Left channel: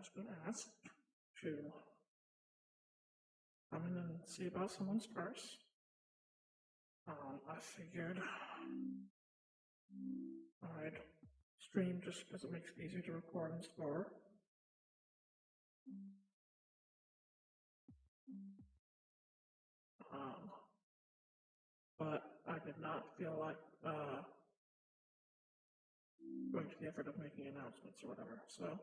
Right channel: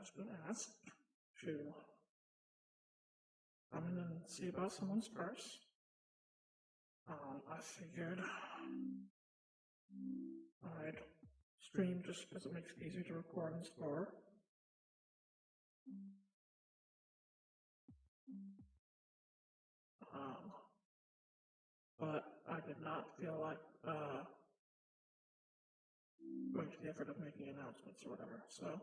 was going to ask to come in and see about someone's purse. I figured I'd stream just because it makes it easier to record and store. But I did not feel like going to the effort of making announcements or whatever, so.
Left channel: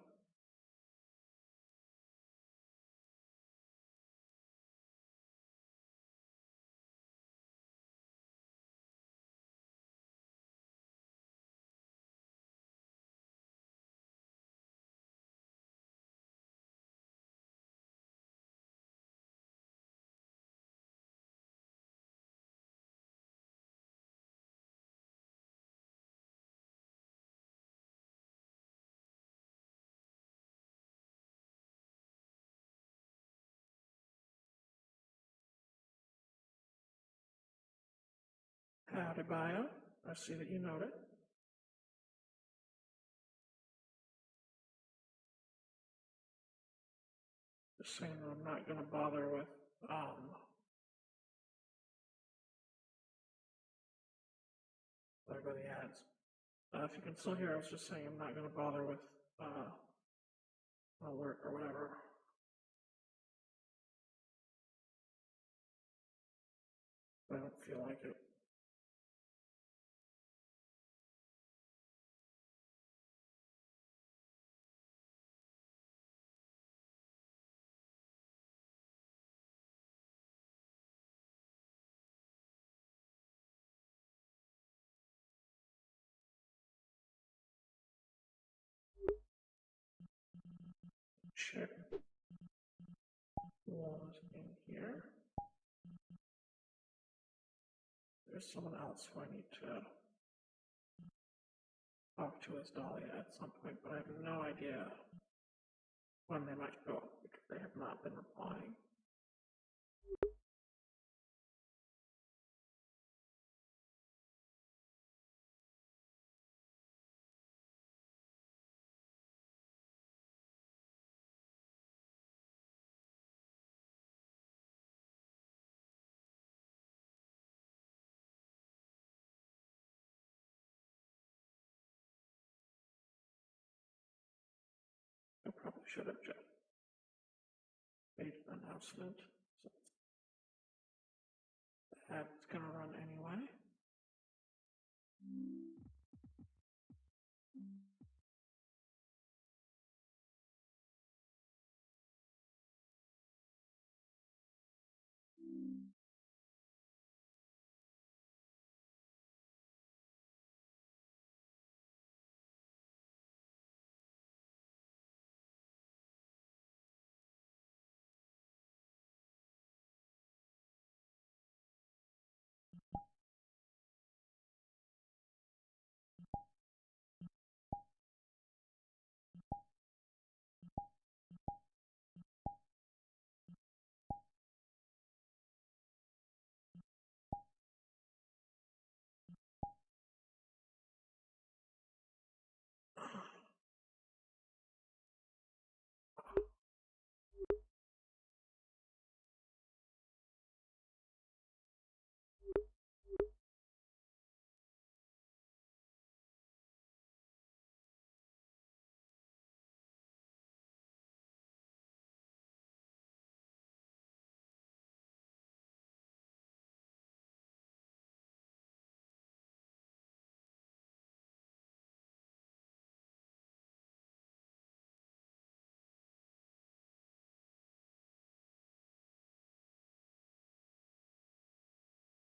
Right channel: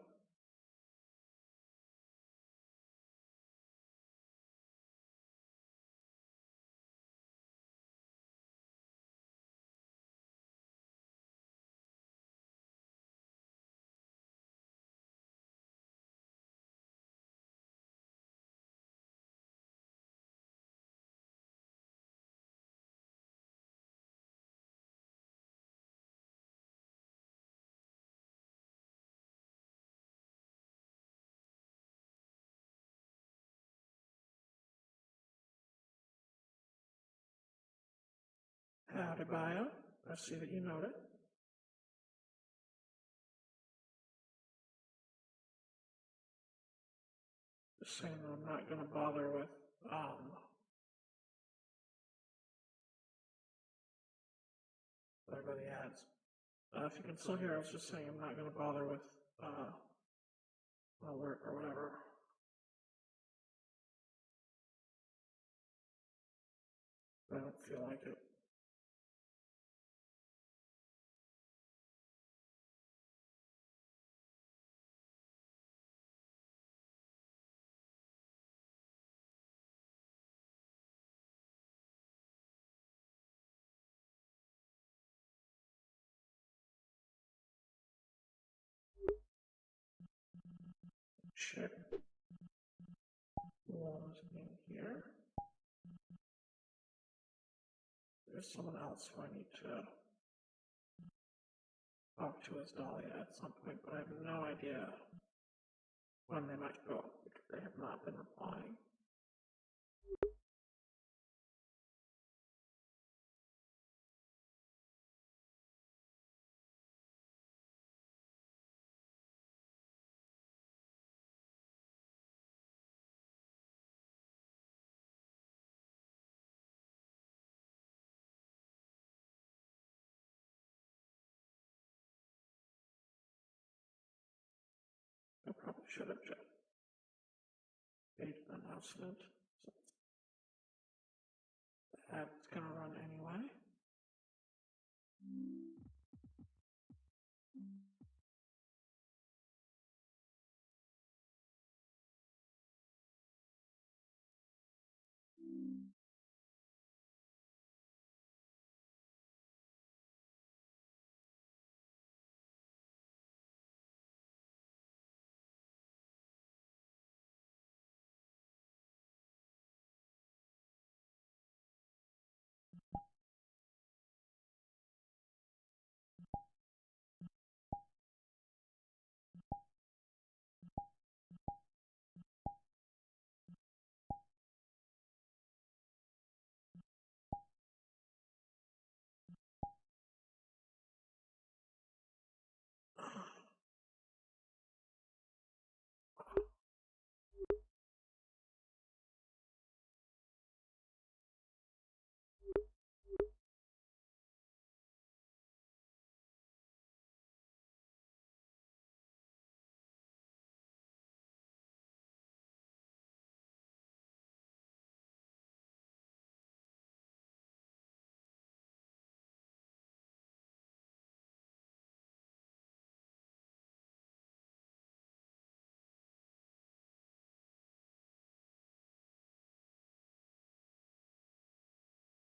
Howdy, Bio. I see that you noted. Just saying that I'm not going to bother with, the ads. If you can still hear, I was just saying I'm not going to bother with, alert or whatever. I don't feel like it. Check who was in here. There's someone else who I need to talk to as Dahlia at some point, but I have no idea when they might go because they have not been replying. I probably should have just made an announcement since the ad's gonna run anyway.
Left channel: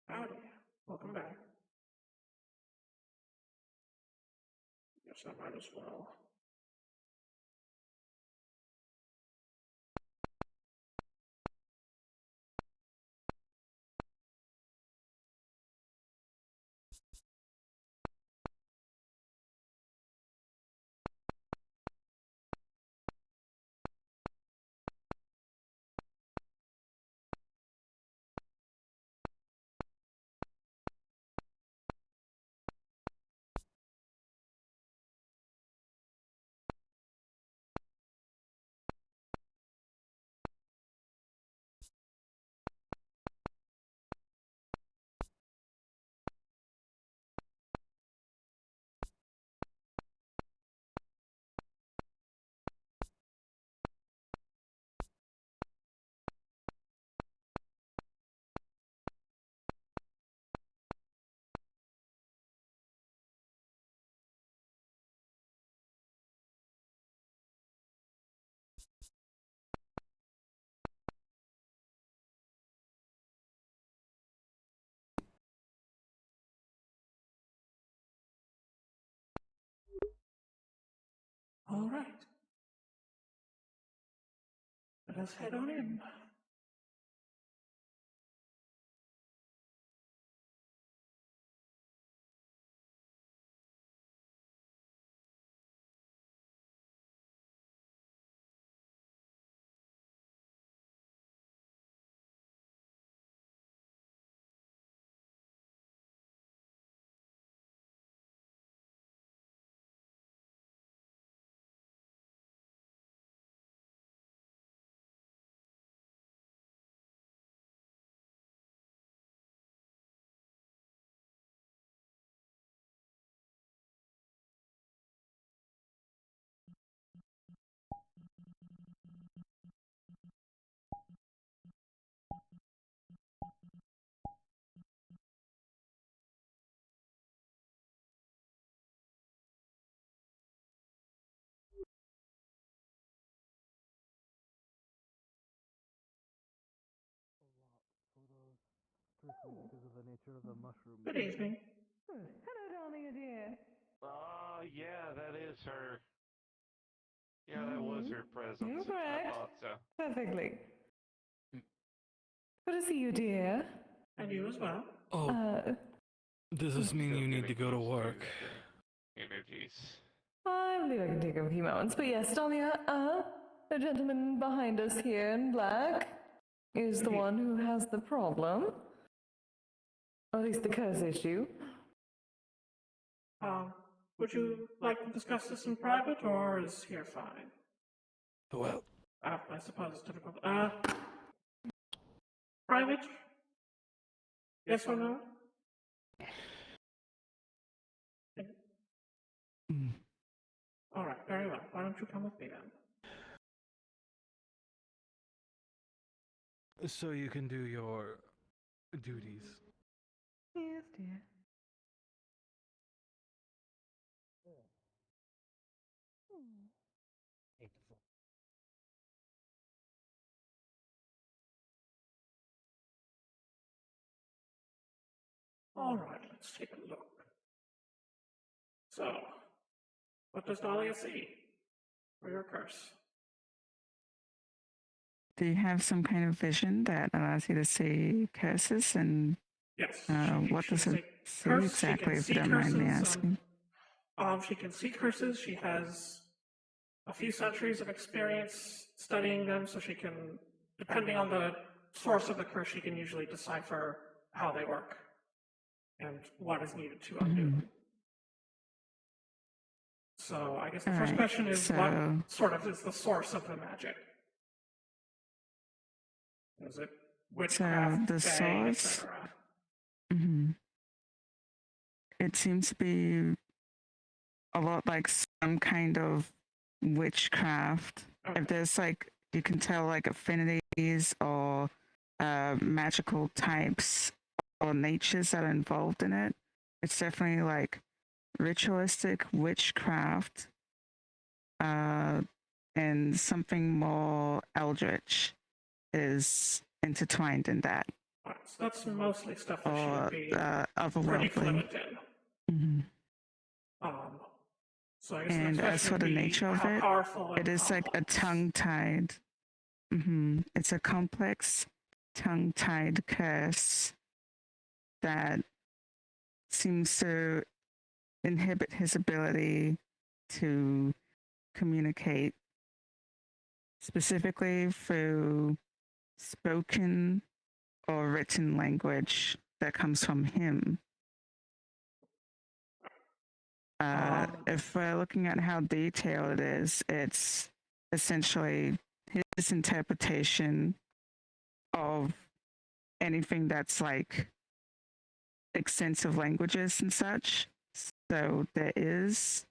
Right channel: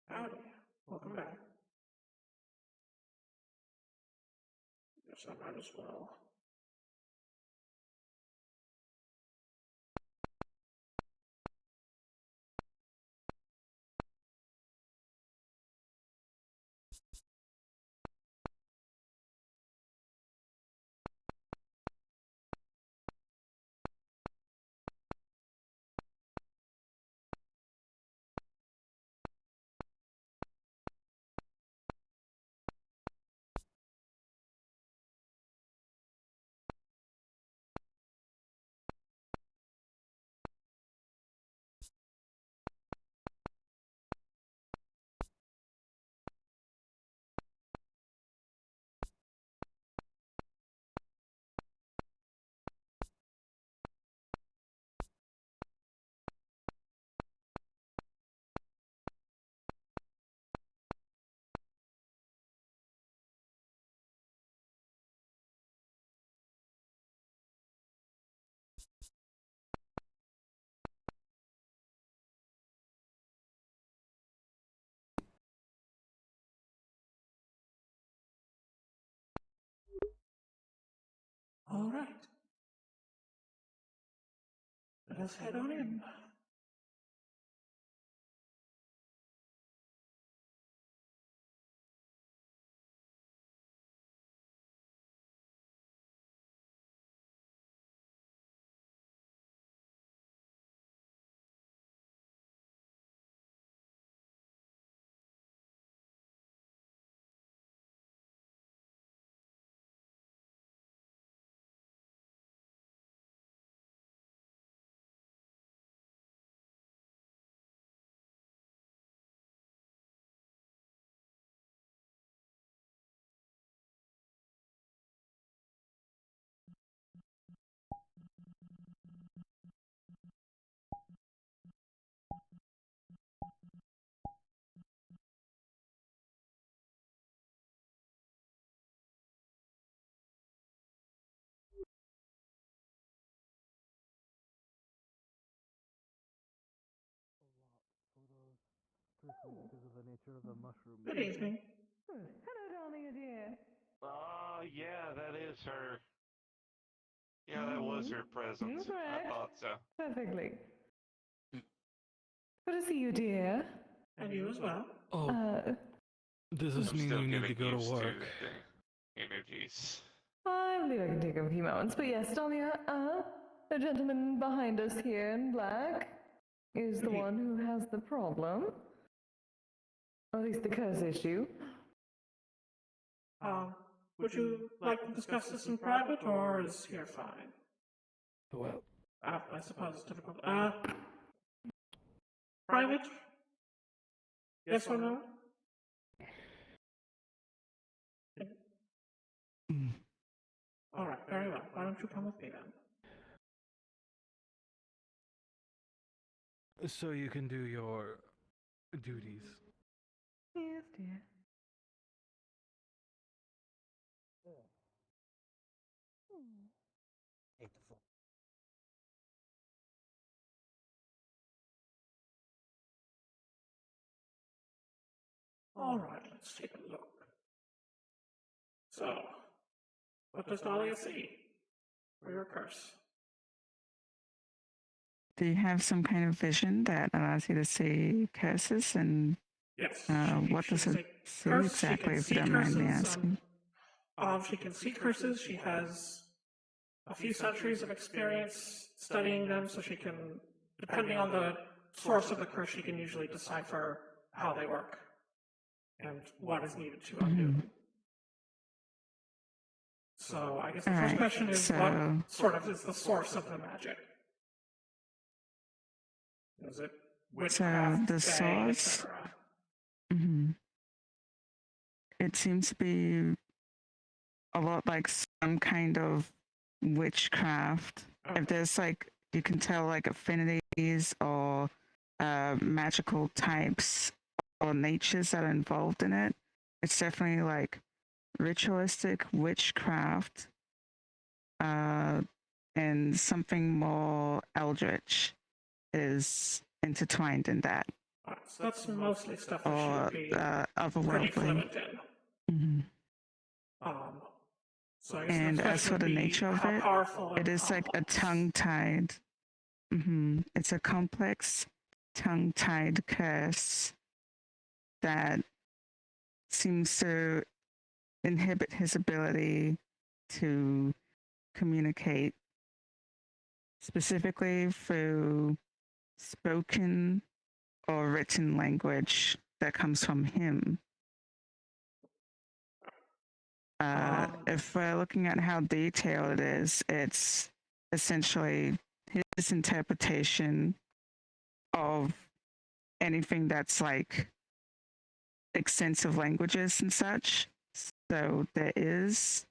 Howdy, welcome back. Guess I might as well right. Let us head on in. Because of the nature of the mushroom. Good evening. Hello, Dahlia, dear. Yeah, that is her. Yeah, that was her present. You're I correct. thought so. Perfectly. Good to see you, dear. And you as well. Oh, does this mean Still you need to getting go to used work? the energies. I believe I can take a few moments, but yes, Dahlia, the gentleman behind us here in black is the one who has the problem. Or at least the curse issue. Would you like to discuss this in private, or is here fine? Well, I suppose it's difficult. Private? Yes or no? mm, All right, very well. Why don't you come with me then? so you can do your duties. Yes, dear. All right, let's take a look. So, what does Dahlia see for your curse? Do you have some kind of vision that allows you to see curses? And Yes. what does it see exactly, if you don't mind me asking? She can see curses. She has a few centuries of experience studying them, so she can, depending on the source of the curse, she can usually decipher how they work and what is needed to undo them. So I guess the first question is, what sort of is the source of the magic? Is it witchcraft, the source? It seems to be a lot like some kind of witchcraft. Okay. If there's like, you can tell like affinities or magical types or natures that are involved in it. It's definitely like ritualistic witchcraft and something more eldritch is intertwined in that. Alright, so that's mostly stuff that Or she would be pretty otherworldly. fluent in. Mm-hmm. So I guess And the as question for would the be nature of how it, powerful and it is like a complex. tongue-tied. It's a complex tongue-tied curse that seems to inhibit his ability to communicate, specifically through spoken or written language that comes from him. If we're looking at how detailed it is, it's essentially his interpretation of anything that's like extensive languages and such. So there is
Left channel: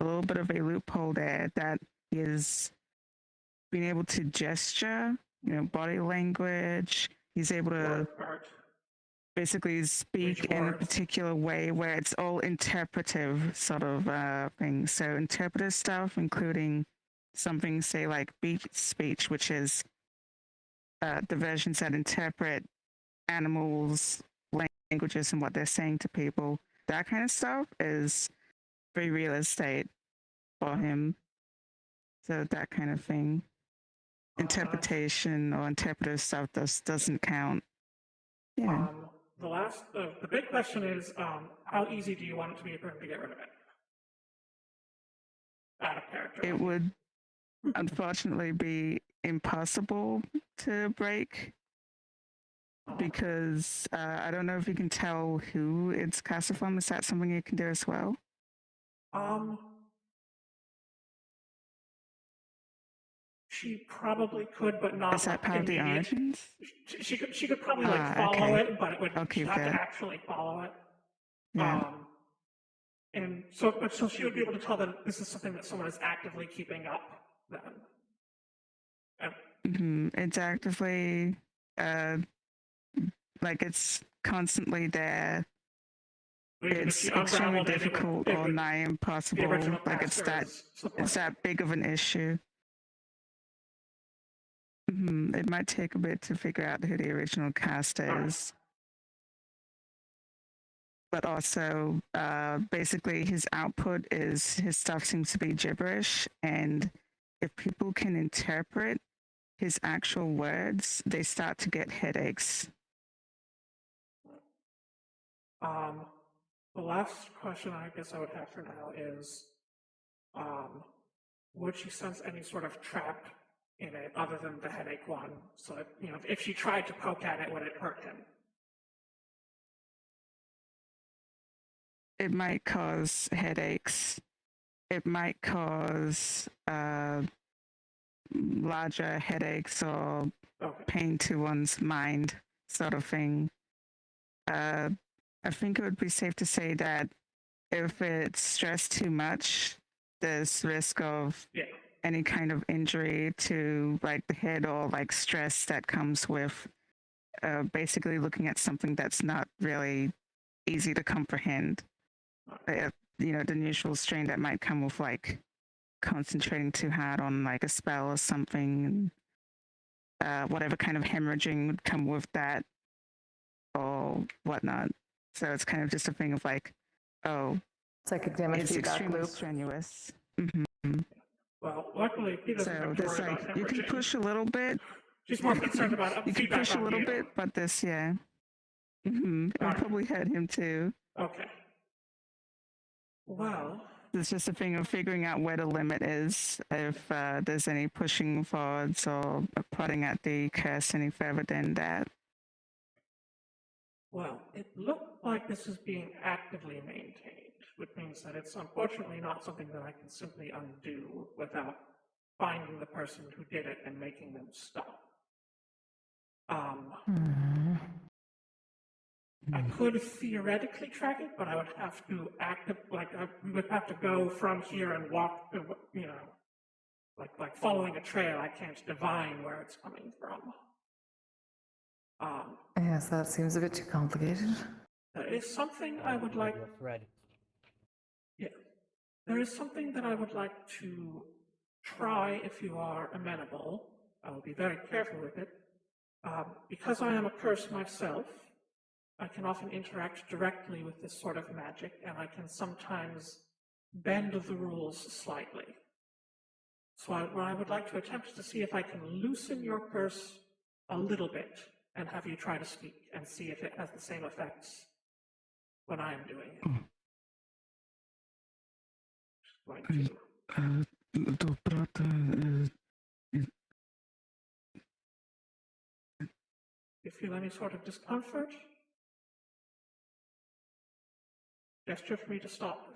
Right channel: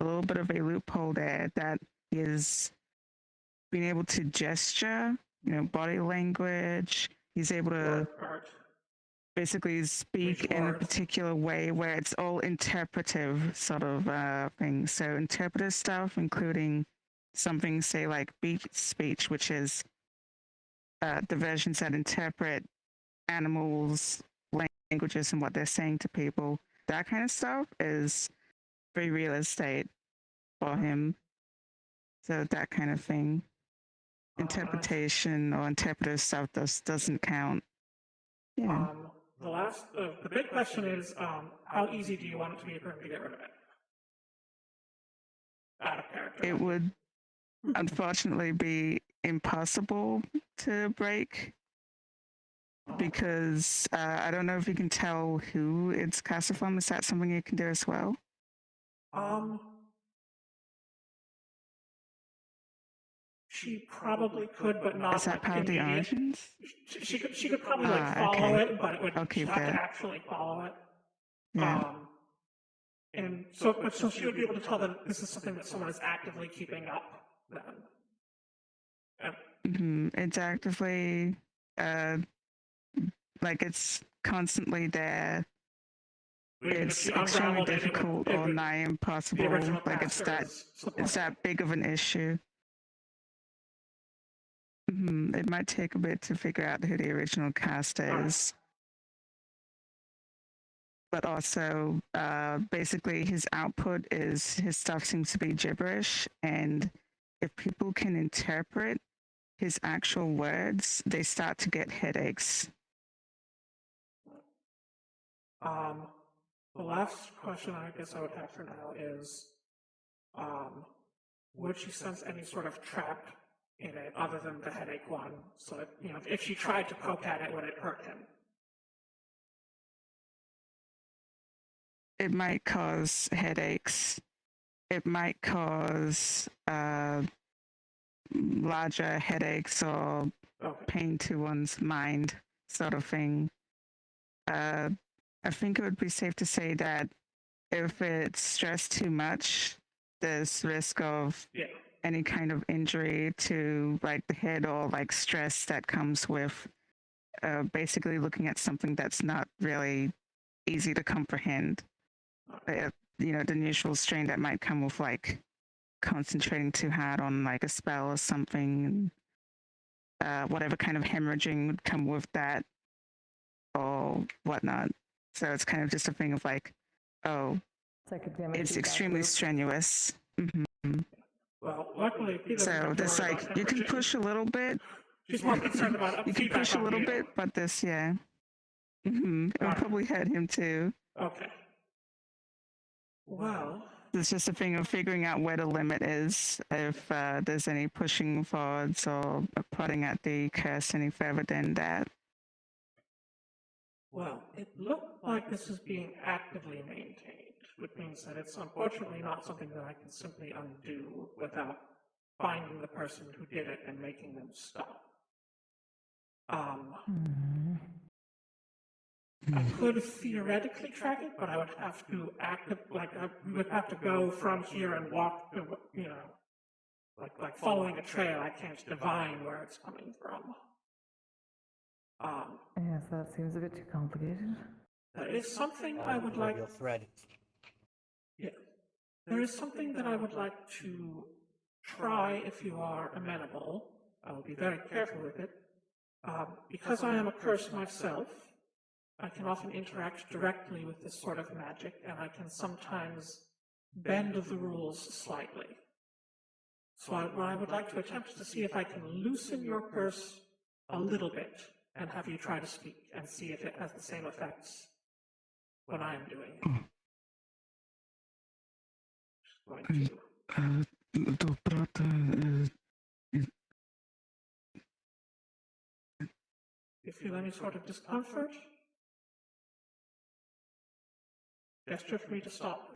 a little bit of a loophole there that is being able to gesture, body language. He's able to basically speak in a particular way where it's all interpretive sort of thing. So interpretive stuff, including something, say, like beat speech, which is the versions that interpret animals, languages, and what they're saying to people. That kind of stuff is very real estate for him. So that kind of thing. Interpretation or interpretive stuff doesn't count. Yeah. The big question is, how easy do you want it to be for him to get rid of it? Out of character. It would unfortunately be impossible to break because I don't know if you can tell who it's casted from. Is that something you can do as well? She probably could, but not. Is that part of the origins? She could probably like follow okay. it, but it would I'll keep have to that. actually follow it. Yeah. And so she would be able to tell that this is something that someone is actively keeping up. Then. It's actively, like it's constantly there. It's extremely difficult or nigh impossible. Like it's that big of an issue. It might take a bit to figure out who the original cast is. But also, basically, his output is his stuff seems to be gibberish. And if people can interpret his actual words, they start to get headaches. The last question I guess I would have for now is, would she sense any sort of trap in it other than the headache one? So that, if she tried to poke at it, would it hurt him? It might cause headaches. It might cause larger headaches or pain to one's mind, sort of thing. I think it would be safe to say that if it's stressed too much, there's risk of any kind of injury to like the head or like stress that comes with basically looking at something that's not really easy to comprehend. The usual strain that might come with like concentrating too hard on like a spell or something, whatever kind of hemorrhaging would come with that or whatnot. So it's kind of just a thing of like, oh, psychic damage. it's extremely strenuous. Well, luckily, so there's like you can push a little bit. She's more concerned about you can push a little bit, but this, it would probably hurt him too. Okay. Well, it's just a thing of figuring out where the limit is. If there's any pushing forwards or prodding at the curse any further than that. Well, it looked like this is being actively maintained, which means that it's unfortunately not something that I can simply undo without finding the person who did it and making them stop. I could theoretically track it, but I would have to we would have to go from here and walk, like following a trail. I can't divine where it's coming from. Yes, that seems a bit too complicated. There is something I would like. Thread. Yeah, there is something that I would like to try if you are amenable. I will be very careful with it. Because I am a curse myself, I can often interact directly with this sort of magic, and I can sometimes bend the rules slightly. So what I would like to attempt is to see if I can loosen your curse a little bit, and have you try to speak and see if it has the same effects when I am doing it. If you feel any sort of discomfort, gesture for me to stop.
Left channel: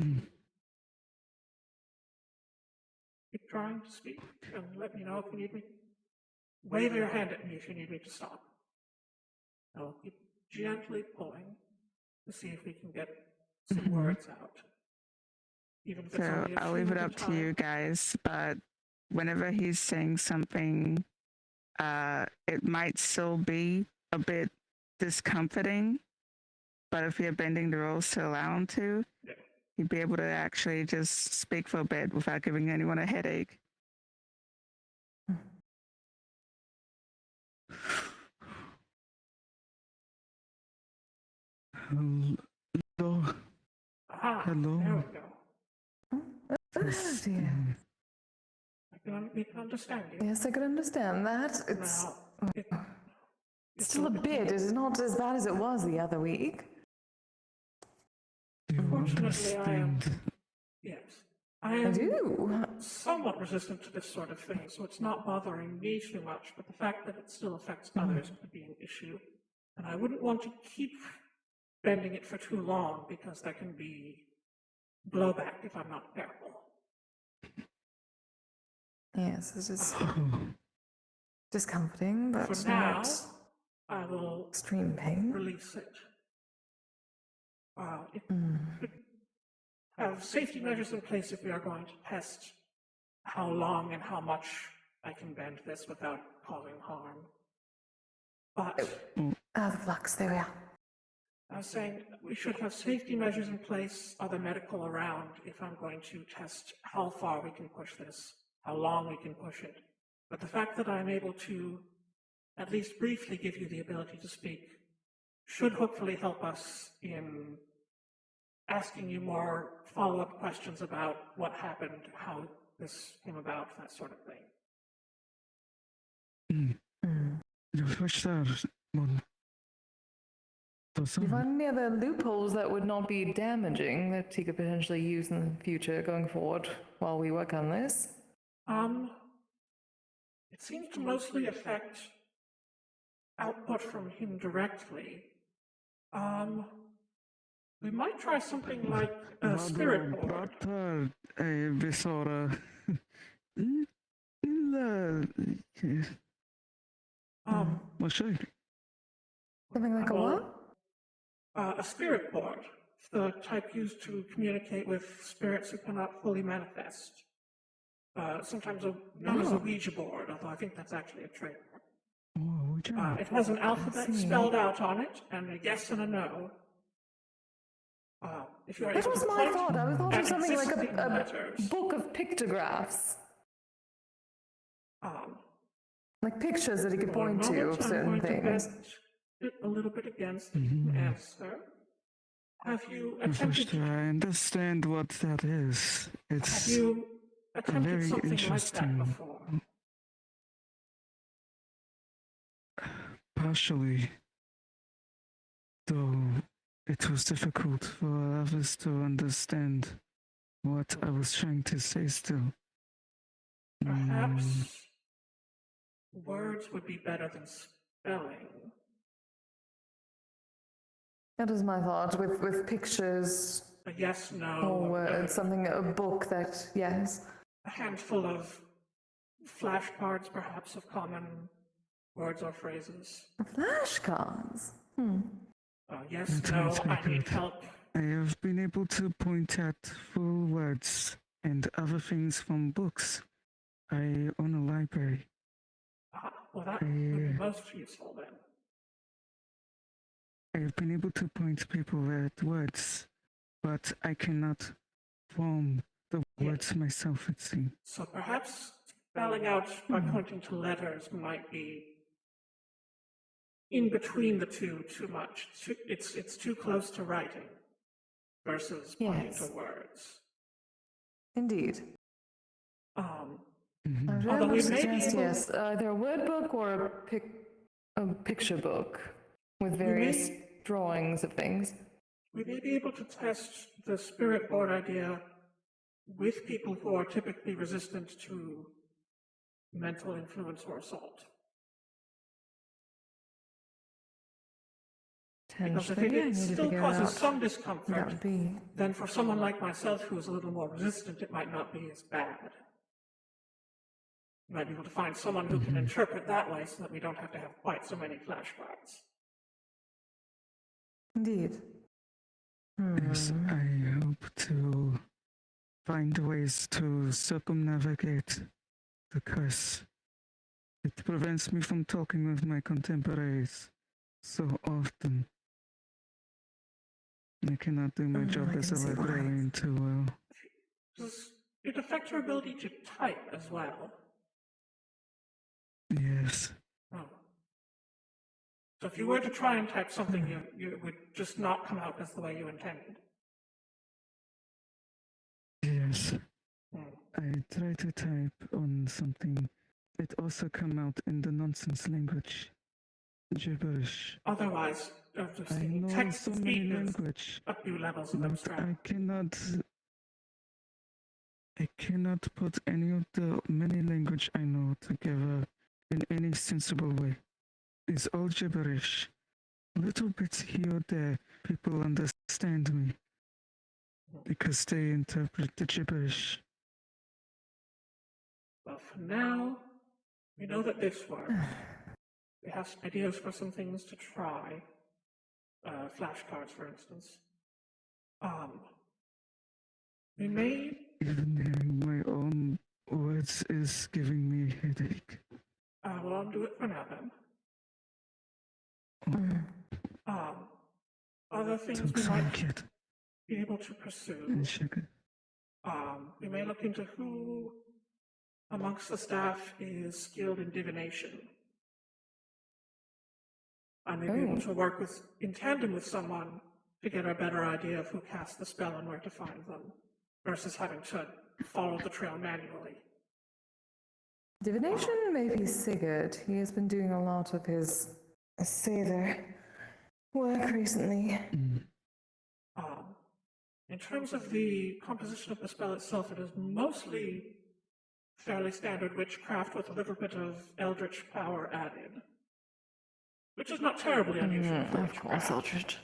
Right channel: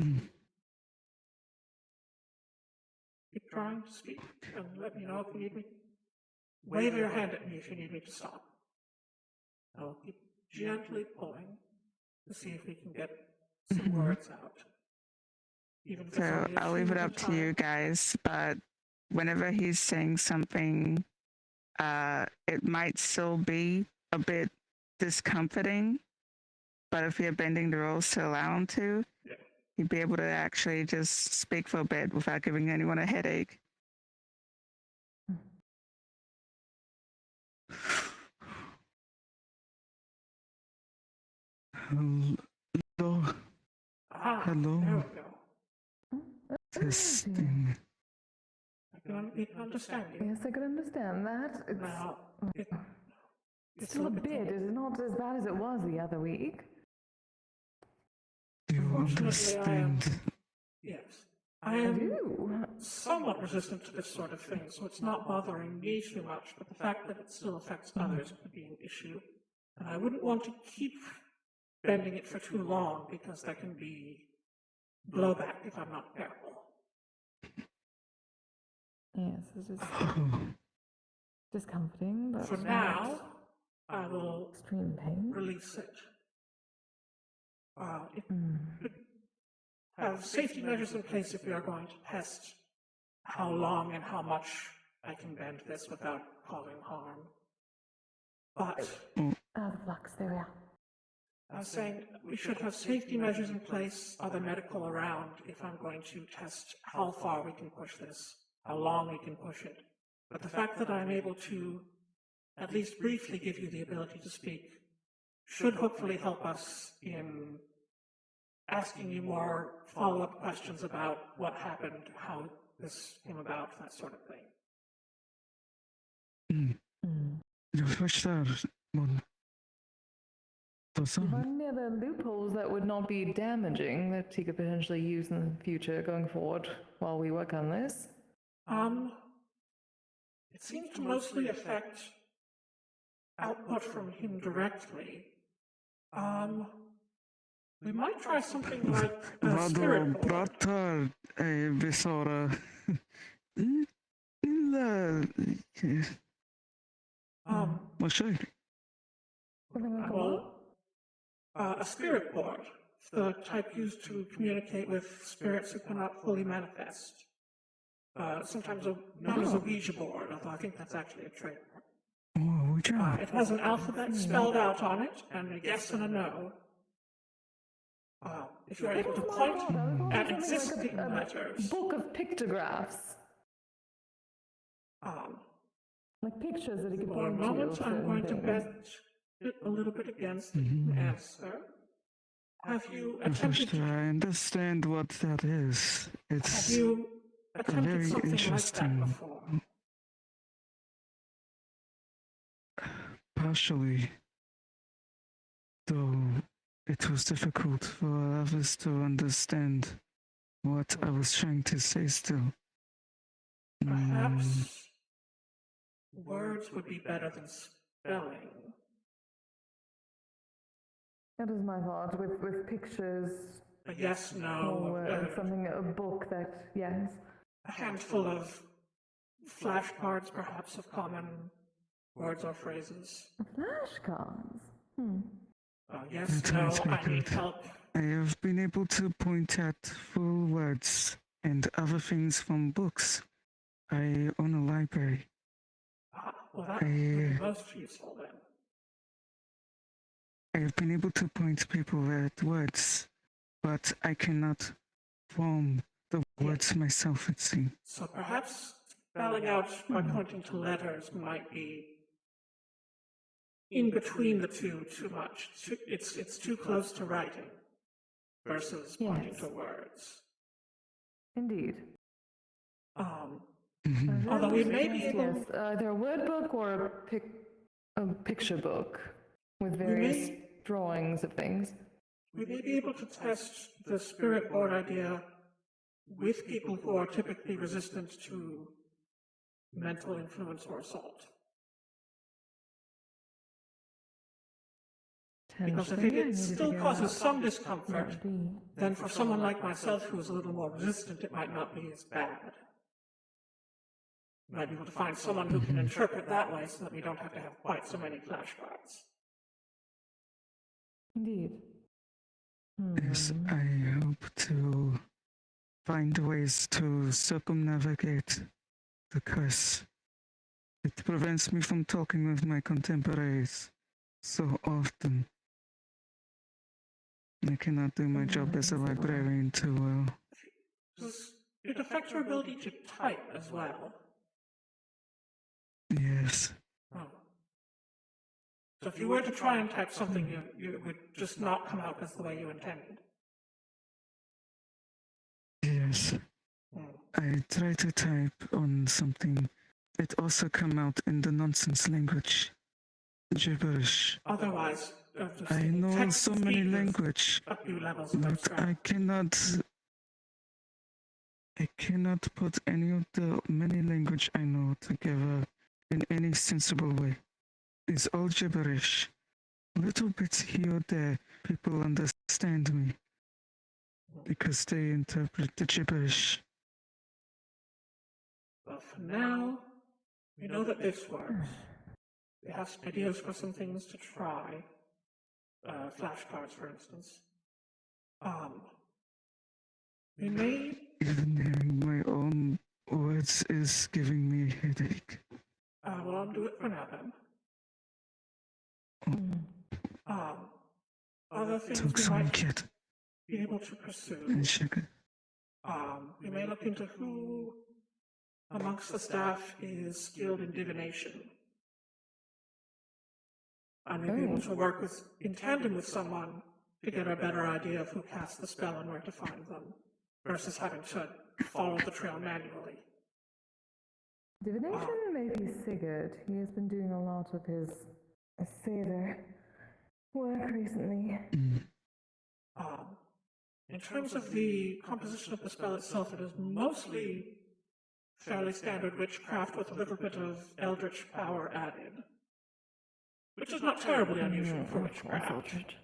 Keep trying to speak, and let me know if you need me. Wave your hand at me if you need me to stop. I'll keep gently pulling to see if we can get some words out. So I'll leave it up to you guys, but whenever he's saying something, it might still be a bit discomforting, but if you're bending the rules to allow him to, he'd be able to actually just speak for a bit without giving anyone a headache. Hello. Hello. There we go. we can understand you. Yes, I can understand that. It's Now, it's still a bit. It's not as bad as it was the other week. You Unfortunately, I am. understand. Yes. I I am do. somewhat resistant to this sort of thing, so it's not bothering me too much, but the fact that it still affects others could be an issue. And I wouldn't want to keep bending it for too long because there can be blowback if I'm not careful. Yes, this is Oh, discomforting, but For now, not I will extreme pain. release it. It Mm. could have safety measures in place if we are going to test how long and how much I can bend this without causing harm. But Ah, the flux, there we are. I was saying we should have safety measures in place, other medical around, if I'm going to test how far we can push this, how long we can push it. But the fact that I'm able to at least briefly give you the ability to speak should hopefully help us in asking you more follow-up questions about what happened, how this came about, that sort of thing. Mm. Refresher. Do you find any other loopholes that would not be damaging that he could potentially use in the future going forward while we work on this? It seems to mostly affect output from him directly. We might try something like a spirit board. Pratar besvara. Varsågod. Something like a what? A spirit board, the type used to communicate with spirits who cannot fully manifest. Sometimes known as a Ouija board, although I think that's actually a trick. It has an alphabet spelled out on it, and a yes and a no. If you're That able was to my point thought. I was thought at of something like existing a letters, book of pictographs. Like pictures that he could for a point to moment, of I'm certain going to bet things. it a little bit against the answer. Have you attempted Refresher, I understand what that is. Have It's you attempted very something interesting. like that before? Partially, though it was difficult for others to understand what I was trying to say still. Perhaps words would be better than spelling. That is my thought. With pictures A yes, or no, words, something, a book that, yes. a handful of flashcards, perhaps, of common words or phrases. Flashcards. Yes, That no, might be I need good. help. I have been able to point at full words and other things from books. I own a library. Well, that would be most useful then. I have been able to point people at words, but I cannot form the words myself, it seems. So perhaps spelling out by pointing to letters might be in between the two too much. It's too close to writing versus pointing Yes. to words. Indeed. Although we may be Suggest, able, yes, either a word book or a picture book with various drawings of things. we may be able to test the spirit board idea with people who are typically resistant to mental influence or assault. Because if Potentially, I it need to still figure causes out some that discomfort, would be. then for someone like myself who's a little more resistant, it might not be as bad. You might be able to find someone who can interpret that way so that we don't have to have quite so many flashcards. Indeed. Yes, I hope to find ways to circumnavigate the curse. It prevents me from talking with my contemporaries so often. I cannot do my job I as a can see why. librarian too well. Does it affect your ability to type as well? Yes. Oh. So if you were to try and type something, you would just not come out as the way you intended. Yes. I try to type on something. It also come out in the nonsense language. Gibberish. Otherwise, I know text so many speak is language, a few levels of but abstract. I cannot put any of the many language I know together in any sensible way. It's all gibberish. Little bits here or there, people understand me because they interpret the gibberish. But for now, we know that this works. We have some ideas for some things to try. Flashcards, for instance. We may. Even hearing my own words is giving me a headache. Well, I'll do it for now then. Other things Talk we so might much yet. be able to pursue. And sugar. We may look into who amongst the staff is skilled in divination. I may be able to work in tandem with someone to get a better idea of who cast the spell and where to find them, versus having to follow the trail manually. Divination may be Sigurd. He has been doing a lot of his sailor work recently. In terms of the composition of the spell itself, it is mostly fairly standard witchcraft with a little bit of eldritch power added, which is not terribly unusual for witchcraft. Eldritch.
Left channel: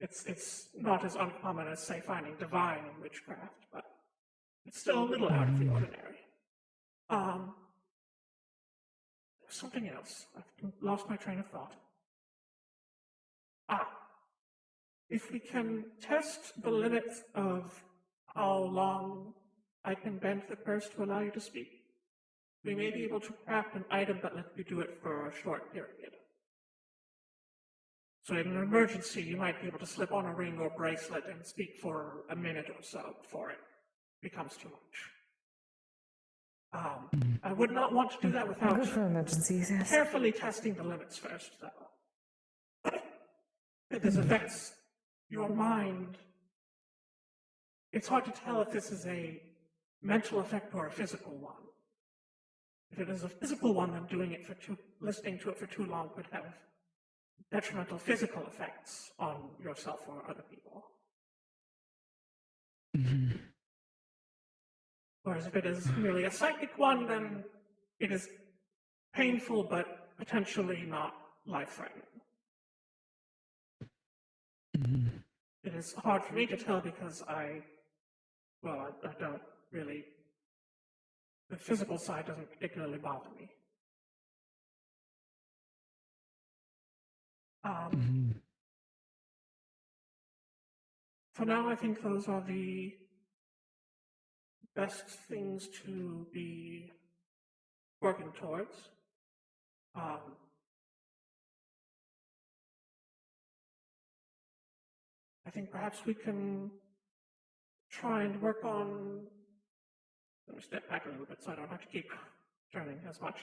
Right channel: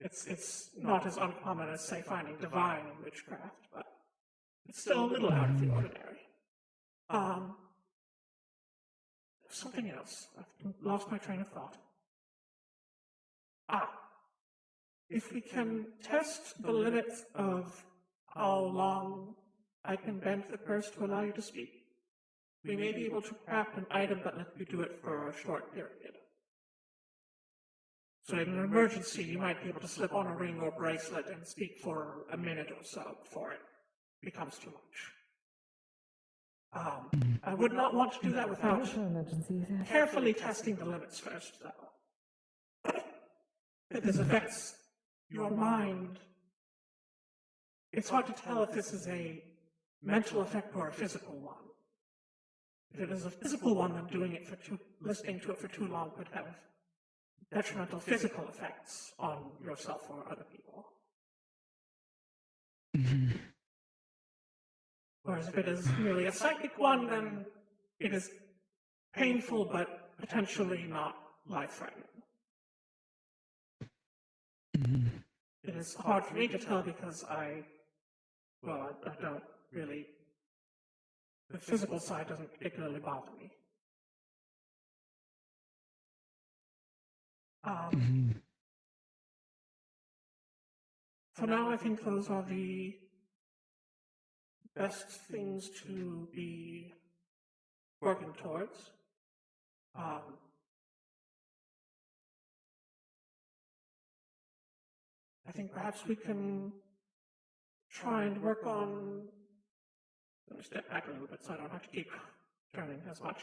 It's not as uncommon as, say, finding divine in witchcraft, but it's still a little out of the ordinary. Something else. I've lost my train of thought. If we can test the limit of how long I can bend the curse to allow you to speak, we may be able to craft an item that lets you do it for a short period. So in an emergency, you might be able to slip on a ring or bracelet and speak for a minute or so before it becomes too much. I would not want to do that without Good for emergencies, yes. carefully testing the limits first, though. If this affects your mind, it's hard to tell if this is a mental effect or a physical one. If it is a physical one, then listening to it for too long could have detrimental physical effects on yourself or other people. Whereas if it is merely a psychic one, then it is painful but potentially not life-threatening. It is hard for me to tell because I don't really, the physical side doesn't particularly bother me. For now, I think those are the best things to be working towards. I think perhaps we can try and work on. Let me step back a little bit so I don't have to keep turning as much.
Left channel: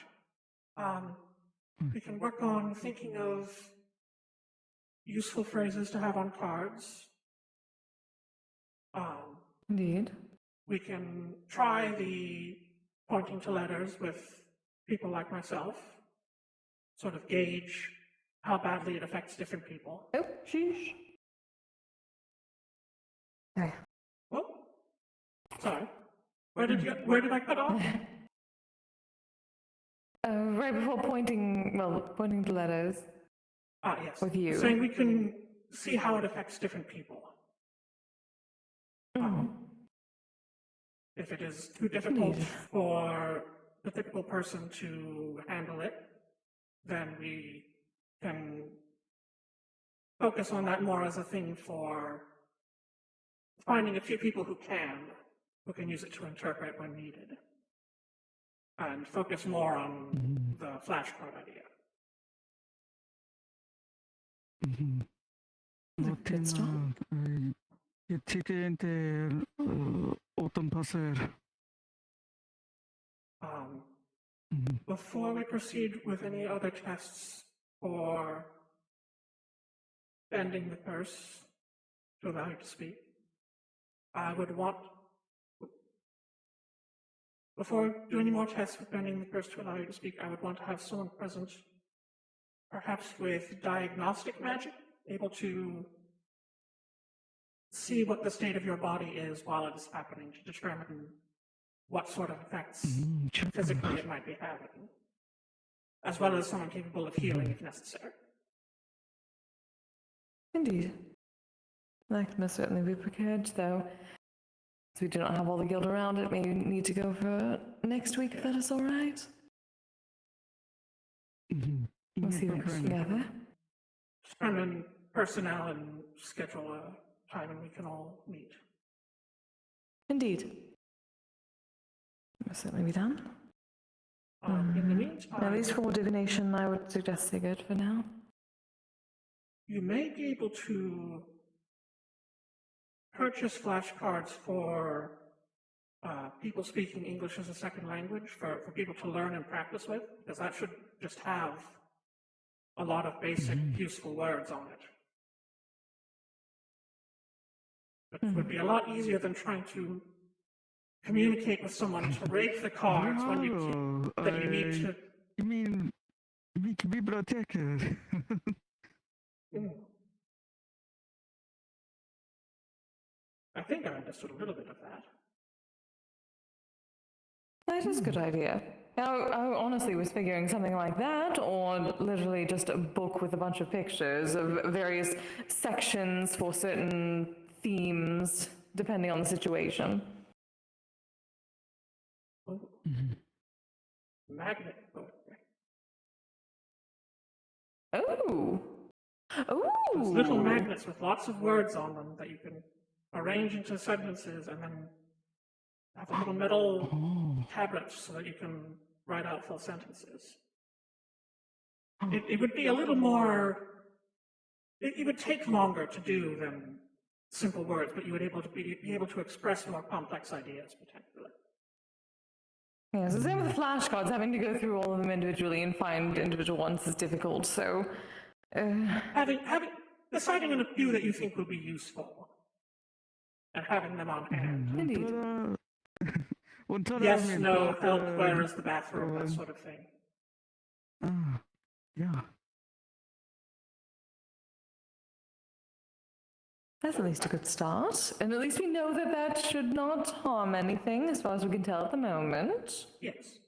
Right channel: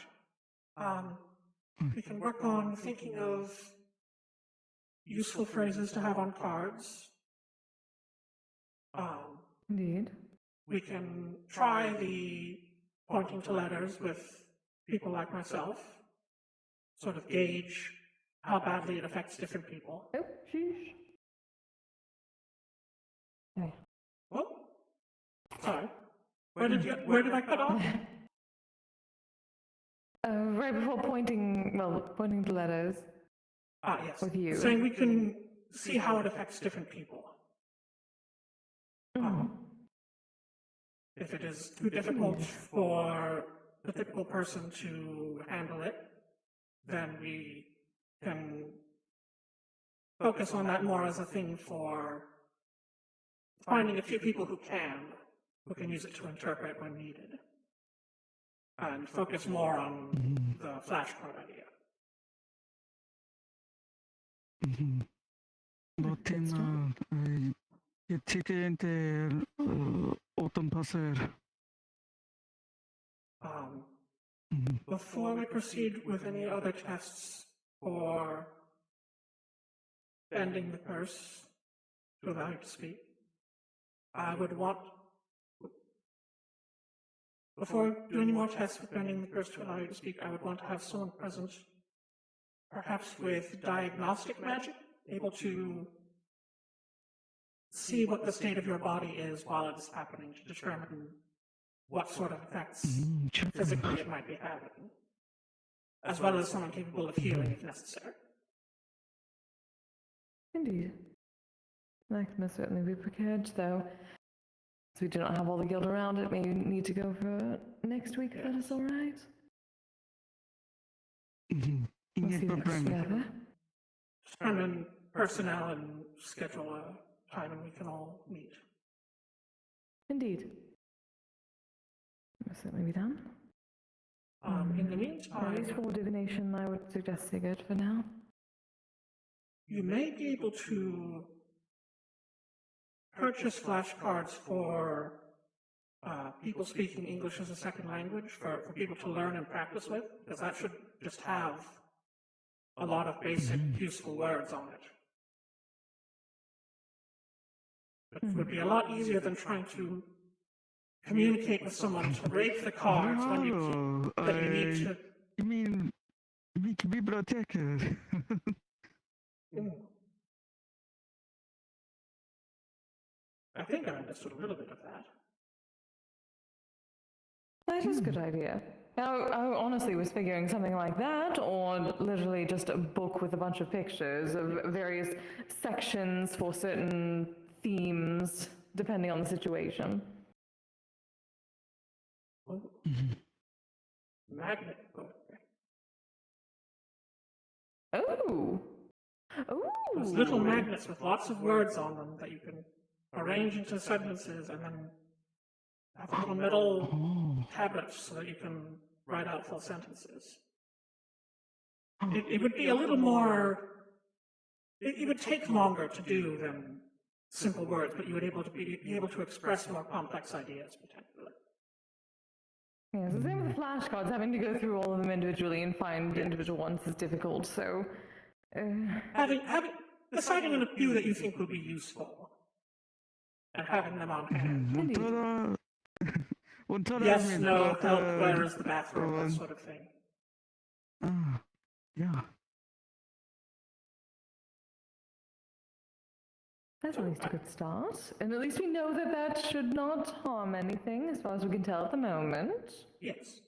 We can work on thinking of useful phrases to have on cards. Indeed. We can try the pointing to letters with people like myself, sort of gauge how badly it affects different people. Oh, sheesh. Okay. Well, sorry. Where did I cut off? Right before pointing the letters. Yes. With you. So we can see how it affects different people. If it is too difficult for the typical person to handle it, then we can focus on that more as a thing for finding a few people who can use it to interpret when needed, and focus more on the flashcard idea. Fatima, jag tycker inte åt passer. Before we proceed with any other tests for bending the curse to allow you to speak, I would want before doing any more tests with bending the curse to allow you to speak, I would want to have someone present, perhaps with diagnostic magic, able to see what the state of your body is while it's happening to determine what sort of effects physically it might be having, as well as someone capable of healing if necessary. Indeed. I can most certainly be prepared, though. If we do not have all the guild around, it may need to go for next week, if that is all right. We'll see that together. Determine personnel and schedule a time when we can all meet. Indeed. Must certainly be done. In the meantime, At least for divination, I would suggest Sigurd for now. you may be able to purchase flashcards for people speaking English as a second language, for people to learn and practice with, because that should just have a lot of basic useful words on it. It would be a lot easier than trying to communicate with someone to rate the cards when you need to. You mean biblioteca? I think I understood a little bit of that. That is a good idea. I honestly was figuring something like that, or literally just a book with a bunch of pictures of various sections for certain themes, depending on the situation. Magnet. Oh! Oh! There's little magnets with lots of words on them that you can arrange into sentences and then have a little metal tablet so that you can write out full sentences. It would be a little more. It would take longer to do than simple words, but you would be able to express more complex ideas potentially. Yes, the same with the flashcards. Having to go through all of them individually and find individual ones is difficult, so... Deciding on a few that you think will be useful, and having them on hand. Indeed. Yes, no, help, where is the bathroom, that sort of thing. Yeah. That's at least a good start. And at least we know that that should not harm anything, as far as we can tell at the moment. Yes.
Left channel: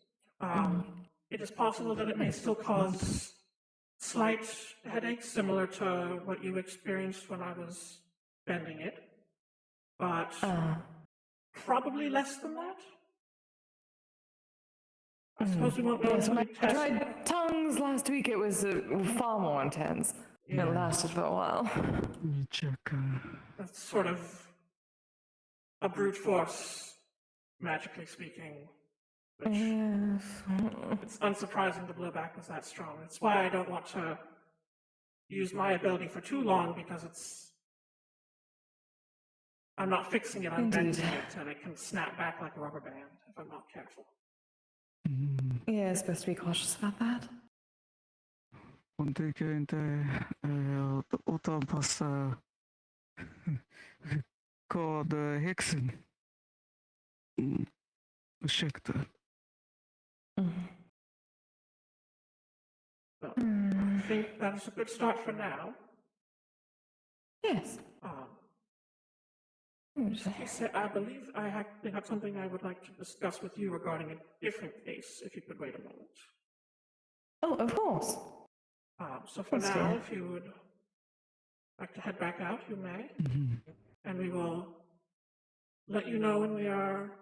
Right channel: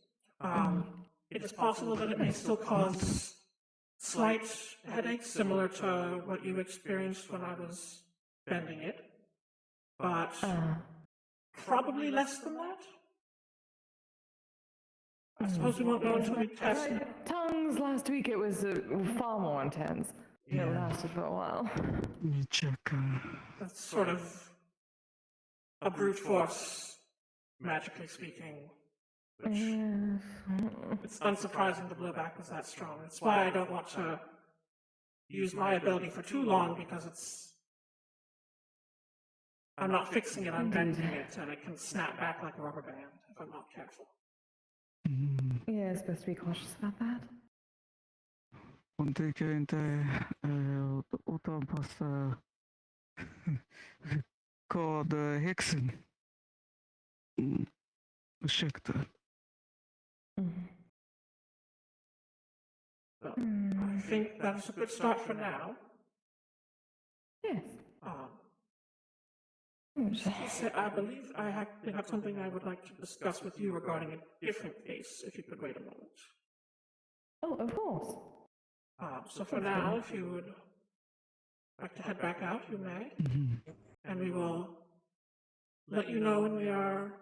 It is possible that it may still cause slight headaches, similar to what you experienced when I was bending it. But probably less than that. I suppose we won't know until we I test it. tried tongues last week. It was far more intense. It lasted for a while. That's sort of a brute force, magically speaking. Which it's unsurprising the blowback was that strong. That's why I don't want to use my ability for too long, because I'm not fixing it, I'm bending it, and it can snap back like a rubber band if I'm not careful. Yeah, it's best to be cautious about that. Praticamente utanpåstå kod häxan. Ursäkta. Well, I think that's a good start for now. Yes. I believe I have something I would like to discuss with you regarding a different case, if you could wait a moment. Oh, of course. So for now, if you would like to head back out, you may. And we will let you know when we are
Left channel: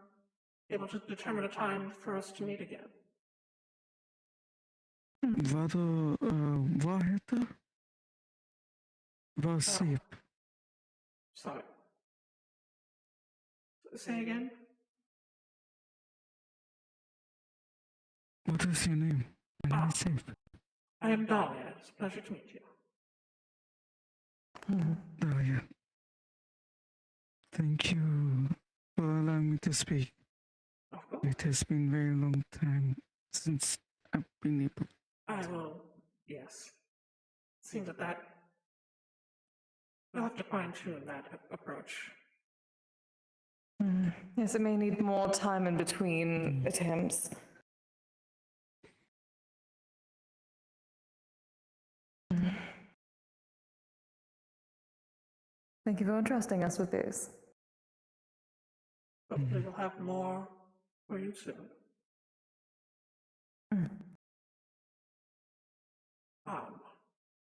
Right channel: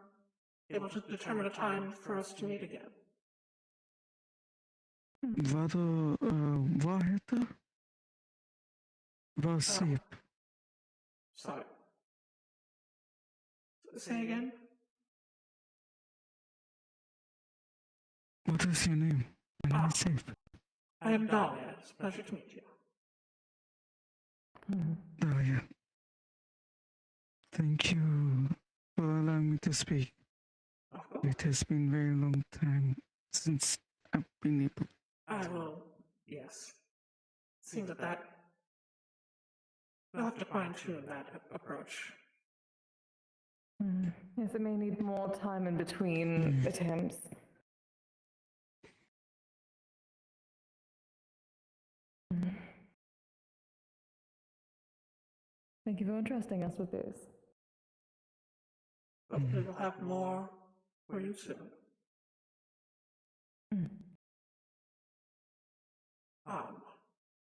able to determine a time for us to meet again. Vad heter? Vad sip? Sorry. Say again? What is your name? My name is Sip. I am Dahlia. It's a pleasure to meet you. Dahlia. Thank you for allowing me to speak. Of course. It has been a very long time since I've been able. I will, yes. Seems that we'll have to fine-tune that approach. Yes, it may need more time in between attempts. Thank you for entrusting us with this. Hopefully we'll have more for you soon.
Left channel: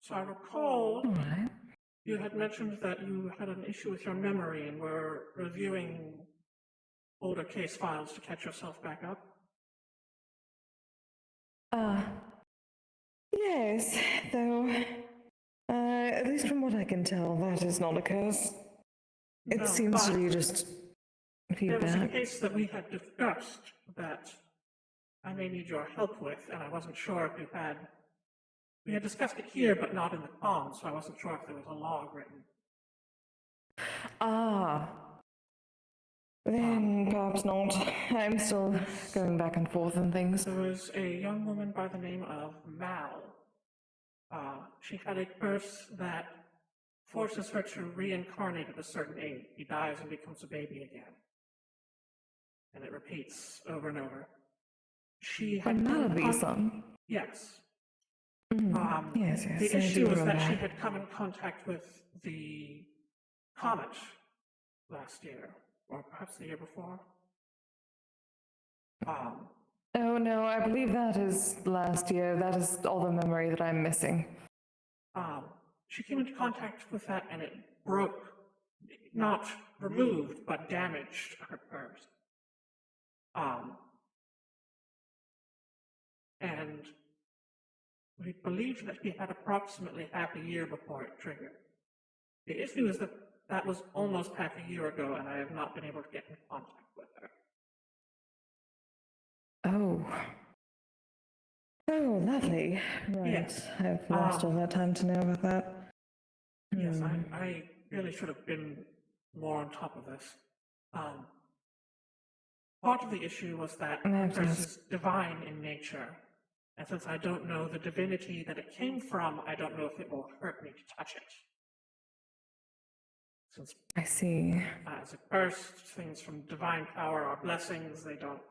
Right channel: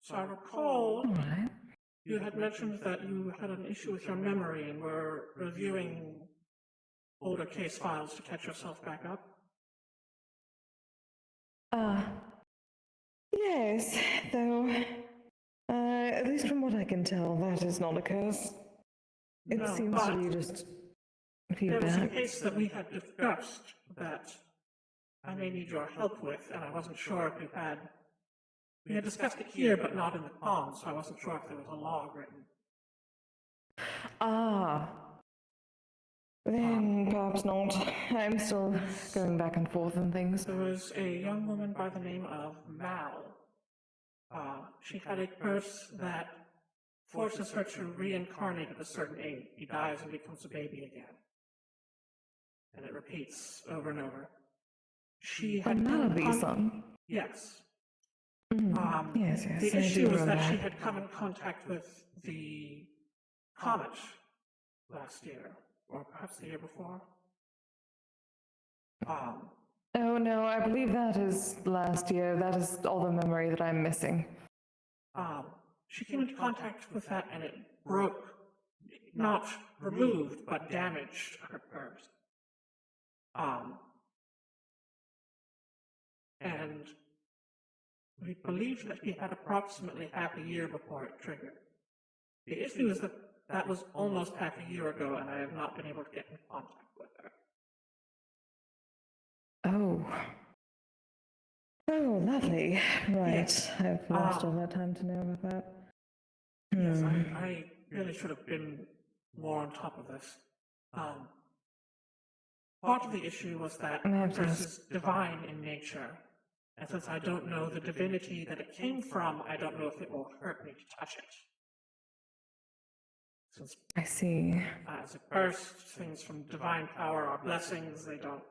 So I recall All right. you had mentioned that you had an issue with your memory and were reviewing older case files to catch yourself back up. Yes, though, at least from what I can tell, that is not a curse. It No, seems to but be just there was a feedback. case that we had discussed that I may need your help with, and I wasn't sure if you had. We had discussed it here, but not in the comms, so I wasn't sure if there was a log written. Ah. Then perhaps not. I'm still going back and forth and things. There was a young woman by the name of Mal. She had a curse that forces her to reincarnate at a certain age. She dies and becomes a baby again. And it repeats over and over. She had Malaby-san. Yes. Yes, The yes, I issue do was remember that she that. had come in contact with the comet last year, or perhaps the year before. Oh no, I believe that is last year. That is all the memory that I'm missing. She came into contact with that and it broke, not removed, but damaged her curse. And we believe that we had approximately half a year before it triggered. The issue is that that was almost half a year ago and I have not been able to get in contact with her. Oh. Oh, lovely. Right. Yes. I've lost all that time to know about that. Yes, I really should have been more on top of this. Part of the issue was that have to this ask. is divine in nature. And since I don't know the divinity that it came from, I don't know if it will hurt me to touch it. Since I see. as a curse, things from divine power are blessings, they don't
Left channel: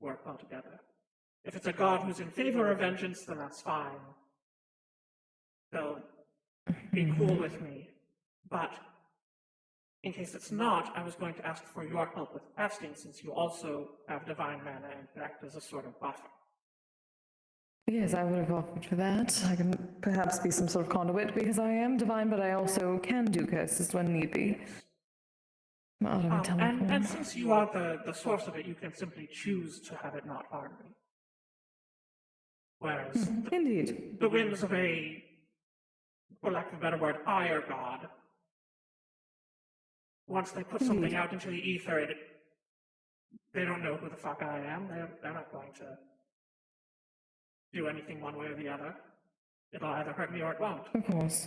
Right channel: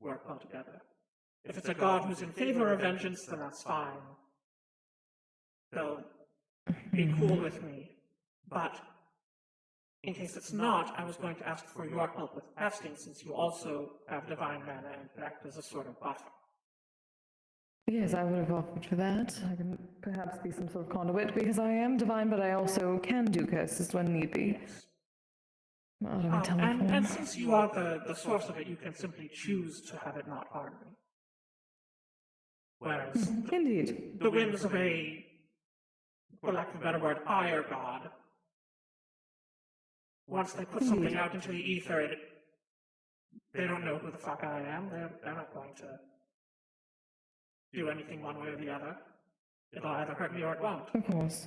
work well together. If it's a god who's in favor of vengeance, then that's fine. They'll be cool with me. But in case it's not, I was going to ask for your help with casting, since you also have divine mana and act as a sort of buffer. Yes, I would have opted for that. I can perhaps be some sort of conduit because I am divine, but I also can do curses when need be. And since you are the source of it, you can simply choose to have it not harm me. Whereas Indeed. the whims of a, for lack of a better word, higher god, once they put something out into the ether, they don't know who the fuck I am. They're not going to do anything one way or the other. It'll either hurt me or it won't. Of course.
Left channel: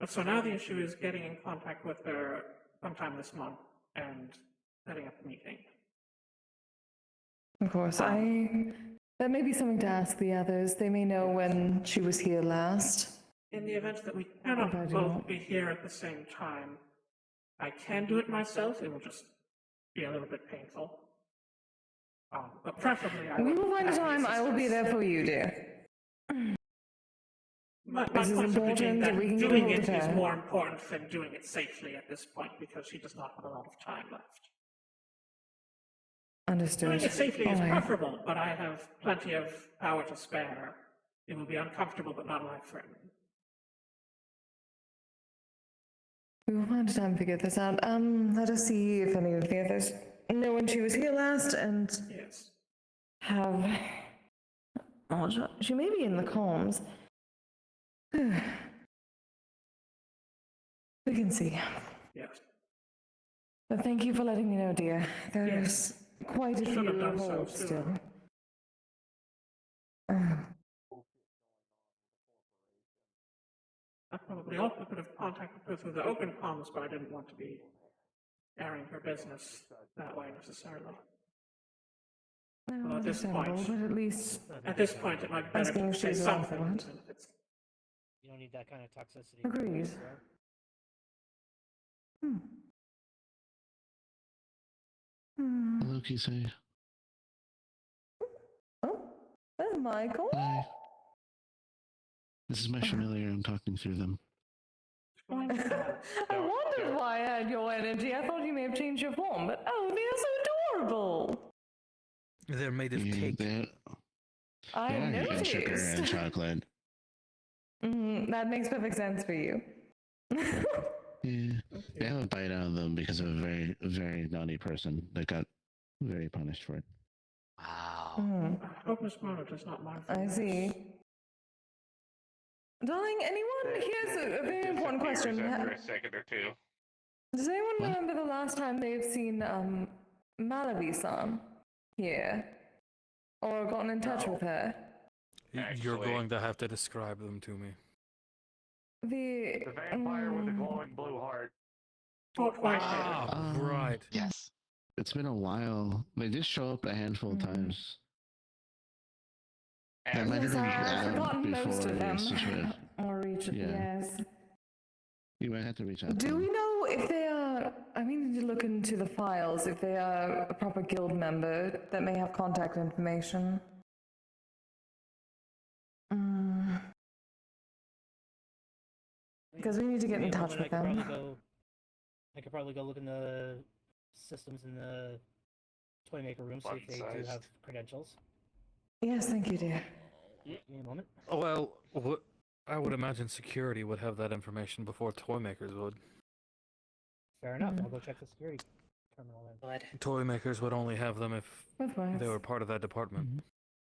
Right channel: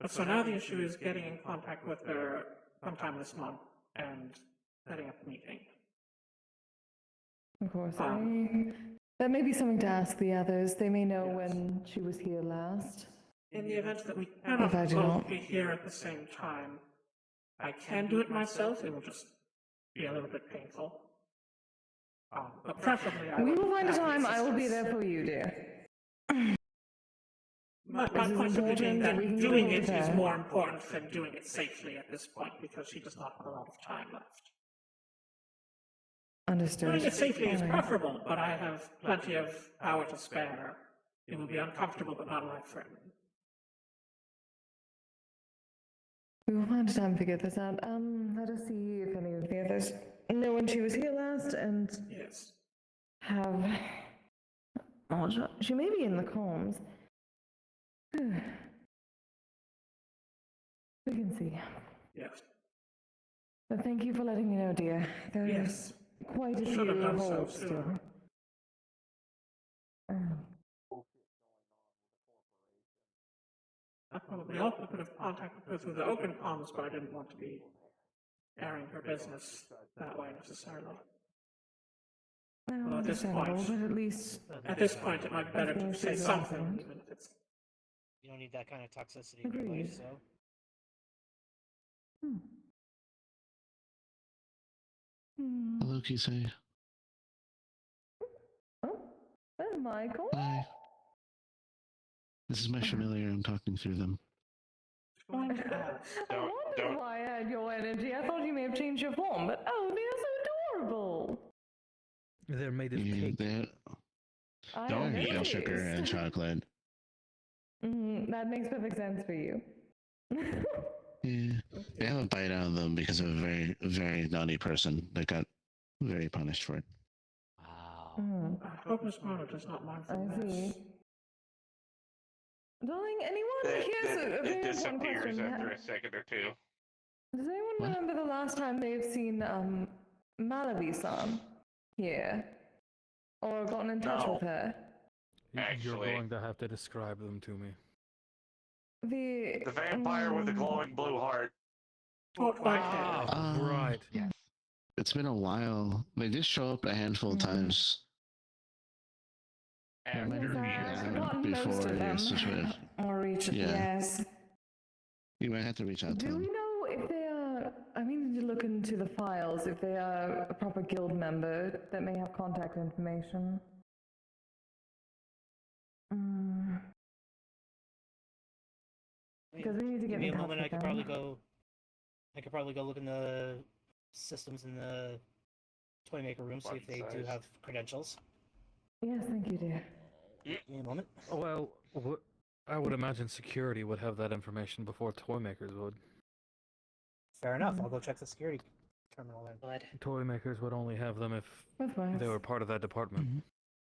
But so now the issue is getting in contact with her sometime this month and setting up a meeting. Of course. That may be something to ask the others. They may know when she was here last. In the event that we cannot both be here at the same time, I can do it myself. It will just be a little bit painful. But preferably, We will find a time. I will be there for you, dear. My This is point simply being important that we can get doing hold it of is her. more important than doing it safely at this point because she does not have a lot of time left. Understood. Doing it safely is Fine. preferable, but I have plenty of power to spare. It will be uncomfortable but not life-threatening. We will find a time to get this out. Let us see if any of the others know when she was here last and Yes. have. Oh, she may be in the comms. We can see. Yes. But thank you for letting me know, dear. There's quite a Should have few done so holes sooner. still. I probably also could have contacted her through the open comms, but I didn't want to be airing her business that way necessarily. Well, at this understandable, point- but at least At this point, it might be better to say something. Excellent. Even if it's You don't need that kind of toxicity. Agreed. Anyway, so. Hmm. Hmm. Hello, Kisei. Oh, that's Michael. Hi. This is my familiar. I'm talking through them. I wondered why I had your energy. I thought you may have changed your form, but oh, they're so adorable. They're made of Yeah, cake. I they are noticed. sugar and chocolate. That makes perfect sense for you. Yeah, they have a bite out of them because of a very, very naughty person that got very punished for it. Wow. I hope Miss Mona does not mind for I this. see. Darling, anyone? Here's a very important question. After a second or two. Does anyone What? remember the last time they've seen Malavi-san here? Or gotten in touch with her? You're Actually- going to have to describe them to me. The The vampire with the glowing blue heart. Ah, right. Yes. It's been a while. They did show up a handful of times. That might Yes, have been I've out forgotten most before of your them. situation. Or reach Yeah. yes. You might have to reach out to Do we them. know if they are? I need to look into the files if they are a proper guild member that may have contact information. Because we need to get in touch with I could them. probably go look in the systems in the toy maker room, see if they do have credentials. Yes, thank you, dear. Give me a moment. Well, I would imagine security would have that information before toy makers would. Fair enough. I'll go check the security terminal then. Toy makers would only have them if That's fine. they were part of that department.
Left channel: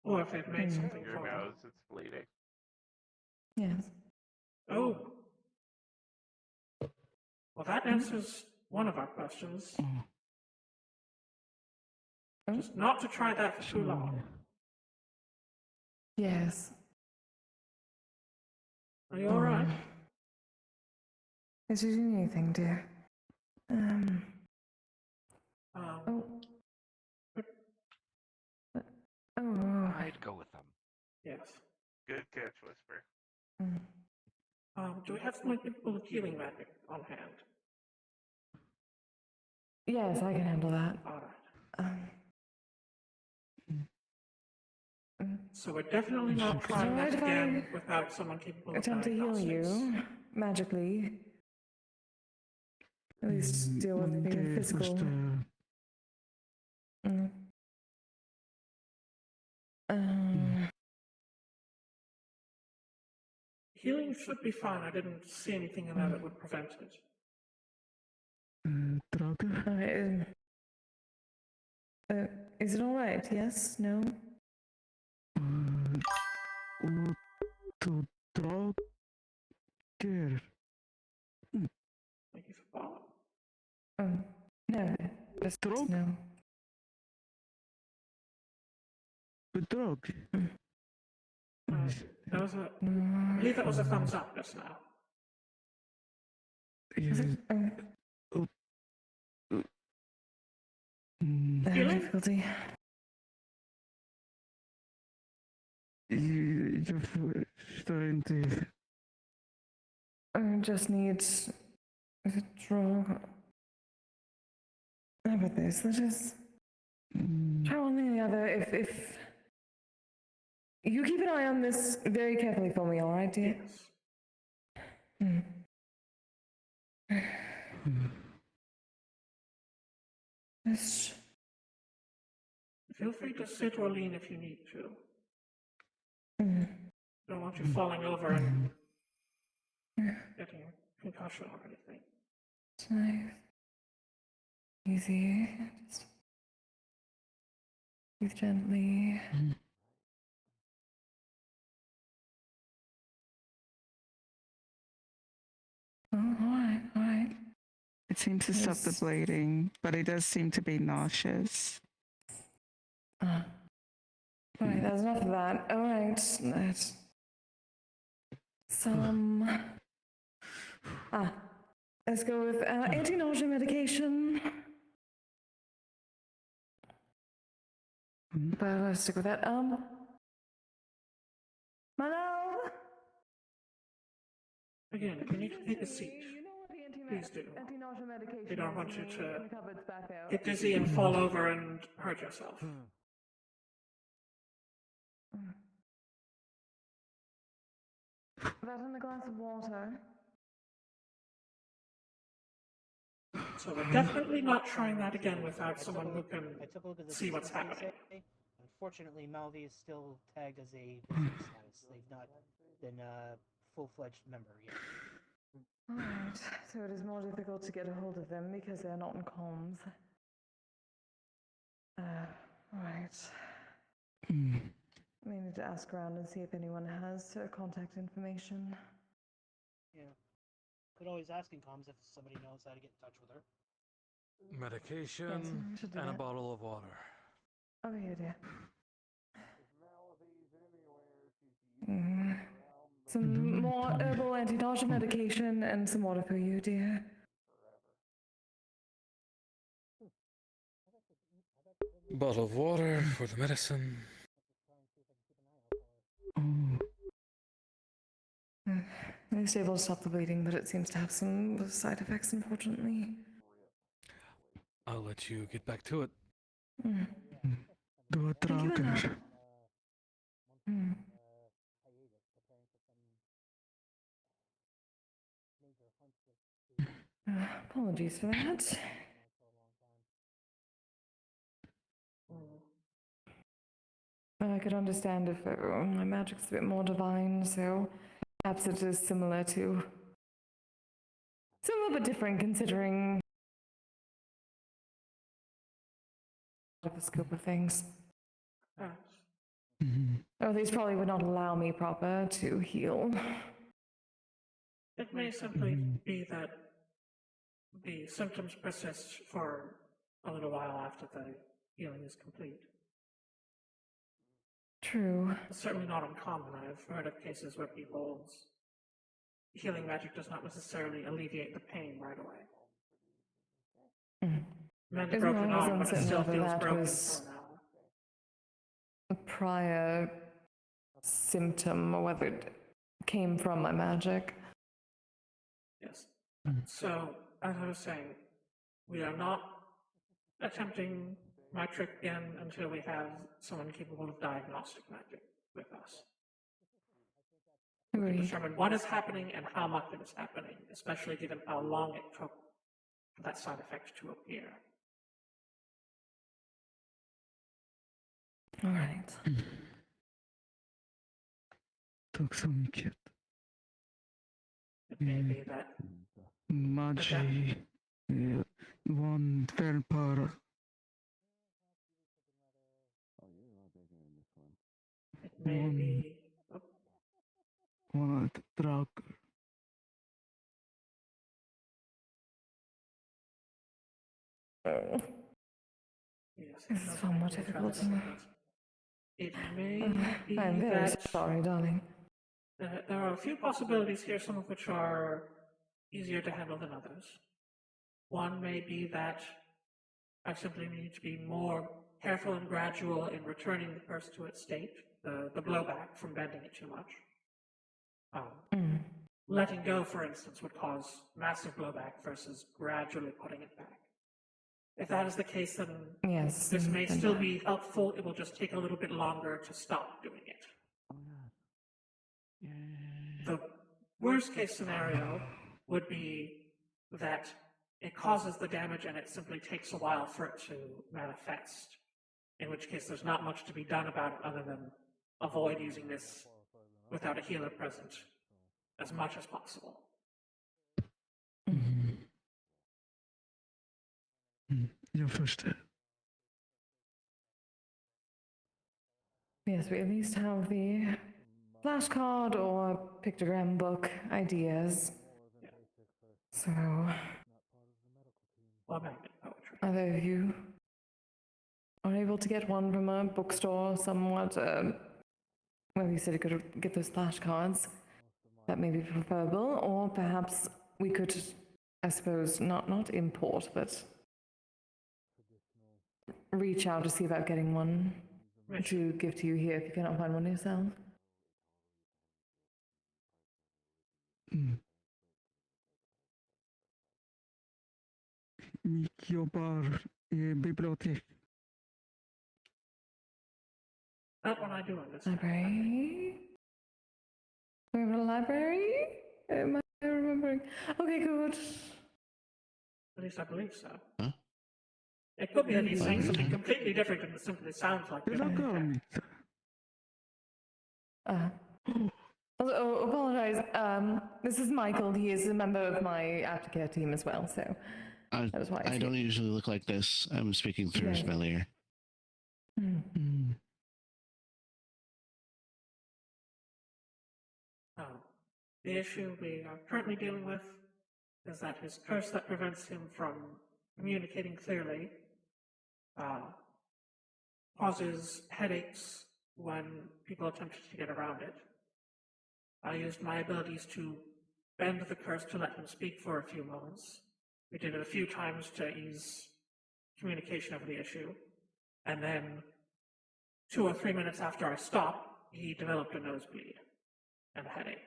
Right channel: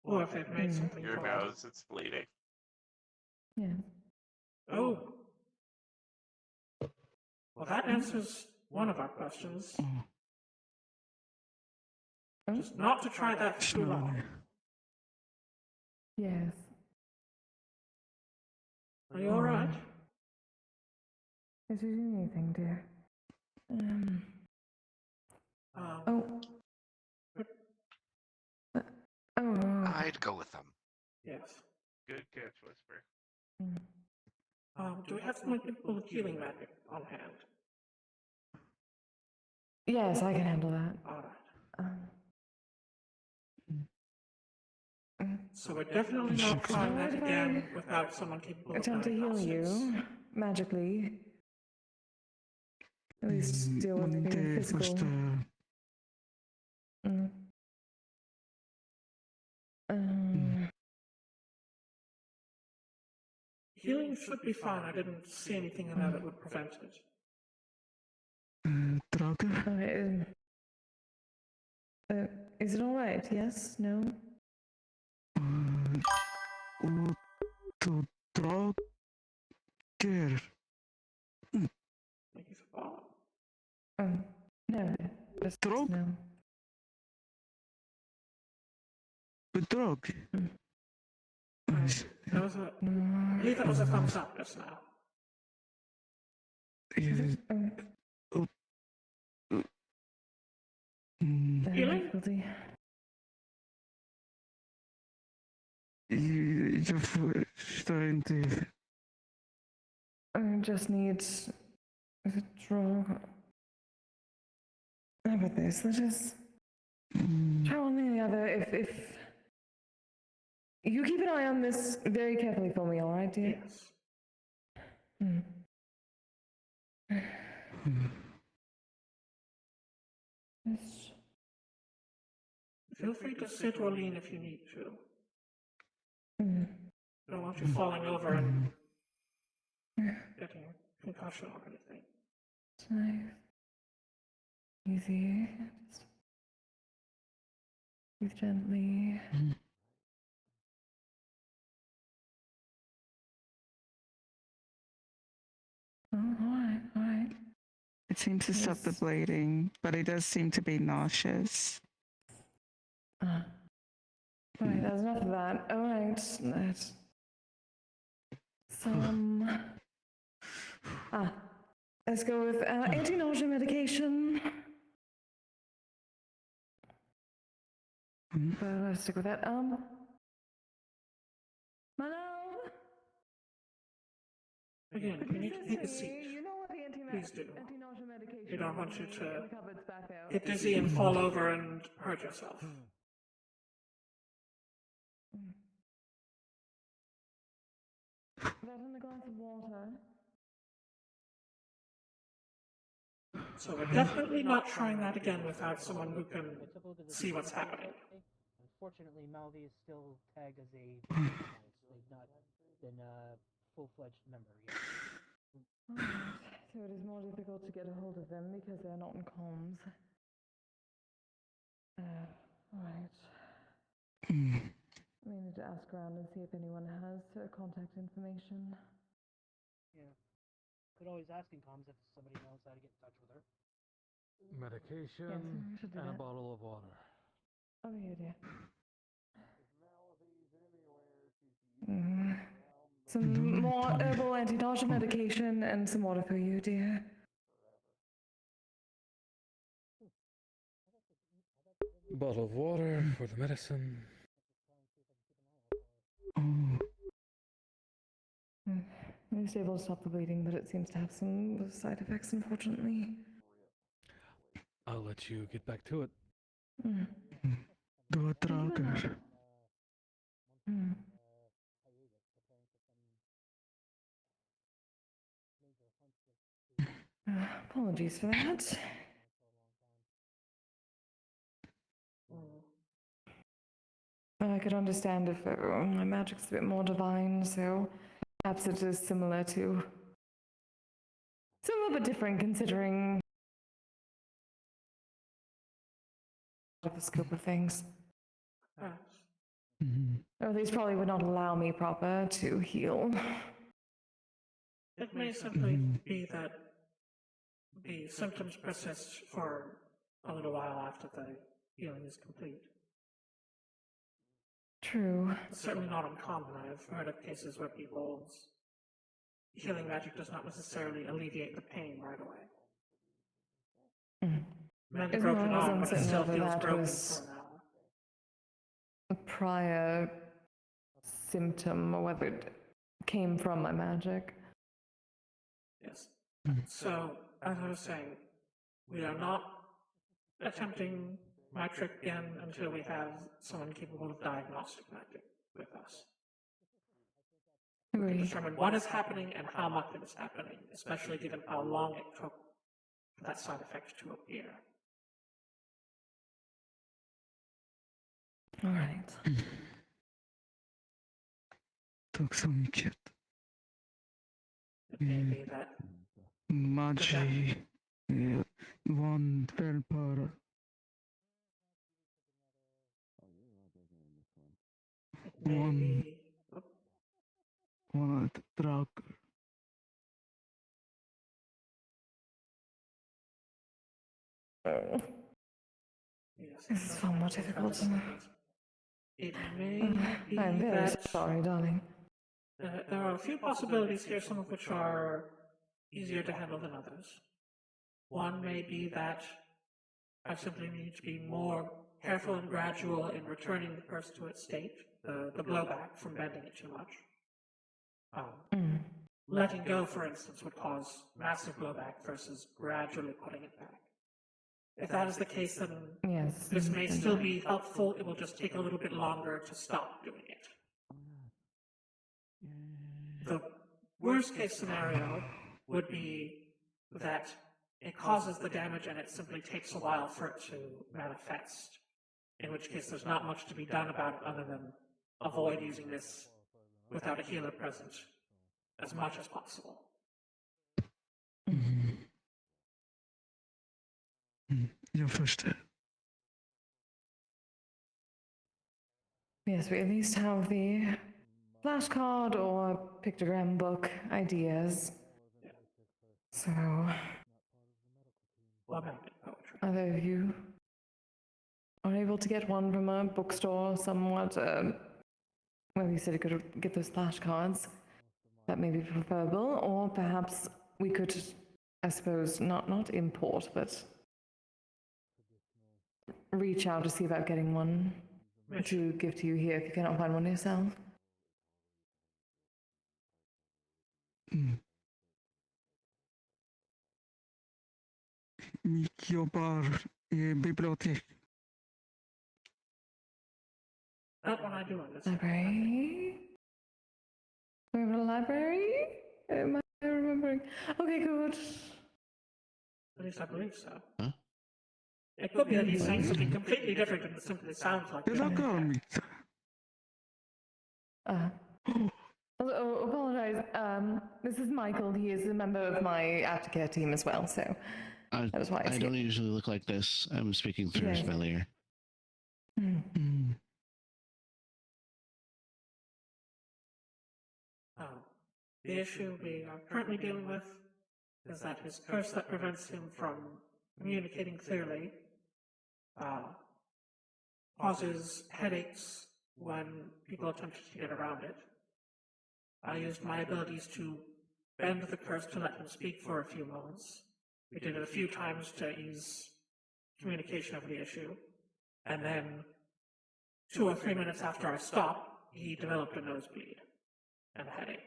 Or if it made something Your for it. nose, it's bleeding. Yes. Oh. Well, that answers one of our questions. Just not to try that for too long. Yes. Are you alright? Is there anything, dear? Oh. Oh. I'd go with them. Yes. Good catch, Whisper. Do we have some people healing magic on hand? Yes, I can handle that. Alright. So we're definitely not trying that again without someone capable of Attempt to heal diagnosis. you magically. At least deal with the physical. Healing should be fine. I didn't see anything in there that would prevent it. Alright. Is it alright? Yes? No? Thank you for following. No. That's no. That was a, I believe that was a thumbs up just now. Difficulty. Just needs a draw. How about this? Let us try one thing or the other. If you keep an eye on this very carefully for me, all right, dear? Yes. Just Feel free to sit or lean if you need to. Don't want you falling over and getting a concussion or anything. nice. Easy. Just breathe gently. Oh, alright, alright. It seems to stop the Yes. bleeding, but it does seem to be nauseous. Alright, that's enough of that. Alright, let's let's go with anti-nausea medication. But let's stick with that. My love. Again, we need to take a seat. You know what the Please do. anti-nausea medication We don't want you in to the cupboards back out. get dizzy and fall over and hurt yourself. That in a glass of water. So we're definitely not trying that again without someone who can I took a look at the see what's systems, they happening. say. Unfortunately, Malvi is still tagged as a status. They've not been a full-fledged member yet. Alright, so it is more difficult to get a hold of them because they're not in comms. Alright. We need to ask around and see if anyone has contact information. Yeah. Could always ask in comms if somebody knows how to get in touch with her. Medication we should do and a that. bottle of water. Over here, dear. Mm. Some more herbal anti-nausea medication and some water for you, dear. Bottle of water for the medicine. It's able to stop the bleeding, but it seems to have some side effects, unfortunately. I'll let you get back to it. Mm. Doe het Thank you raken. enough. Mm. Apologies for that. I could understand if my magic's a bit more divine, so perhaps it is similar to. Similar but different considering the scope of things. Yes. Or these probably would not allow me proper to heal. It may simply be that the symptoms persist for a little while after the healing is complete. True. It's certainly not uncommon. I've heard of cases where people's healing magic does not necessarily alleviate the pain right away. Mend a As broken I was arm, but it uncertain still whether feels that broken was somehow. a prior symptom or whether it came from my magic. Yes. So, as I was saying, we are not attempting my trick again until we have someone capable of diagnostic magic with us. Agreed. Determine what is happening and how much it is happening, especially given how long it took for that side effect to appear. All right. Took some shit. It may be that Magi. One fell per. it may be. Oh, One truck. yes, It's far more difficult. It may be I'm very that sorry, darling. there are a few possibilities here, some of which are easier to handle than others. One may be that I simply need to be more careful and gradual in returning the purse to its state, the blowback from bending it too much. Letting go, for instance, would cause massive blowback versus gradually putting it back. If that is the case, then Yes. this may still be helpful. It will just take a little bit longer to stop doing it. The worst case scenario would be that it causes the damage and it simply takes a while for it to manifest, in which case there's not much to be done about it other than avoid using this without a healer present as much as possible. Jag förstår. Yes, we at least have the flashcard or pictogram book ideas. So, Well, magnet poetry. either of you are able to get one from a bookstore somewhat, well, you said you could get those flashcards. That may be preferable, or perhaps we could, I suppose, not import, but reach out to see about getting one to give to you here if you cannot find one yourself. jobbar i bibliotek. That one I do understand. Library? We have a library? Am I remembering? Okay, good. At least I believe so. Huh? It could be that he's saying something completely different and it simply sounds like it. Znakomicie. Apologize. This is Michael. He is a member of my aftercare team as well, so that was why I don't usually look like this. I'm speaking through Yes. familiar. The issue we are currently dealing with is that his curse that prevents him from communicating clearly causes headaches when people attempt to get around it. I used my abilities to bend the curse to let him speak for a few moments. We did it a few times to ease communication of the issue, and then 2 or 3 minutes after I stopped, he developed a nosebleed and a headache.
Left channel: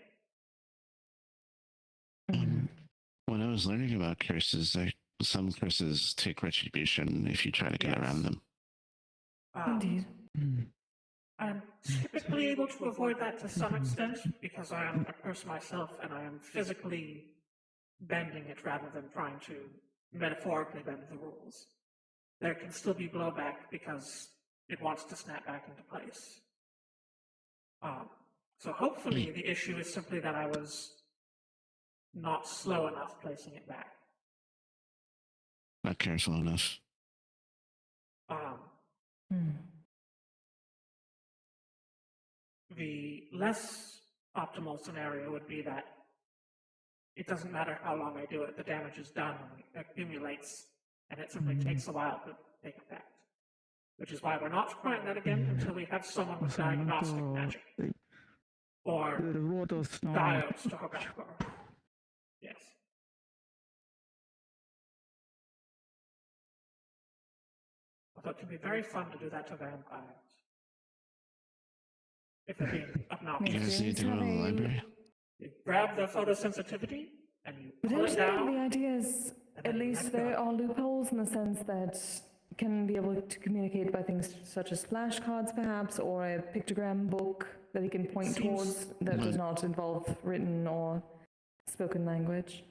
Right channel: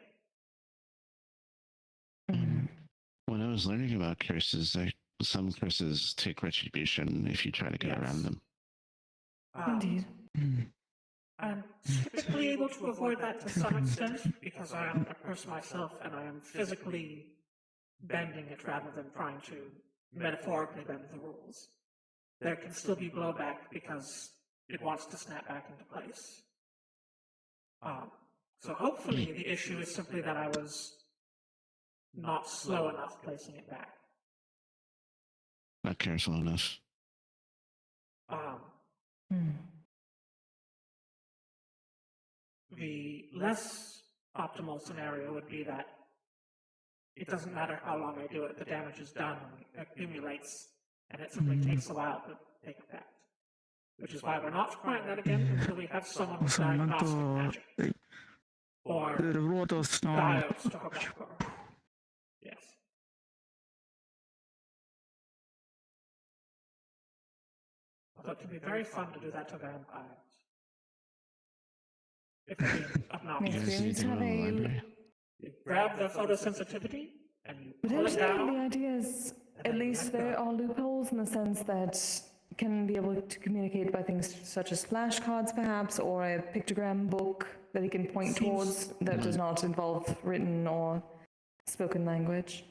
When I was learning about curses, some curses take retribution if you try to get around them. Indeed. I'm typically able to avoid that to some extent because I am a curse myself and I am physically bending it rather than trying to metaphorically bend the rules. There can still be blowback because it wants to snap back into place. So hopefully the issue is simply that I was not slow enough placing it back. Not careful enough. The less optimal scenario would be that it doesn't matter how long I do it, the damage is done and it accumulates, and it simply takes a while to take effect. Which is why we're not trying that again until we have someone with diagnostic magic. Or diodes to go back or... Yes. Although it can be very fun to do that to vampires. If they're obnoxious. You guys need to go to the library? You grab the photosensitivity and you pull it Potentially, down. the idea is at least there are loopholes in the sense that can be able to communicate by things such as flashcards, perhaps, or a pictogram book that he can point towards that does not involve written or spoken language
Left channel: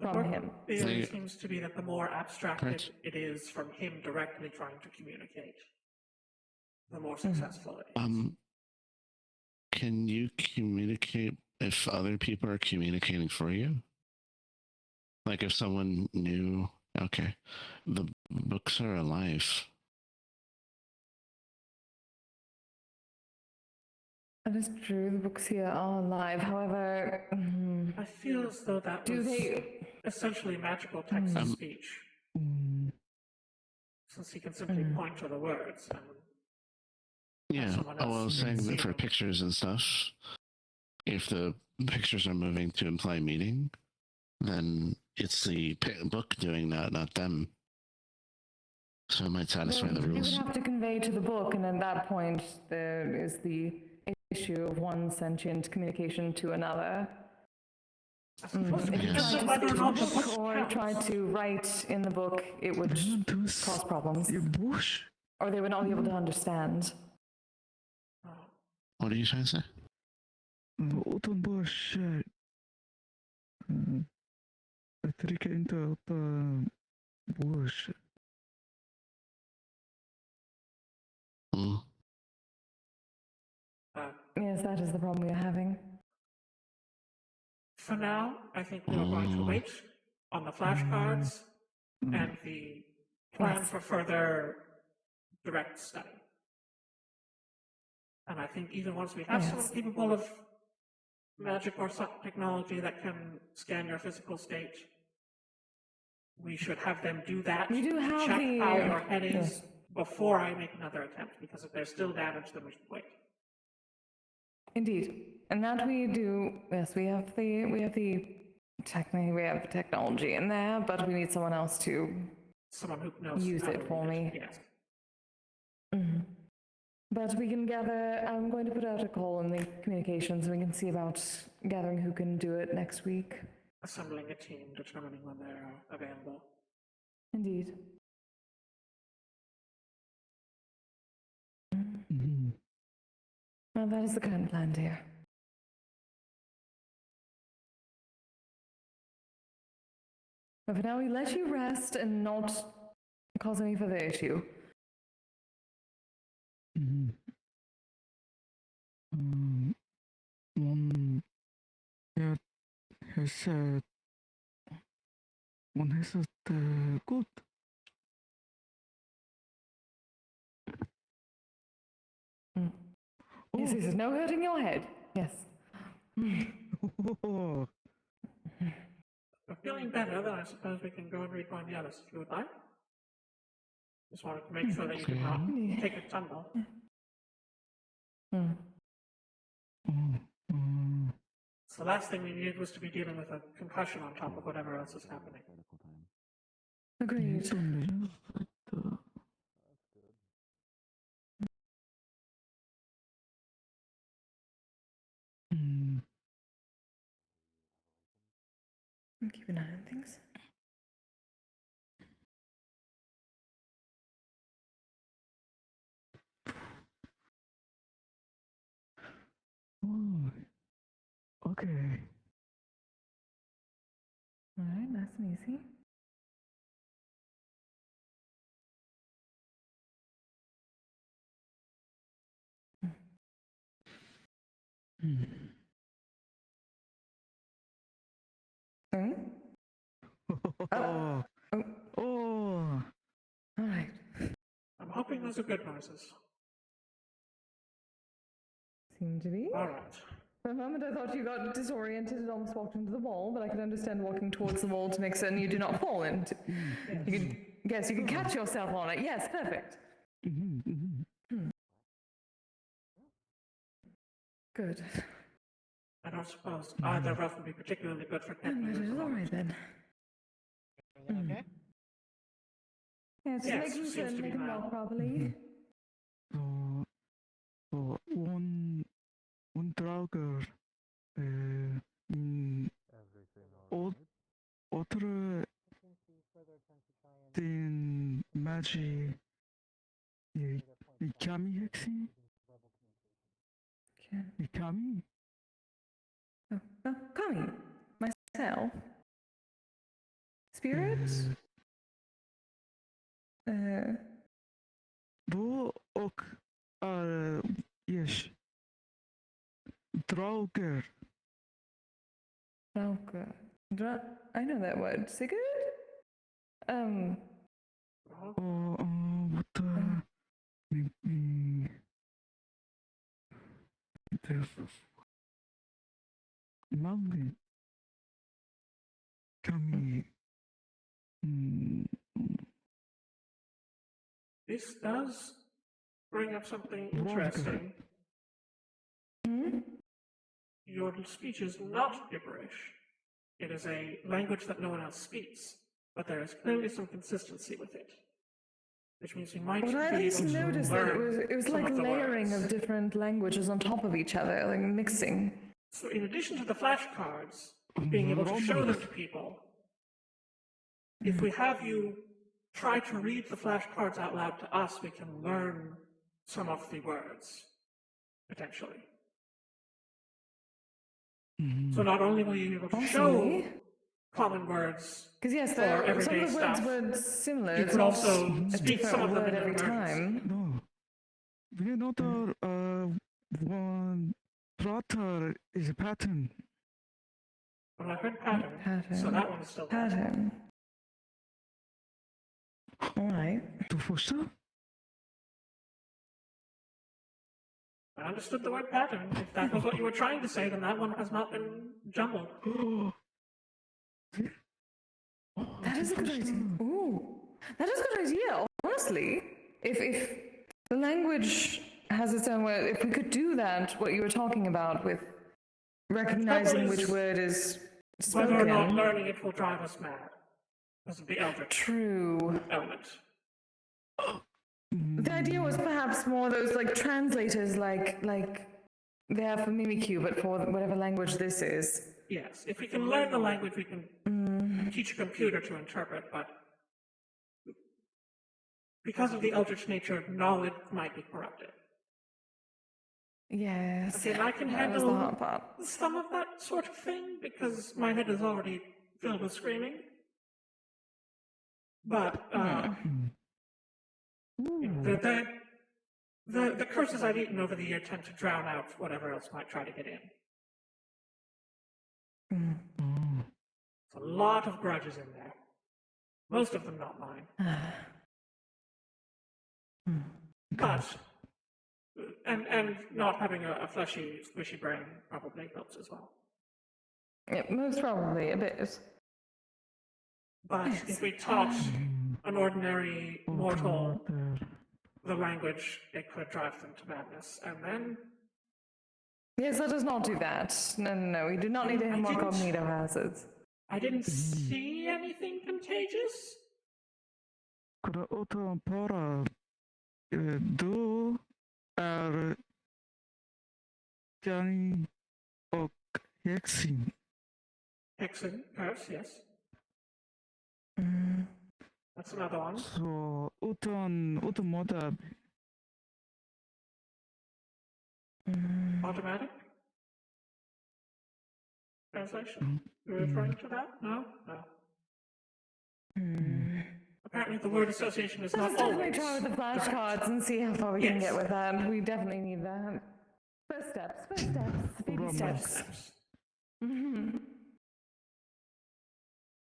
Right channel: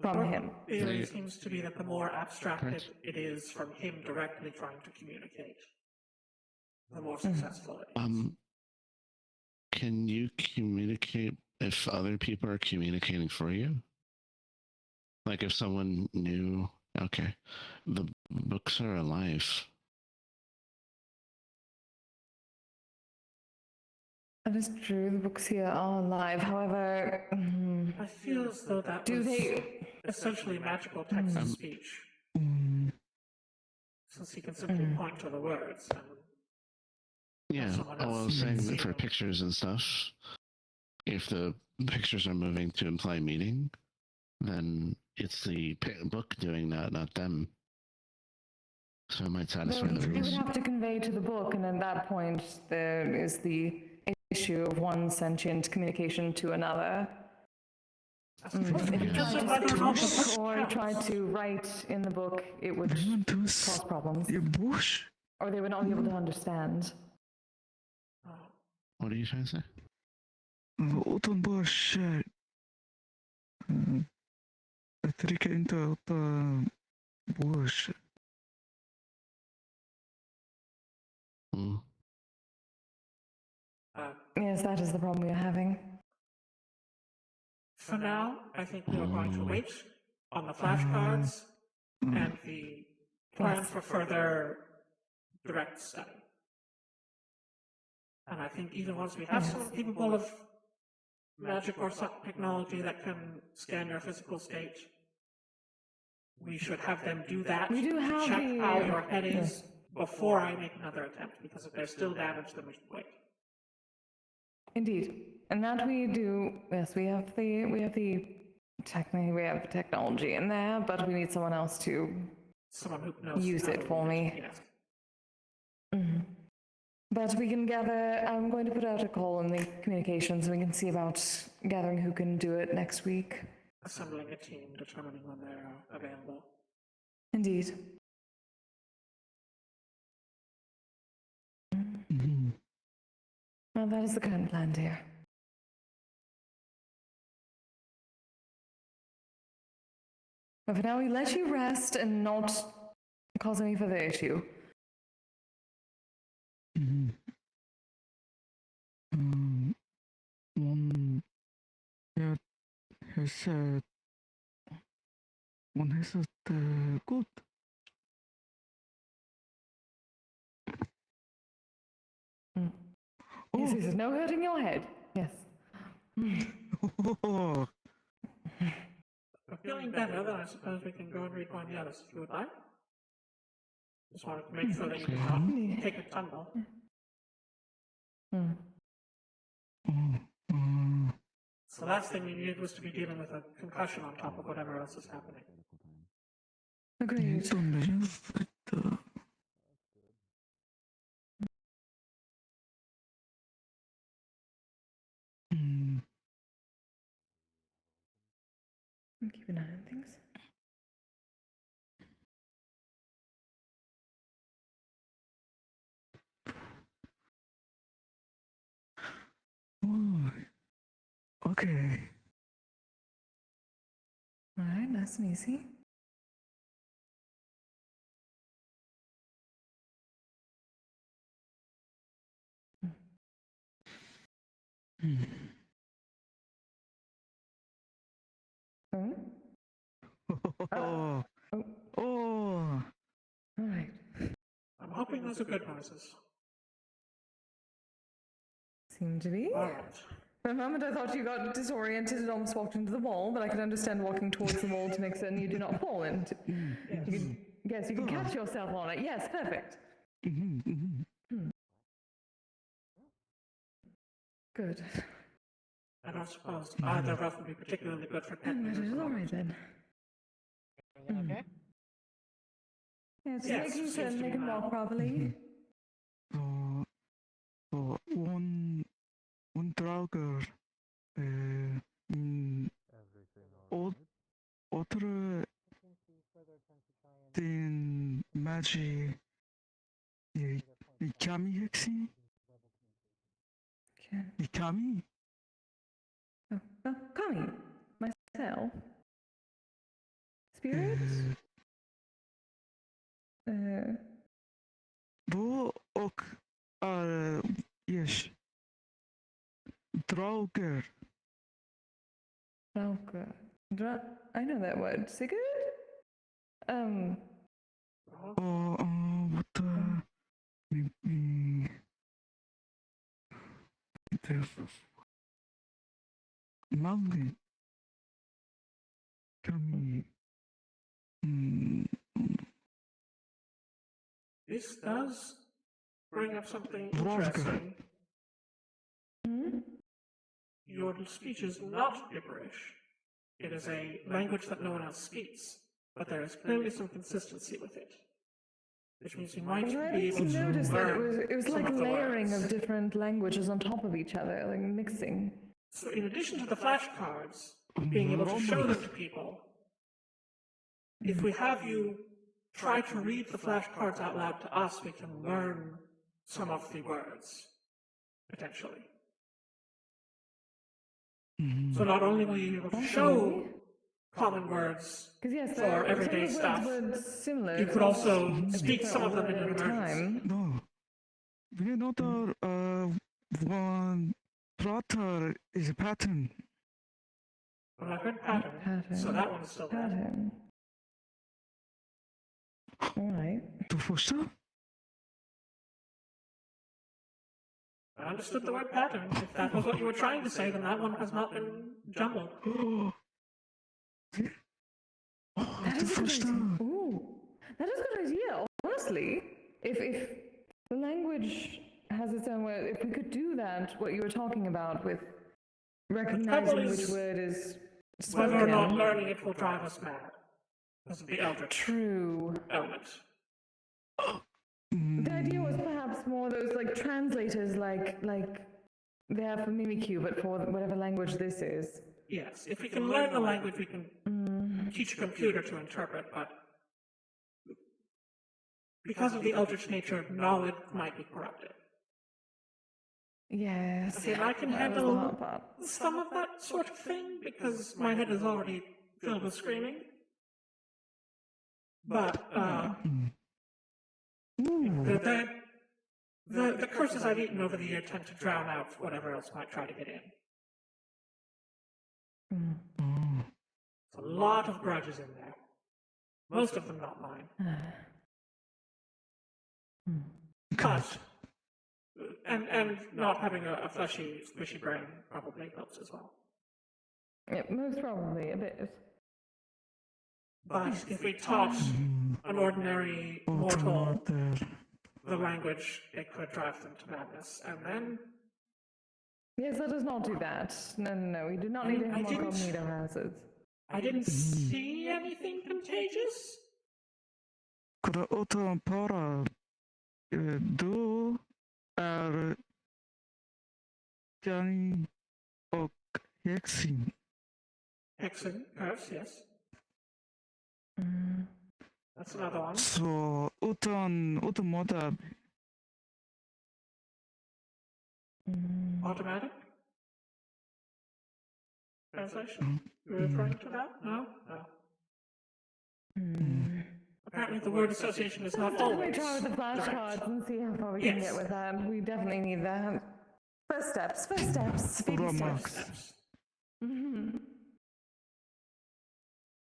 from him. The theory seems to be that the more abstracted it is from him directly trying to communicate, the more successful it is. Can you communicate if other people are communicating for you? Like if someone knew, okay, the books are alive. That is true, the books here are alive, however... I feel as though that Do was they... essentially magical text-to-speech. Since he can simply point to the words and... Yeah, I was saying that for pictures and stuff, if the pictures are moving to imply meaning, then it's the book doing that, not them. So it might satisfy the You would rules. have to convey to the book, and at that point, there is the issue of one sentient communication to another. If you tried to speak to the book or try to write in the book, it would cause problems. Or they would not be able to understand. What are you trying to say? Utan bara kär. Jag tycker inte att bush. Yes, that is the problem we are having. For now, I think we are going to wait on the flashcards and the plan for further direct study. And I think even once we have someone capable of magic or some technology that can scan your physical state, we should have them do that. We do have check the... how your head is before I make another attempt, because if there's still damage, then we should wait. Indeed. And that we do, yes, we have technology in there, but we need someone else to Someone who knows use how it to for read me. Yes. But we can gather, I'm going to put out a call in the communications, and we can see about gathering who can do it next week. Assembling a team, determining when they're available. Indeed. Mhm. Well, that is the current plan, dear. But for now, we let you rest and not cause any further issue. Mhm. One, yeah, has said, one has said, good. Mm. Yes, Oh. yes, no hurting your head. Yes. Oh. I'm feeling better, then I suppose we can go and rejoin the others if you would like. Just wanted to make sure that you did not Okay. take a tumble. Hmm. Oh. So the last thing we needed was to be dealing with a concussion on top of whatever else is happening. Agreed. Don't leave it. Mm. Keep an eye on things. Oh. Okay. All right, nice and easy. Mm. Hmm? Oh. Oh, Oh. all right. I'm hoping those are good noises. Seem to be. All right. For a moment, I thought you got disoriented and almost walked into the wall, but I can understand walking towards the wall to make certain you do not fall. And you could, yes, you can catch yourself on it. Yes, perfect. Mhm, mhm. Good. I don't suppose either of us would be particularly good for And that is all right then. Everything okay? Yeah, just Yes, making seems certain to they be can well. walk properly. So one drager in other than magic i kami hexi Okay. i kami Oh, Kami, myself. Spirits? bo ok yes drager Okay. I know that word. Sigurd? what maybe the lovely kami This does bring up something Drager. interesting. Hmm? Your speech is not gibberish. It is a language that no one else speaks, but there is clearly some consistency with it. Which means you might Well, I be just able to noticed that learn it was some like of the layering words. of different languages on top of each other, like mixing. So in addition to the flashcards, being able to show them to people, if we have you try to read the flashcards out loud to us, we can learn some of the words, potentially. So not only will you be able to show common words Because yes, for some of everyday the stuff, words were similar. you It's can not also a speak some of different them word in every different versions. time. no we another one prater is a pattern When I heard pattern, so that one is still there. Pattern. All right. du förstår I understood the word pattern. If that was what you were trying to say, then that one has not been jumbled. That is a good idea. Ooh, that is a good idea. Honestly, if the language has its own way, if we could do that, what you were talking about with recognizing which word is Whether or not spoken. learning it will drive us mad. This is the eldritch True. element. The idea was perhaps more those like translators, like they have for Mimikyu, but for whatever language this is. Yes, if we can learn the language, we can teach a computer to interpret, but because of the eldritch nature, knowledge might be corrupted. Yes. See, and I can that was the handle hard part. some of that sort of thing because my head is already filled with screaming. But the curses I've eaten over the year tend to drown out whatever else might try to get in. A lot of grudges in there. Most of them not mine. But and not having a fleshy, squishy brain probably helps as well. Yeah, most probably a bit. But if we taught an ordinary mortal the language, it could drive them to madness. And then Yes, let us not do that. No, we do not need any more cognito hazards. I didn't see anything contagious. Utan para du är Johnny och Hexing. Hexen, curse, yes. That's another one. Så utan moda Automatic? Translation? You're referring to that? No? No. Apparently the word association is not Let's definitely always try with the correct. flashcards and see how far we can Yes. get with that. We definitely need that. First steps, baby steps. Steps. Mm-hmm.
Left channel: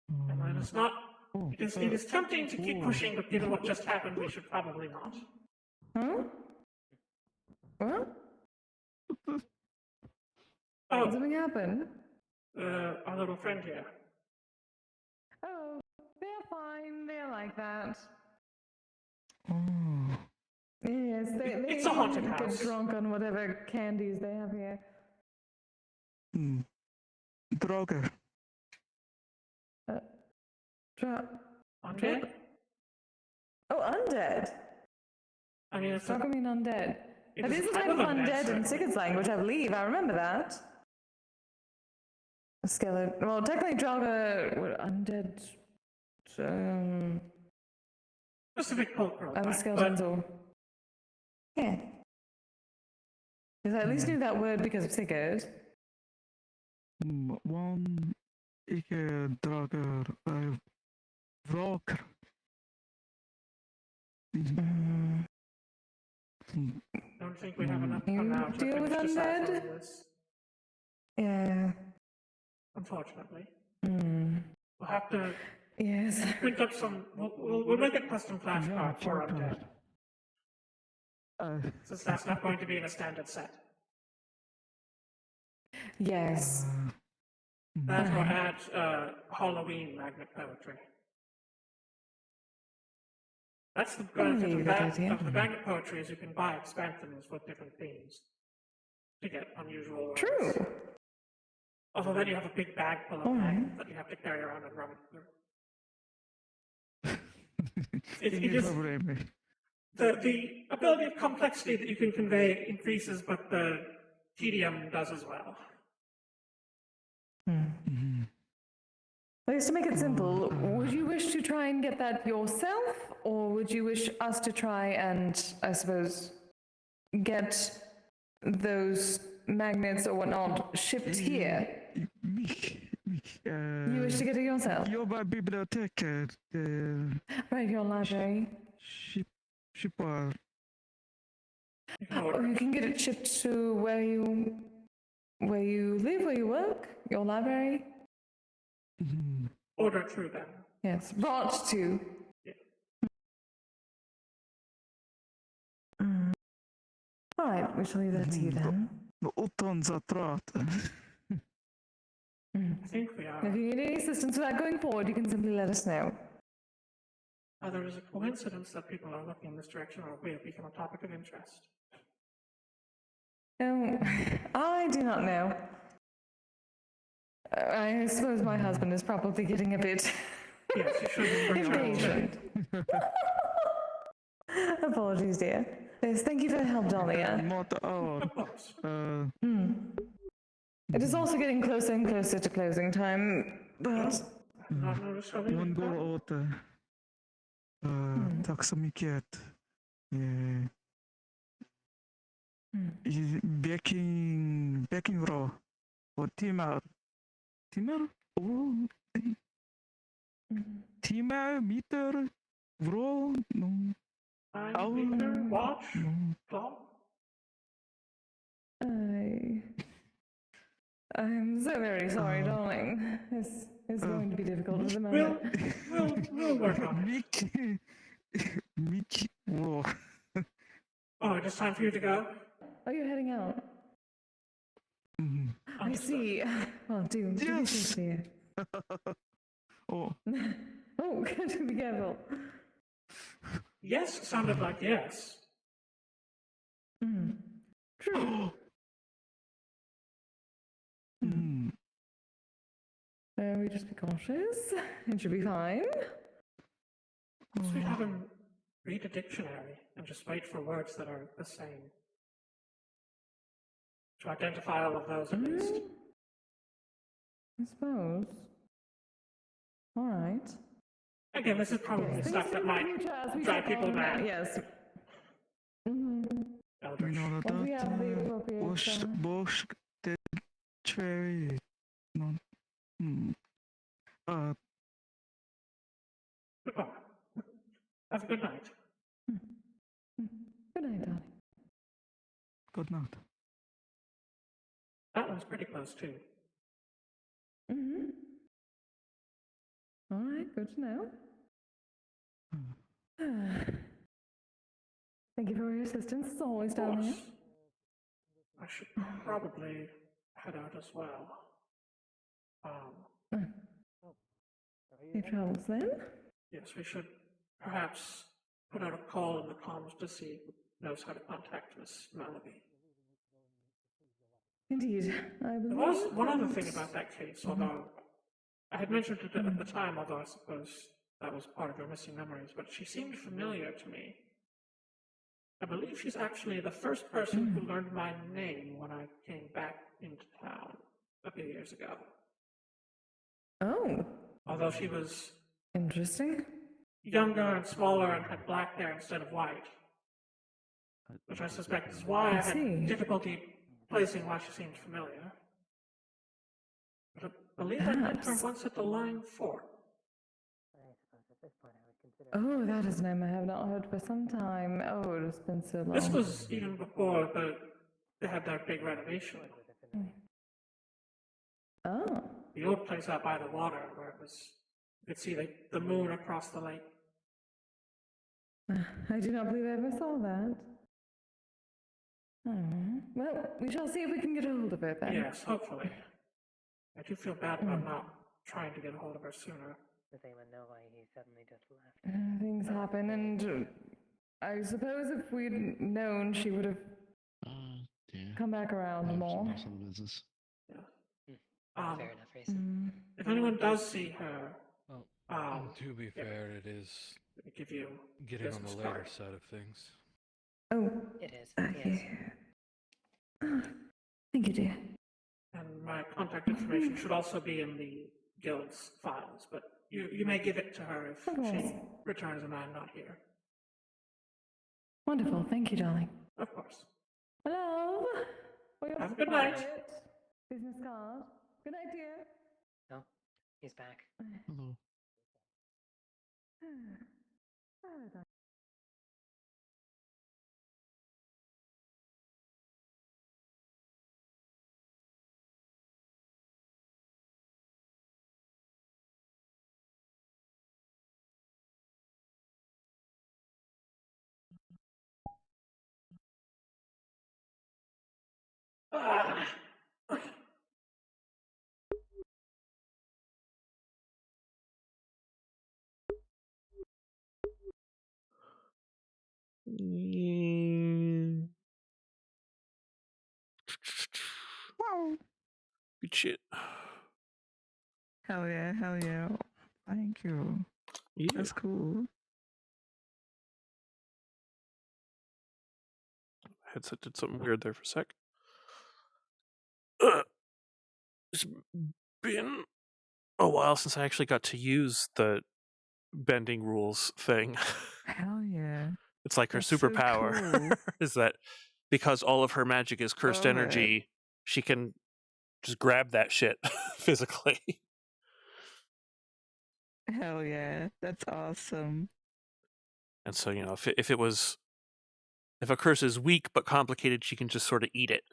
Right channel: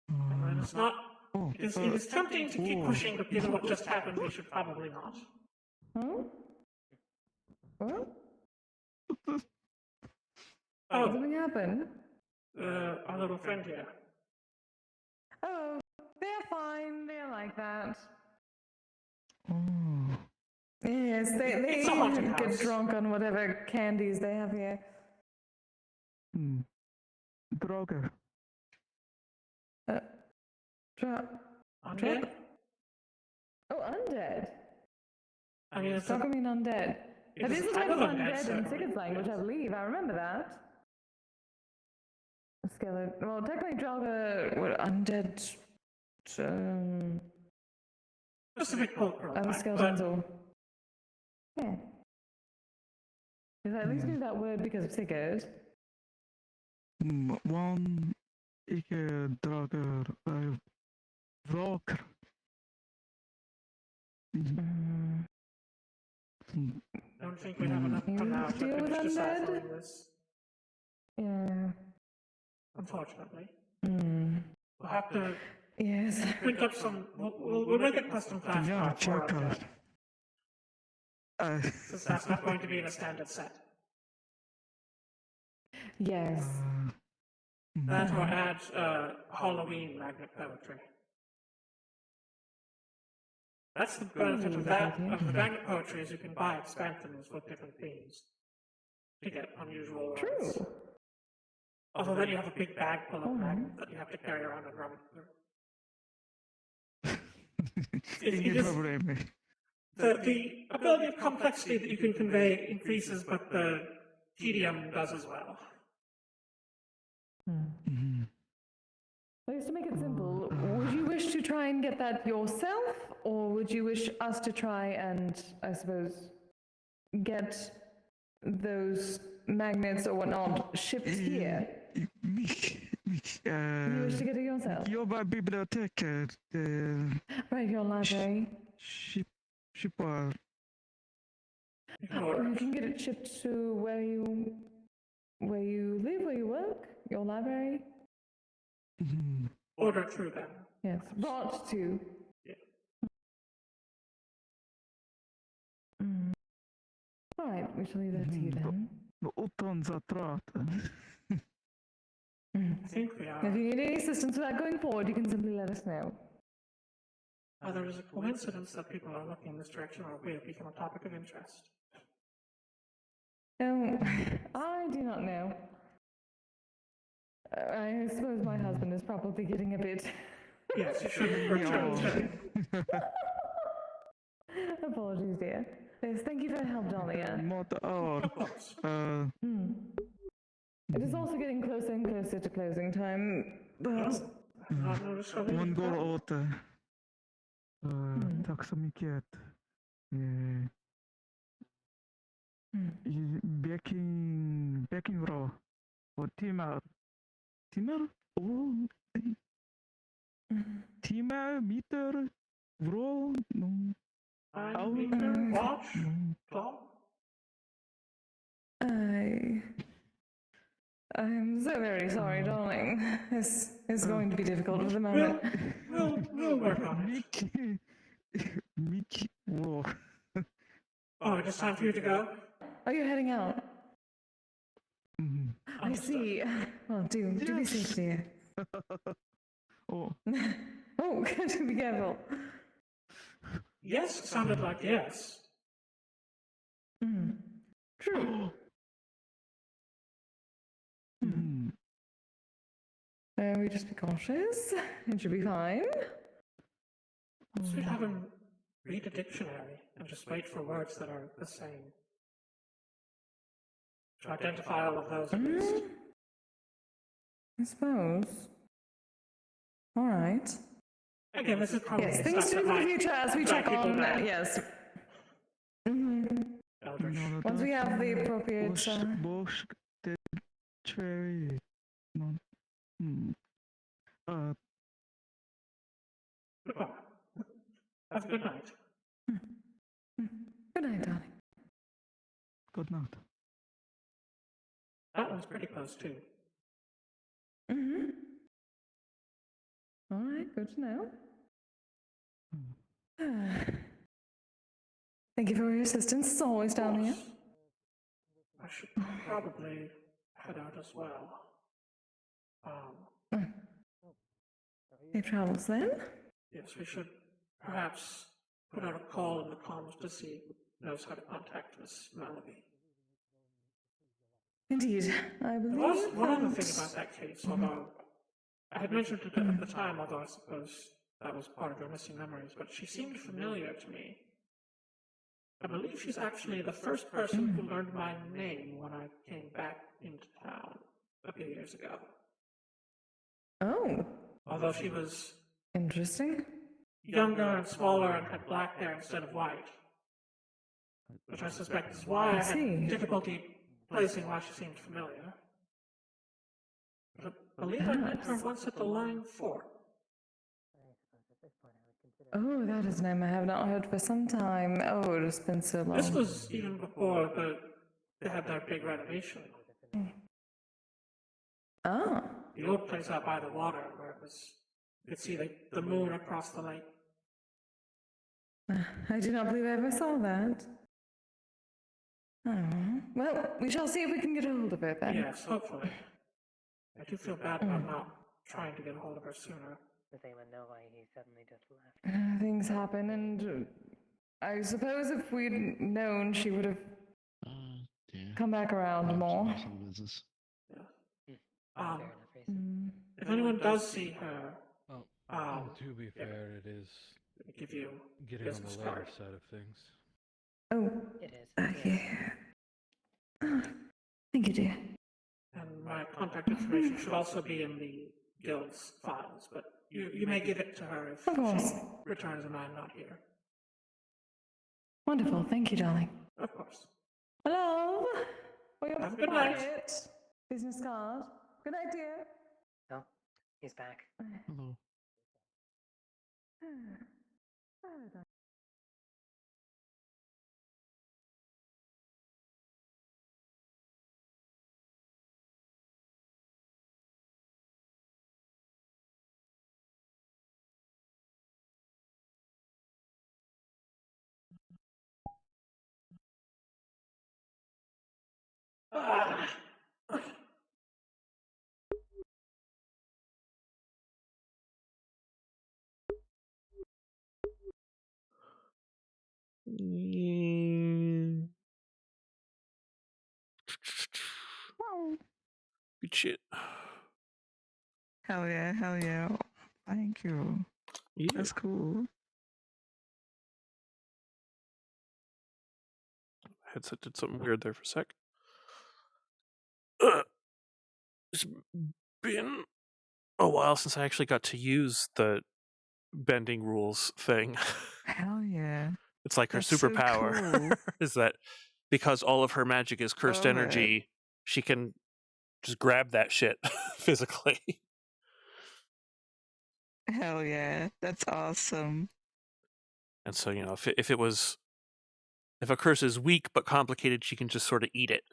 And then it's not. It is tempting to keep pushing, but given what just happened, we should probably not. Oh, Something happened? our little friend here. Oh, they're fine. They're like that. Oh. Yes, they It's a haunted house. get drunk on whatever candies they have here. Droger. Undead? Oh, undead. I mean, it's How come you mean undead? That is is a kind type of of undead, undead in certainly. Sigurd's language, I believe. I remember that. A skeleton. Well, technically, Draga were undead. specific poker. Other skeletons or. Yeah. Because I at least knew that word because of Sigurd. One icke drager vraker. Don't think we have enough You amount deal with exercise undead? on this, Yeah. unfortunately. We'll have to Yes. pick up some. We'll make a custom flashcard for undead, since that's not going to be in a standard set. Yes. That's why I add Halloween magnet poetry. That's the benefit of that. Of the magnet poetry is you can buy expansions with different themes to get unusual ones. True. Although then you have a big bag full of magnets that you have to carry around and run through. Inga problem. The ability of complexity that you can convey increases, but the tedium does as well. I guess to make it simple, would you wish to try and get that yourself, or would you wish us to try and, I suppose, get those magnets or whatnot shipped here? You wish to get it yourself? Jobbar biblioteket. Right, your library. Shippar. Or you can get it shipped to where you live, where you work, your library. Order true then. Yes, brought to. All right, we shall leave that to you then. Utan zatrat. I think we are. If you need any assistance with that going forward, you can simply let us know. There is a coincidence that people are looking in this direction, or we have become a topic of interest. I do not know. I suppose my husband is probably getting a bit. Yes, you should. impatient. Apologies, dear. Yes, thank you for the help, Dahlia. Not art. It is also getting closer and closer to closing time, but One går åt tack så mycket. Baking raw och timmar och timmar, meter, raw, no, Meter, watch, no. clock. I'm so very sorry, darling. This is going to be difficult at the moment. We'll work on it. Mickey, whoa. Oh, it's time for you to go? Oh, you're heading out. Mhm. I see. Well, do be Yes. safe, dear. Oh, Oh, be careful. Yes sounded like yes. True. mm. We just be cautious. It should be fine. So we have him read a dictionary and just wait for words that are the same. To identify all of those at least. I suppose. All right. Again, this is probably Yes, stuff things to that do for the might future as we drive check people on. mad. Yes. Eldritch. Once we have the appropriate. Bosch, the cherry, no. Goodbye. Have a good night. Good night, darling. Good night. That was pretty close too. All right, good to know. Thank you for your assistance, as always, down here. I should probably head out as well. Safe travels then. Yes, we should perhaps put out a call in the comms to see who knows how to contact Miss Melody. Indeed, I There believe. was one other thing about that case, although I had mentioned it at the time, although I suppose that was part of her missing memories, but she seemed familiar to me. I believe she's actually the first person who learned my name when I came back into town a few years ago. Oh, Although she was interesting. younger and smaller and had black hair instead of white. Which I suspect is why I see. had difficulty placing why she seemed familiar. But I believe I met her Perhaps. once at the Line Fort. Oh, that is a name I have not heard for some time. Oh, it has been so long. This was even before they had their big renovation. Oh, The old place out by the water where it was, you could see the moon across the lake. I do not believe I ever saw that. Well, we shall see if we can get a hold of her then. Yes, hopefully. I do feel bad about not trying to get a hold of her sooner. Does anyone know why he suddenly just left? Things happen, and I suppose if we'd known, she would have Dear. come back around more. Some business. Um, Fair enough reason. if anyone does see her, To be fair, it is let me give you getting on the business later card. side of things. Oh, It is. okay. Thank you, dear. And my contact information should also be in the guild's files, but you may give it to her if Of course. she returns and I'm not here. Wonderful. Thank you, darling. Of course. Hello. For your Have a good night. private business card. Good night, dear. Oh, he's back. Hello. Good shit. Hell yeah, hell yeah. Thank you. Yeah. That's cool. Headset did something weird there for a sec. It's been a while since I actually got to use the bending rules thing. Hell yeah. It's like her That's so superpower cool. is that because all of her magic is cursed Love it. energy, she can just grab that shit physically. Hell yeah. That's awesome. And so, if a curse is weak but complicated, she can just sort of eat it.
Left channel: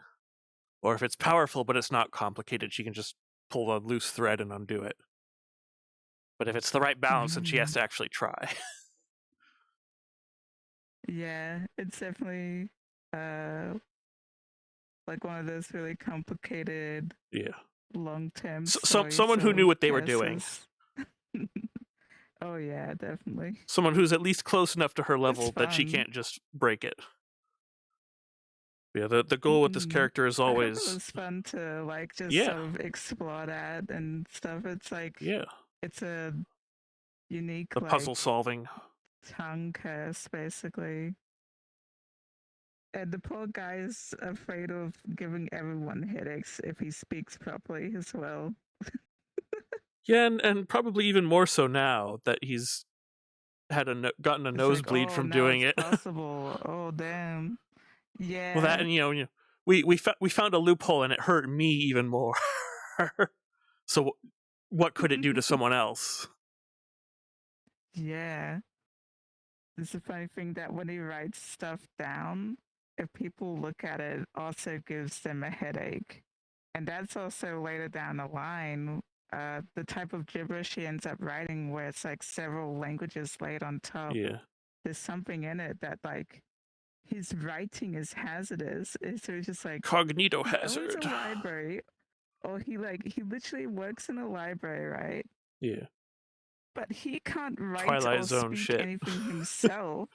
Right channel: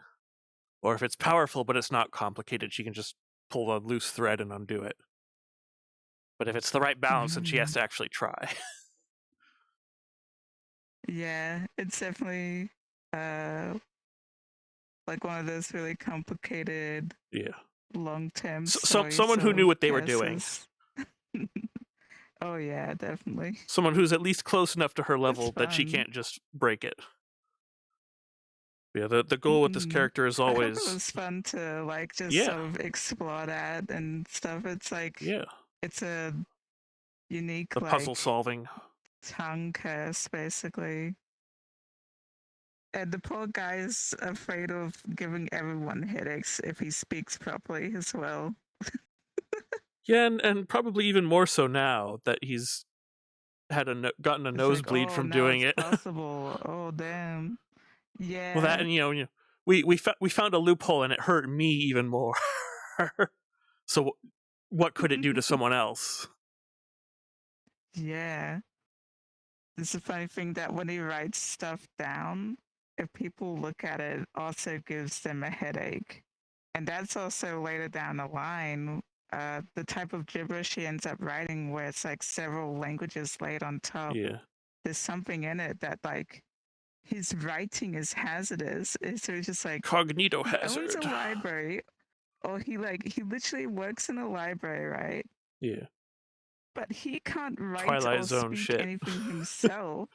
Or if it's powerful but it's not complicated, she can just pull a loose thread and undo it. But if it's the right balance, then she has to actually try. Yeah, it's definitely like one of those really complicated Yeah. long-term Someone who knew what they were doing. Oh yeah, definitely. Someone who's at least close enough to her level that she fun. can't just break it. Yeah, the goal with this character is I always hope it was fun to like just Yeah. sort of explore that and stuff. It's like it's a unique the puzzle solving. tongue curse basically. And the poor guy's afraid of giving everyone headaches if he speaks properly as well. Yeah, and probably even more so now that he's had gotten a It's nosebleed like, oh, from now doing it's it. possible. Oh damn. Yeah. Well, that and we found a loophole and it hurt me even more. So what could it do to someone else? Yeah. It's a funny thing that when he writes stuff down, if people look at it, also gives them a headache. And that's also later down the line, the type of gibberish he ends up writing where it's like several languages laid on top. Yeah. There's something in it that like his writing is hazardous. So he's just like Cognito he owns hazard. a library, or he literally works in a library, right? Yeah. But he can't write Twilight or Zone speak shit. anything himself.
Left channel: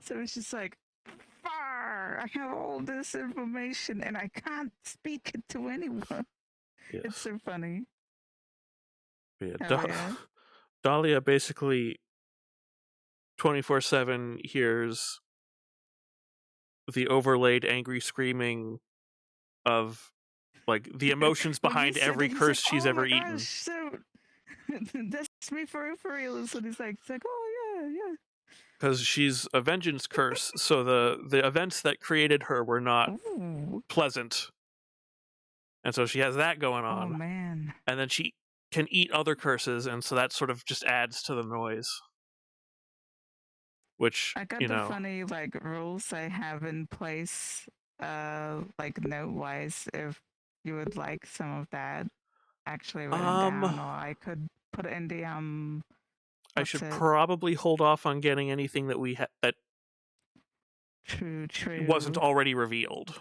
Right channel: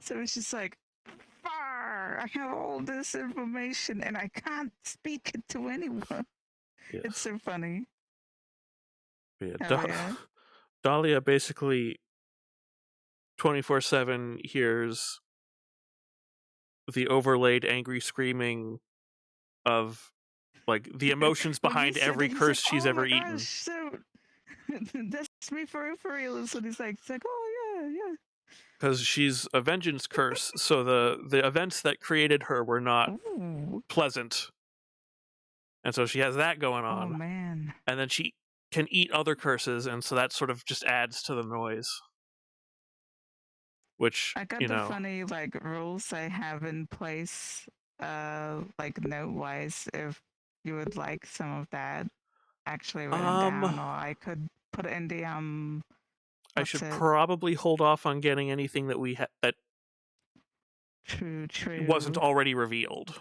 So it's just like, far! I have all this information and I can't speak it to anyone. Yes. It's so funny. Yeah, Hell yeah. Dahlia basically 24/7 hears the overlaid angry screaming of like the emotions When he behind said every it, he's curse like, she's oh ever my eaten. gosh, so that's me for real. And so he's like, oh yeah. Because she's a vengeance curse, so the events that created her were not pleasant. And so she has that going on. Oh man. And then she can eat other curses, and so that sort of just adds to the noise. Which, I got the funny like rules I have in place, like note wise, if you would like some of that actually written down, or I could put it in the I should probably hold off on getting anything that we that true wasn't already revealed.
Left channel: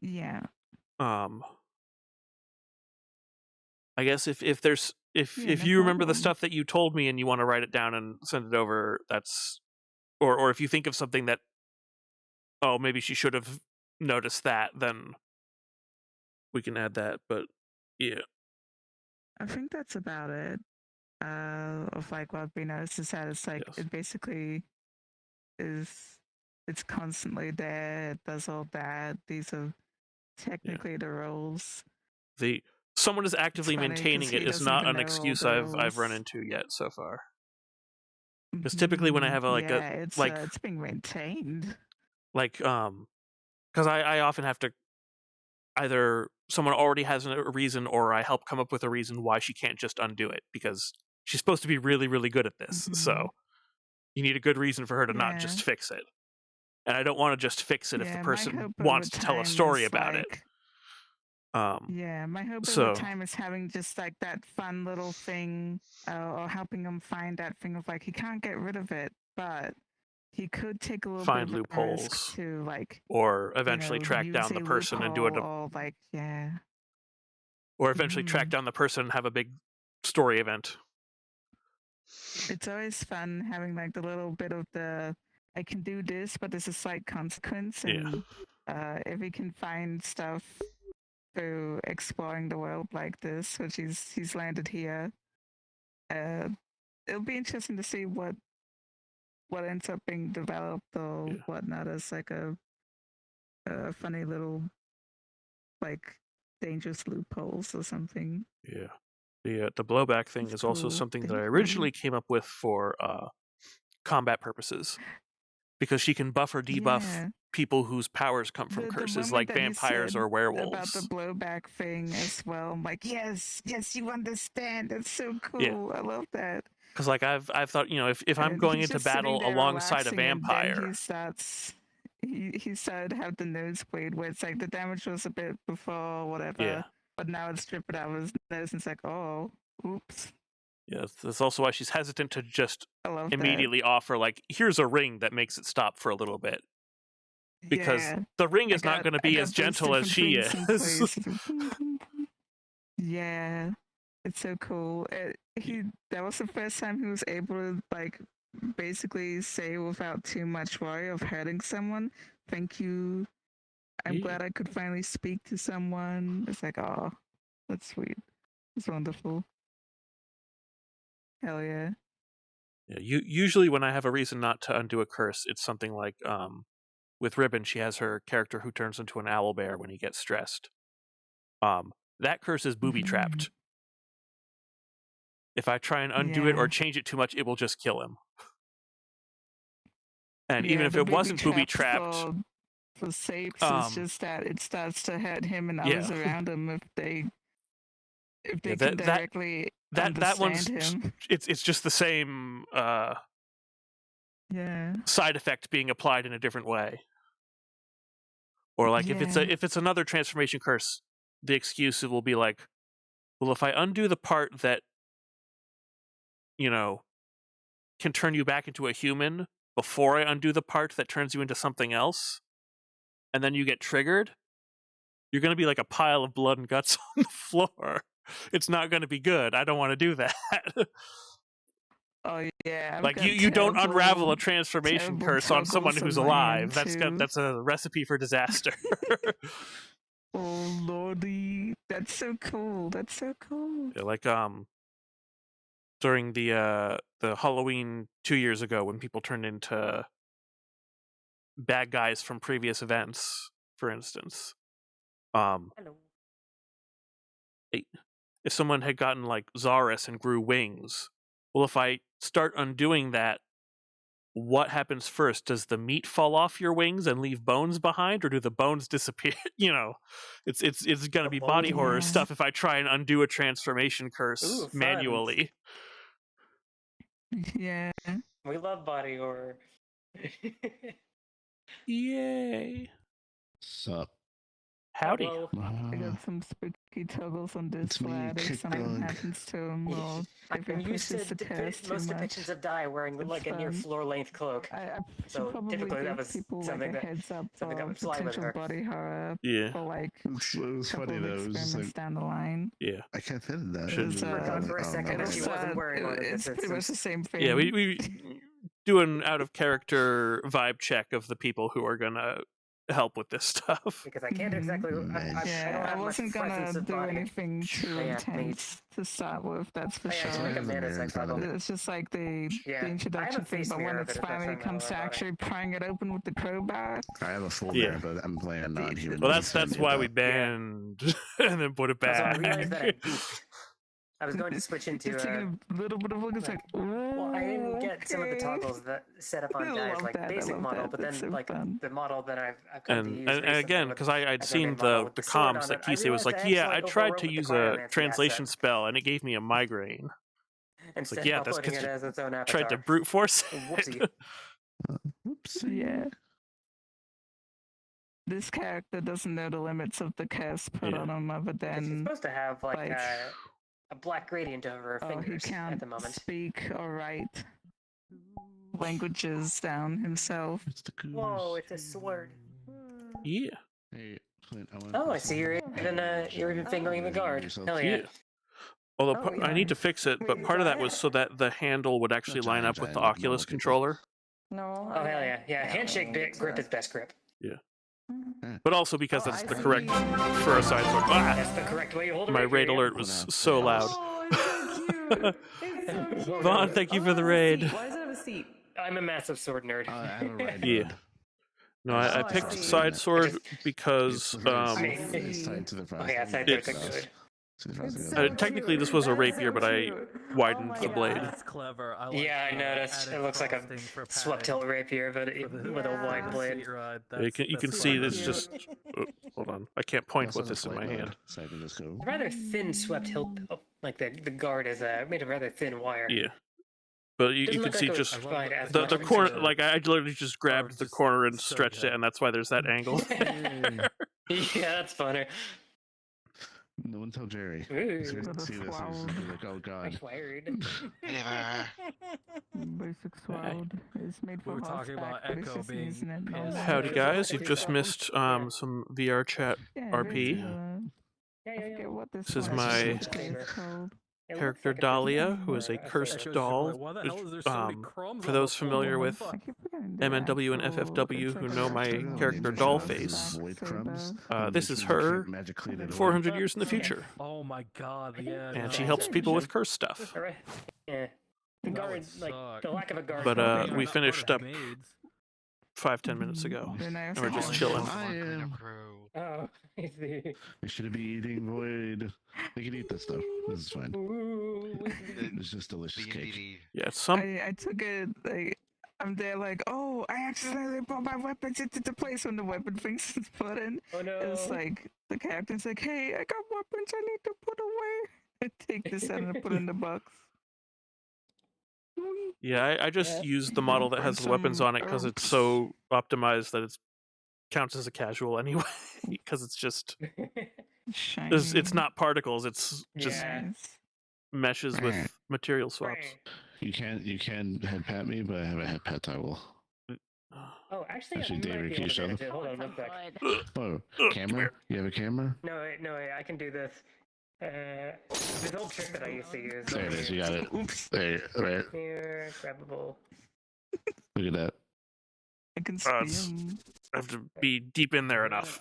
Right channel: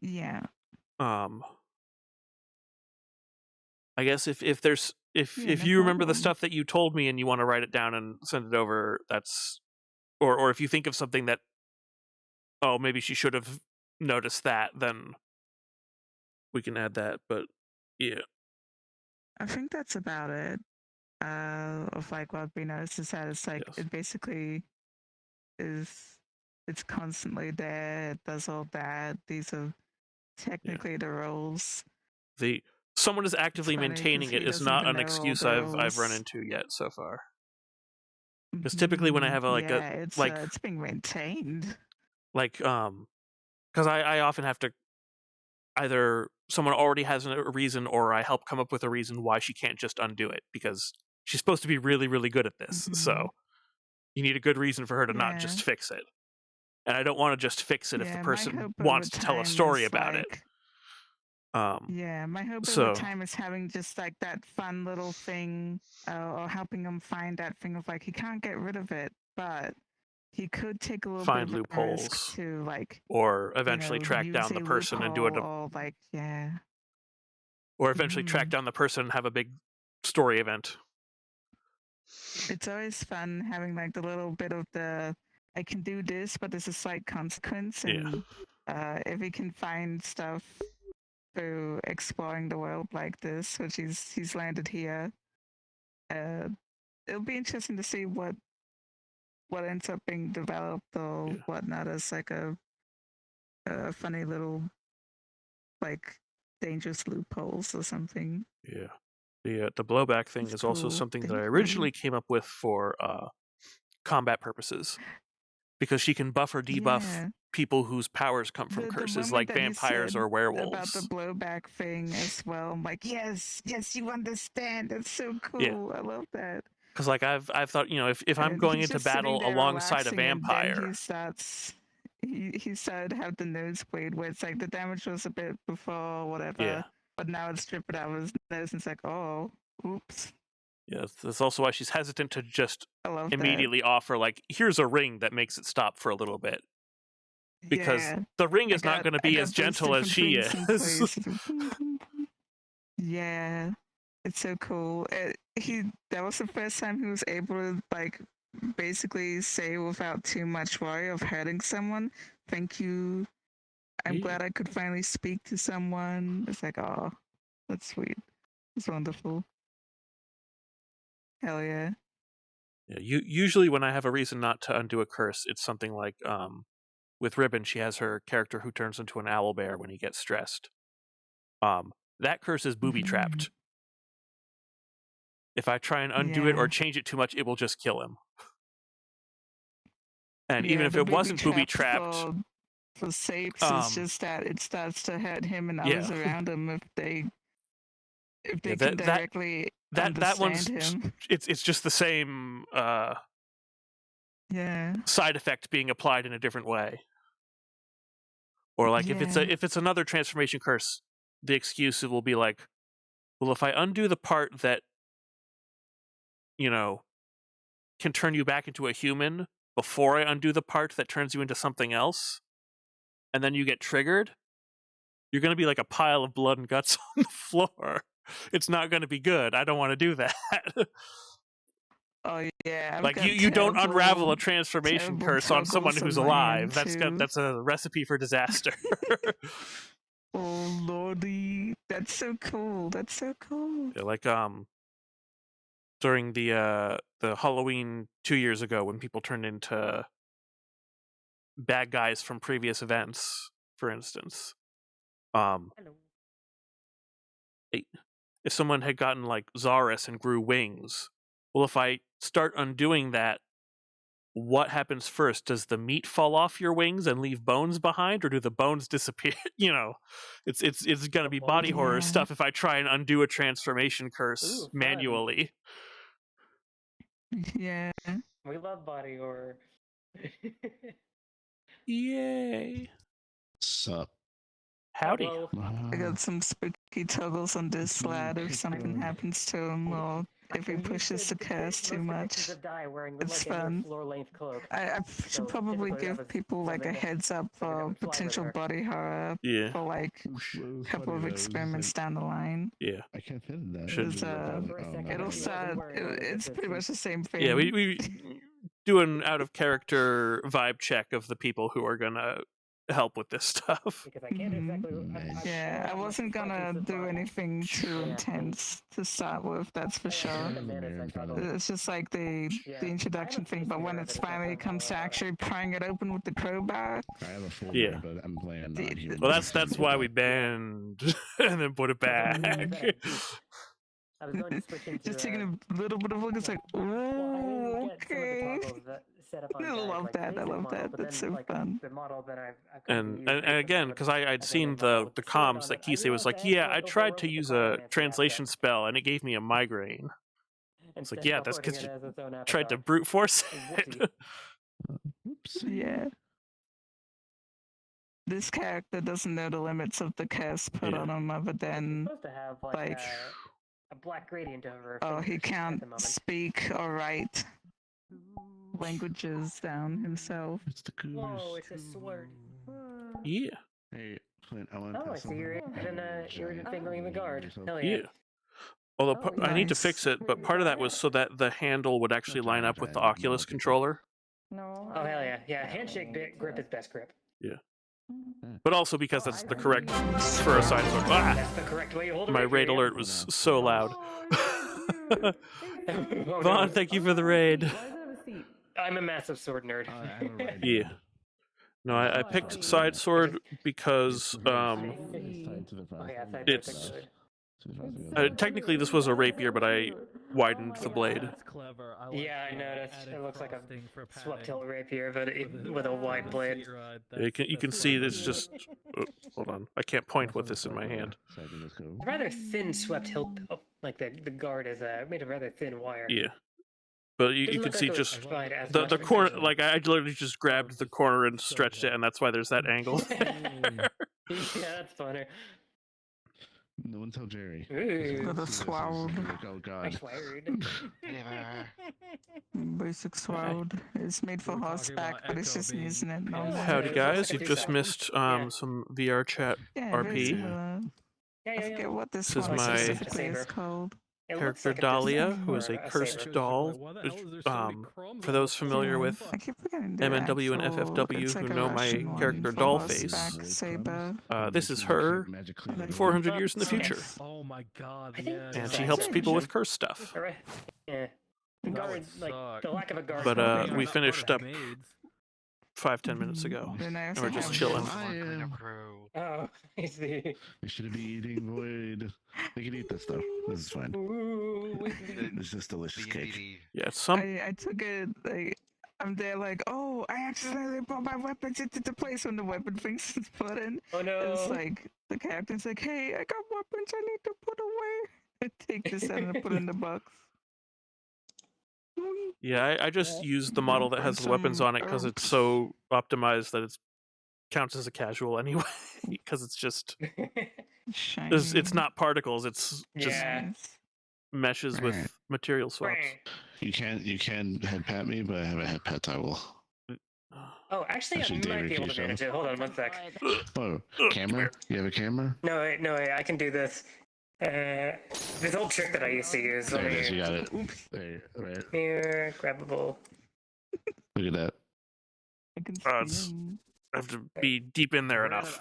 Yeah. I guess if there's if you remember the stuff that you told me and you want to write it down and send it over, that's or if you think of something that maybe she should have noticed that, then we can add that. But yeah, I think that's about it. Of like what we noticed is that it's like it basically it's constantly there. It does all that. These are technically the roles. Someone is actively maintaining it is not an excuse I've run into yet so far. Because typically when I have it's being maintained. Because I often have to either someone already has a reason or I help come up with a reason why she can't just undo it because she's supposed to be really, really good at this. So you need a good reason for her to not just fix it. And I don't want to just fix it if the person wants to tell a story about it. My hope over time is having just like that fun little thing, or helping him find that thing of like he can't get rid of it, but he could take a little find bit of loopholes risk to like, or eventually track down the person and do it. Or like or eventually track down the person and have a big story event. It's always fun having like the little bit of the I can do this, but there's a slight consequence, and if he can find stuff through exploring the world like this, which he's landed here, it'll be interesting to see what ends up being developed or whatnot as like a funny little like dangerous loopholes or something. Yeah. The blowback thing is also cool. something that I Thank you. originally came up with for combat purposes, because she can buff or debuff Yeah. people whose powers come from The curses, moment like that you vampires said or about werewolves. the blowback thing as well, I'm like, yes, you understand. That's so cool. Yeah. I love that. Because like I've thought, if I'm And going he's into just sitting battle there alongside a relaxing, and then vampire, he started to have the nosebleed where it's like the damage was a bit before whatever, yeah, but now it's stripped out of his nose, and it's like, oh, oops. yeah, that's also why she's hesitant to just I love immediately offer like, here's a ring that makes it stop for a little bit, that. because Yeah, the ring is I not got going to I be got as those gentle as different she things in is. place. Yeah, it's so cool. That was the first time he was able to like basically say without too much worry of hurting someone, "Thank you. I'm Yeah. glad I could finally speak to someone." It's like, oh, that's sweet. It's wonderful. Hell yeah. Yeah, usually when I have a reason not to undo a curse, it's something like with Ribbon, she has her character who turns into an owlbear when he gets stressed. That curse is booby trapped. If I try and undo it Yeah. or change it too much, it will just kill him. And even Yeah, if the it wasn't booby trap trapped, for Sapes um, is just that it starts to hurt him and yeah. others around him if they Yeah, can directly that one's understand him. it's just the same Yeah. side effect being applied in a different way. Or like if it's another transformation curse, the excuse will be like, well, if I undo the part that can turn you back into a human before I undo the part that turns you into something else, and then you get triggered, you're going to be like a pile of blood and guts on the floor. It's not going to be good. I don't want to do that. Oh yeah. I've Like got you don't unravel a terrible- transformation terrible curse on someone toggles who's on my alive. end, too. That's a recipe for disaster. Oh lordy, that's so cool. That's so cool. Yeah, like during the Halloween 2 years ago when people turned into bad guys from previous events, for instance. Hello. If someone had gotten like Zaris and grew wings, well, if I start undoing that, what happens first? Does the meat fall off your wings and leave bones behind, or do the bones disappear? It's gonna be body horror Yeah. stuff if I try and undo a transformation curse Ooh, fun. manually. Yeah. We love body horror. Yay! Sup? Howdy. Hello. I got some spooky toggles on this It's me, lad if Kid something Dog. happens to him or if he You pushes said the curse too most much. depictions of Die wearing It's like a near fun. floor-length cloak. I So should probably typically that give was people like a something that- heads up something that for would fly with potential her. body horror Yeah, for like It was a couple funny of though. It was just experiments like, down the line. yeah, I can't fit in that. Should- It's, For a second, it'll she wasn't start. wearing one of the It's pretty much the assistants. same thing. yeah. We do an out of character vibe check of the people who are gonna help with this stuff. Because I can't Mhm. exactly. Yeah, I wasn't gonna do anything too Yeah. intense to start with. That's for Yeah, sure. like a There's a mirror in fantasy front of bubble. it. It's just like the Yeah. the introduction I have a thing, face but when mirror, it but it finally doesn't comes to know about it. actually prying it open with the crowbar, I have a full Yeah. mirror, but I'm playing The- non-human. Well, that's why we banned and then put it That's back. what I mean, is that it peaked. I was going to switch into. just taking a little bit of a look, it's like, Well, I didn't oh, get some of the okay. toggles that set up on I Di's, love like, that, I basic love model, that, but that's then so like fun. the model that I've come to And use and recently again, with because a I'd seen bigger model the with the the sword comms on that it, I Kisei was realized like, I actually yeah, I like the tried one to with the use a cryomancy translation aspect. spell and it gave me a migraine. Instead yeah, of that's uploading 'cause it you as its own Tried to avatar. brute force Whoopsie. it. Oops. Yeah. This character doesn't know the limits of the curse put Yeah. on him other And she's than, supposed to have like like, a black gradient over her oh, fingers he at can't the moment. speak or write languages down himself. It's the goose. Whoa, it's a sword. Yeah, Hey, Clint, I want Oh, I see you're even fingering the guard. Hell yeah. yeah. Although Oh, I need to nice. fix it, but part of that was so that the handle would actually line up with the Oculus controller. No. Oh hell yeah, yeah. Handshake grip is best grip. But also because that's the correct for a side sword. Ah! That's the correct way you hold a My rapier, raid yeah. alert was so loud. Oh, no. Vaughn, thank you for the raid. Why does it have a seat? I'm a massive sword nerd. Yeah. No, I picked side sword because Okay, yeah, side It's- sword's good. Technically, this was a rapier, but I widened the blade. That's clever. Yeah, I noticed. It looks like a swept tilt rapier, but with a wide blade. You can see it's just. Hold on, I can't point with this in my hand. It's a rather thin swept hilt. Oh, like the guard is made of rather thin wire. Yeah, but you can see just the corner. Like I literally just grabbed the corner and stretched it, and that's why there's that angle. Yeah, that's funny. No one tell Jerry. Sword. Oh God. Basic sword. It's made for horseback, but it's just using it. Howdy guys, you've just missed some VRCRP. I forget what This is my character Dahlia, who is a cursed doll. For those familiar with MNW and FFW who know my character Dollface, this is her 400 years in the future. Oh my God! Yeah. And she helps people with cursed stuff. Yeah. Guard, like the lack of a guard. But we finished up 5-10 minutes ago, and we're just chilling. Oh, I see. We should be eating void. We can eat this though. This is fine. It's just delicious cake. Yeah, I took it like I'm there like, oh, I accidentally put my weapons into the place when the weapon thing's put in. Oh no! It's like the captain's like, hey, I got weapons I need to put away. I take this out and put in the box. Yeah, I just used the model that has the weapons on it because it's so optimized that it counts as a casual anyway. Because it's just it's not particles; it's just meshes with material swaps. You can head pat me, but I haven't head pat Tywell. Oh, actually, Actually, I might David, be can able you to manage it. Hold on one sec. Oh, camera? You have a camera? No, I can do this. This old trick that I used to use. There it is. You got it. There, right. Here, grabbable. Look at that. I can I have to be deep in there enough,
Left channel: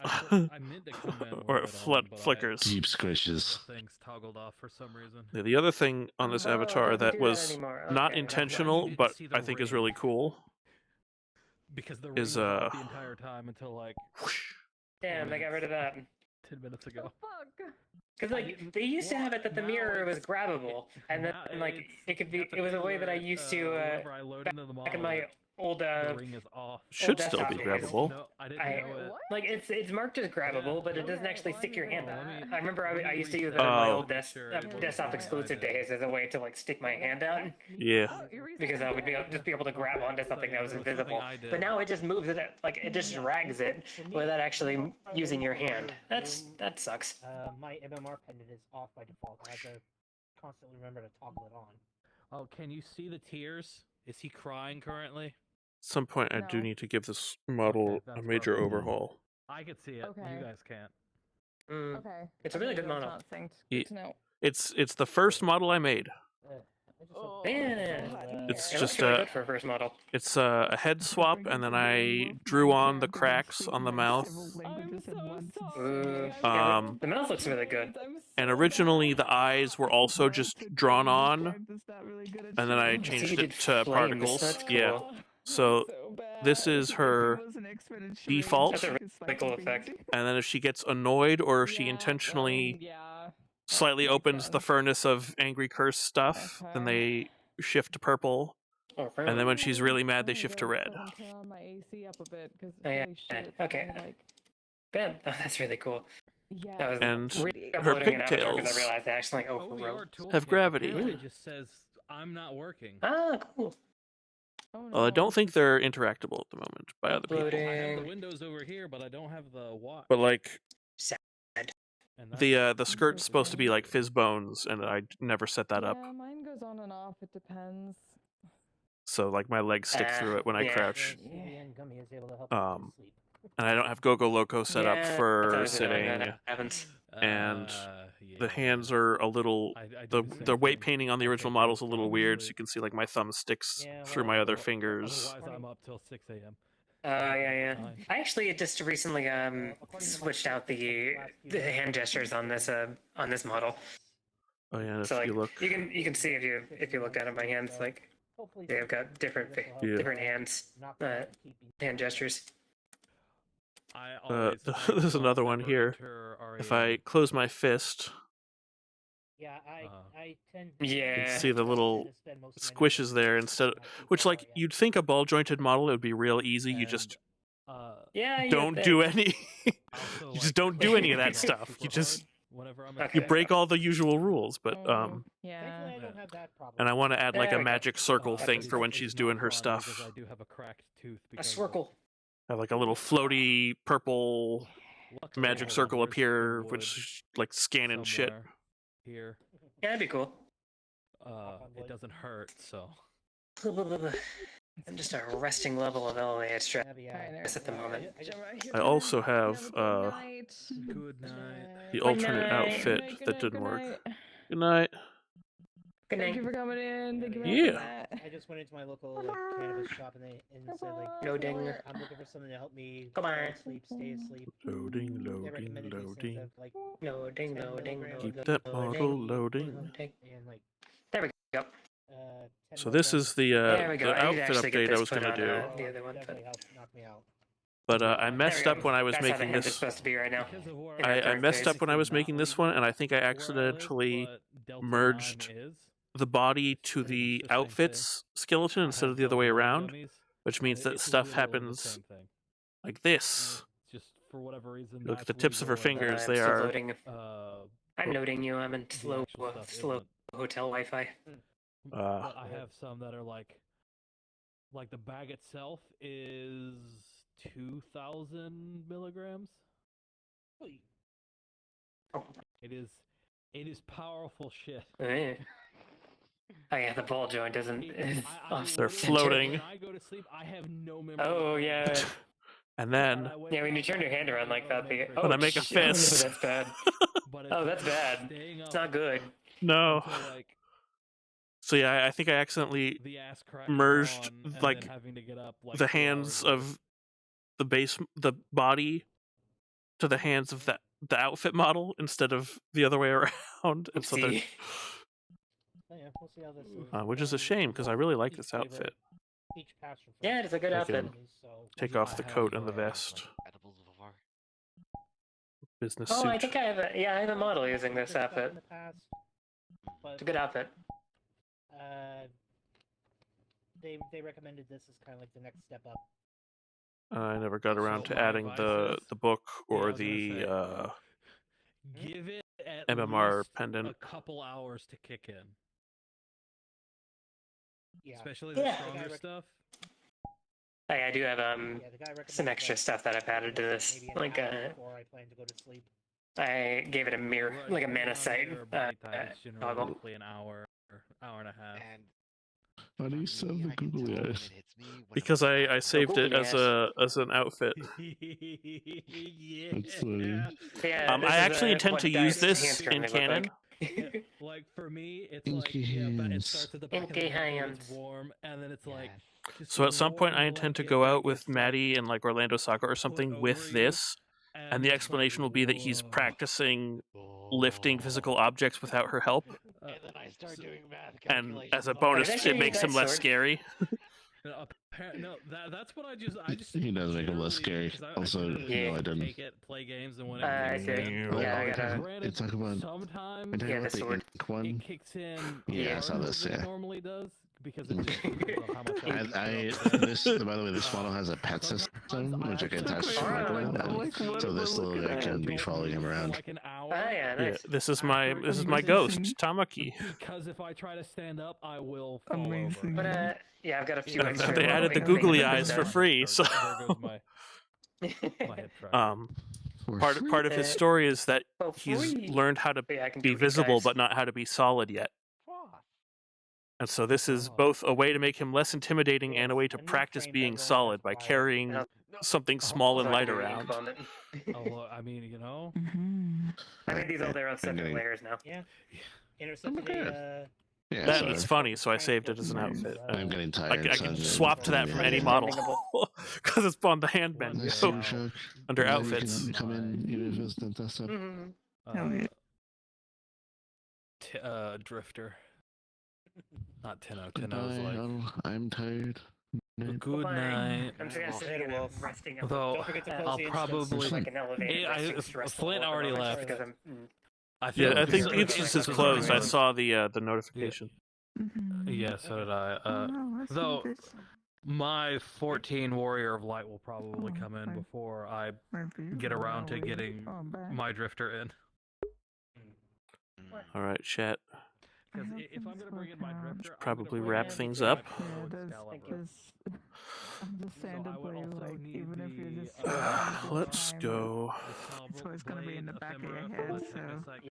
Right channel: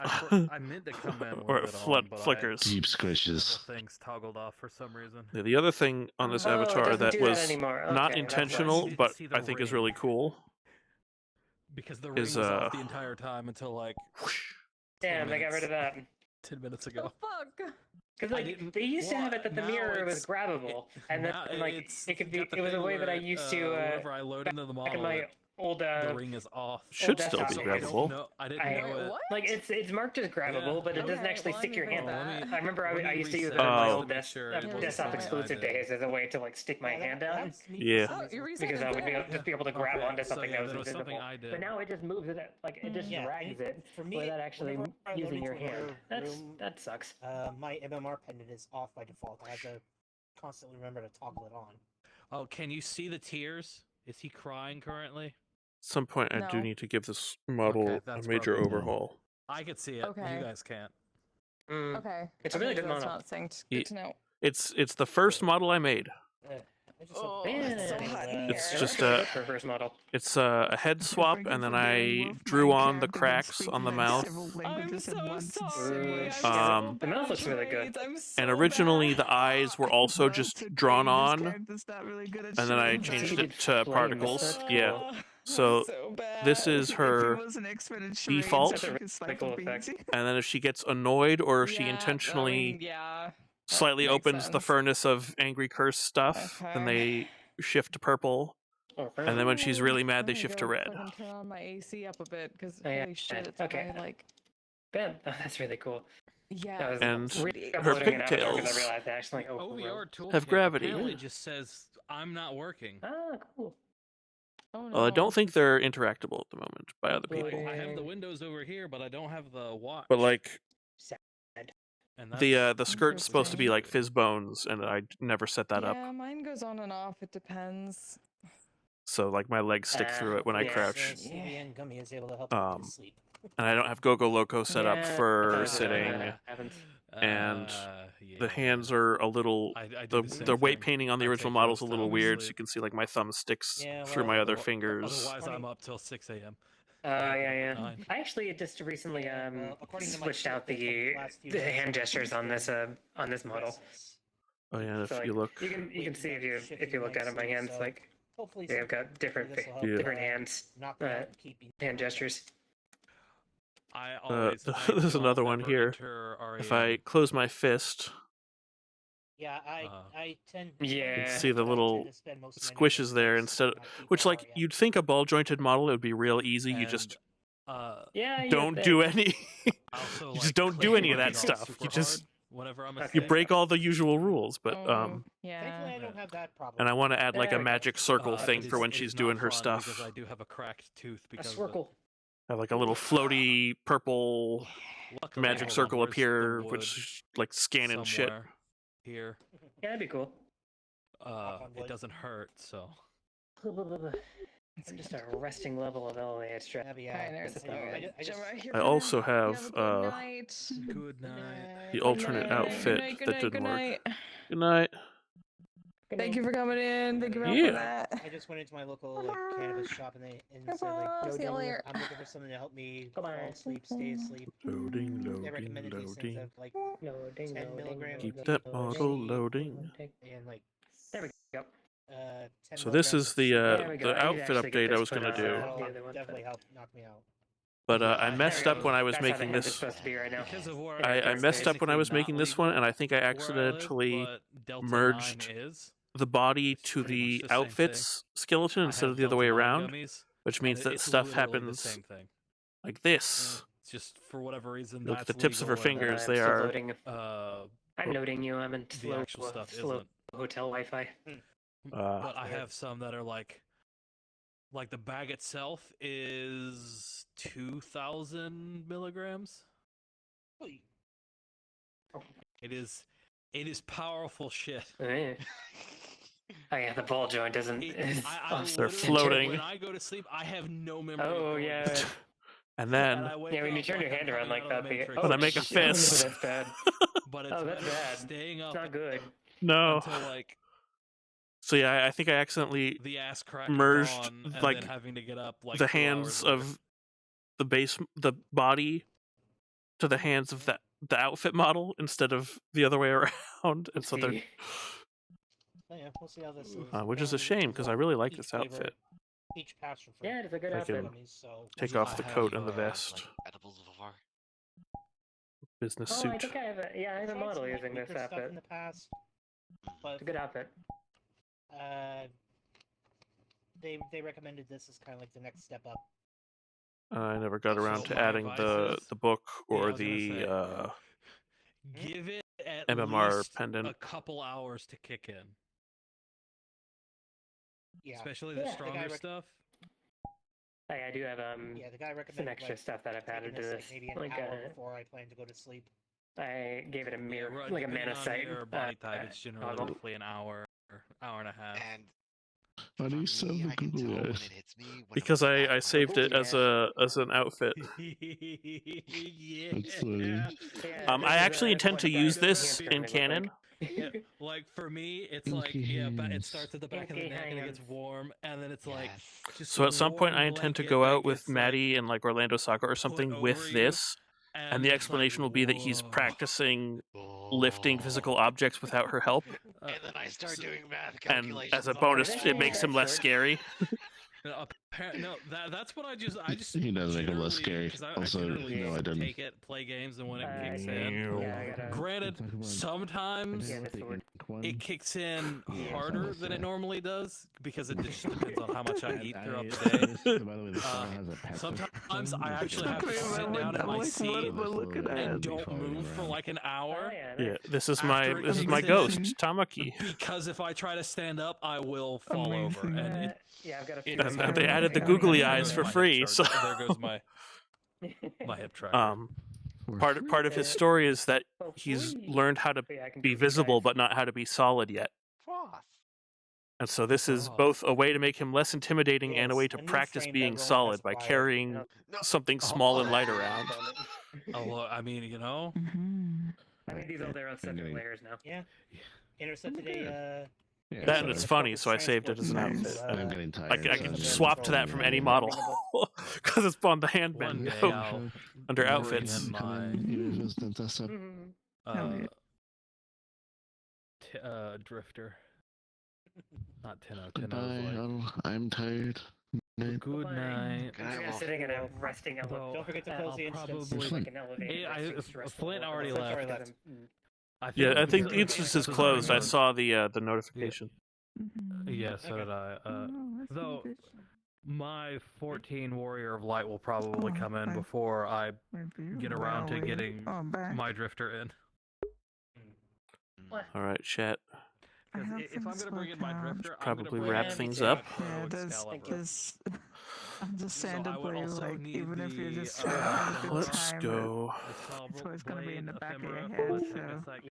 or it flickers. Deep squishes. Things toggled off for some reason. Yeah, the other thing on this avatar that was not intentional, but I think is really cool, because the ring is up the entire time until like. Damn, I got rid of that 10 minutes ago. Because like they used to have it that the mirror was grabbable, and then like it was a way that I used to back in my old should still be grabbable. No, I didn't know it. Like it's marked as grabbable, but it doesn't actually stick your hand out. I remember I used to use it in my old desktop exclusive days as a way to like stick my hand out. Yeah. Because I would just be able to grab onto something that was invisible. But now it just moves it, like it just drags it without actually using your hand. That sucks. My MMR pendant is off by default. I have to constantly remember to toggle it on. Oh, can you see the tears? Is he crying currently? At some point, I do need to give this model a major overhaul. I could see it. You guys can't. Okay. It's a really good model. It's the first model I made. It's just a first model. It's a head swap, and then I drew on the cracks on the mouth. The mouth looks really good. And originally the eyes were also just drawn on, and then I changed it to particles. Yeah. So this is her default, and then if she gets annoyed or if she intentionally slightly opens the furnace of angry curse stuff, then they shift to purple, and then when she's really mad, they shift to red. My AC up a bit because okay. Ben, that's really cool. Yeah. And her pigtails have gravity. It just says I'm not working. Ah, cool. Well, I don't think they're interactable at the moment by other people. I have the windows over here, but I don't have the watch. But like, sad. The skirt's supposed to be like fizz bones, and I never set that up. Yeah, mine goes on and off. It depends. So like my legs stick through it when I crouch. And I don't have Go-Go Loco set up for sitting, and the hands are a little. The weight painting on the original model is a little weird, so you can see like my thumb sticks through my other fingers. Otherwise, I'm up till 6 a.m. Yeah. I actually just recently switched out the hand gestures on this model. Oh yeah, if so, you look, you can see if you look down at my hands, like they've got different hands, hand gestures. there's another one here. If I close my fist, Yeah, I tend. You Yeah. can see the little to spend most of my squishes energy there on instead, my feet which for like Dahlia. you'd think a ball jointed model it would be real easy. You just Yeah, don't do any. You just don't do any of that stuff. You just you break all the usual rules. But Yeah. Thankfully, I don't have that problem. and I want to add like There a we go. magic circle thing is- for when she's doing her stuff. I do have a cracked tooth A because swirkle. Have like a little floaty purple luckily, magic hold on, circle where's the appear, wood which is like scanning shit. somewhere Here, Yeah, that'd be cool. it doesn't hurt, so. I'm just a resting level of elevated stress at the moment. I also have Good night. the alternate outfit that didn't work. Good night. Good Thank night. you for coming in. Thank you for Yeah. that. I just went into my local cannabis shop and said like, No "No, ding. ding. I'm looking for something to help me Come fall on. asleep, stay asleep." Loading, They loading, recommended these things loading. of like Loading, 10 loading, milligrams Keep of that THC bottle loading. and like There we go. 10 So this is the There we go. I need to outfit actually get update I this was put gonna on, do, the other one, definitely helped knock me out. but I messed There up we go. when I was That's how the making hemp is this. supposed to be right now. I messed up when I was making this one, and I think I accidentally merged the body to the outfit's skeleton instead of the other way around, which means that stuff happens like this. Just for whatever reason. Look at the tips of her fingers; they still are. loading. I'm noting you. I'm in flow hotel Wi-Fi. But I have some that are like the bag itself is 2,000 milligrams. It is powerful shit. Oh yeah, the ball joint isn't. They're floating. When I go to sleep, I have no memory. Oh yeah. And then Yeah, when you turn your hand around like that, when I make a fist. that's bad. Oh, that's bad. It's not good. No. So yeah, I think I accidentally merged like the hands of the body to the hands of the outfit model instead of the other way around, and so they're Yeah, we'll see how this is. which is a shame because I really like this outfit. Each pass for Yeah, it's a good I outfit. can take off the coat and the vest. Business Oh, suit. I think I have I have a model using this outfit. in the past, but It's a good outfit. they recommended this as kind of like the next step up. I never got around to adding the book or the Give it at MMR least pendant. a couple hours to kick in. Yeah. Especially the stronger stuff. I do have Yeah, the guy recommended some extra like, stuff that I've added to this this. maybe an Like hour before I plan to go to sleep. I gave it a mirror, like a mana sight. It's generally toggle. roughly an hour or hour and a half. Why do you still have the googly eyes? Because I saved it as an outfit. That's funny. I actually intend to use this in canon. Like for me, it's like it starts at the back of the neck and it's warm, and then it's like. So at some point, I intend to go out with Maddie and like Orlando Saga or something with this, and the explanation will be that he's practicing lifting physical objects without her help. And then I start doing math And calculations. as a bonus, it makes him less scary. No, that's what I just He does make him less scary. Also, no, I didn't. take it, play games, and when it kicks Yeah, in. Granted, sometimes it kicks in harder than it normally does because it just depends on how much I eat. By the way, this model has a pet system, which I can attach I'm like, what am I looking at? be following him around. Like an hour. Yeah, this is my ghost, Tamaki. Because if I try to stand up, I will fall Amazing. over. Yeah, I've got a few. And then they added the googly eyes for free. So There goes my hip track. part of his story is that he's learned how to be visible but not how to be solid yet. And so this is both a way to make him less intimidating and a way to practice being solid by carrying something small and light around. Well, I mean, you know. I mean, these all there on separate layers now. Yeah. Intercepted a. That and it's funny, so I saved it as an outfit. I'm getting tired. I can swap to that from any model because it's on the hand menu under outfits. Drifter. Not 10 out. 10 Goodbye, I'm tired. Good night. I'm sitting in a resting Although, Don't forget to I'll close the probably. like an elevator. Flint already left. I think Instance is closed. I saw the notification. Yeah, so did I. Though my 14 Warrior of Light will probably come in before I get around to getting my Drifter in. All right, chat. Because if I'm gonna bring in my Drifter, Probably wrap things up. Yeah, I'm just saying to play, like, even if you're just Let's go. it's always gonna be in the back of your head, so.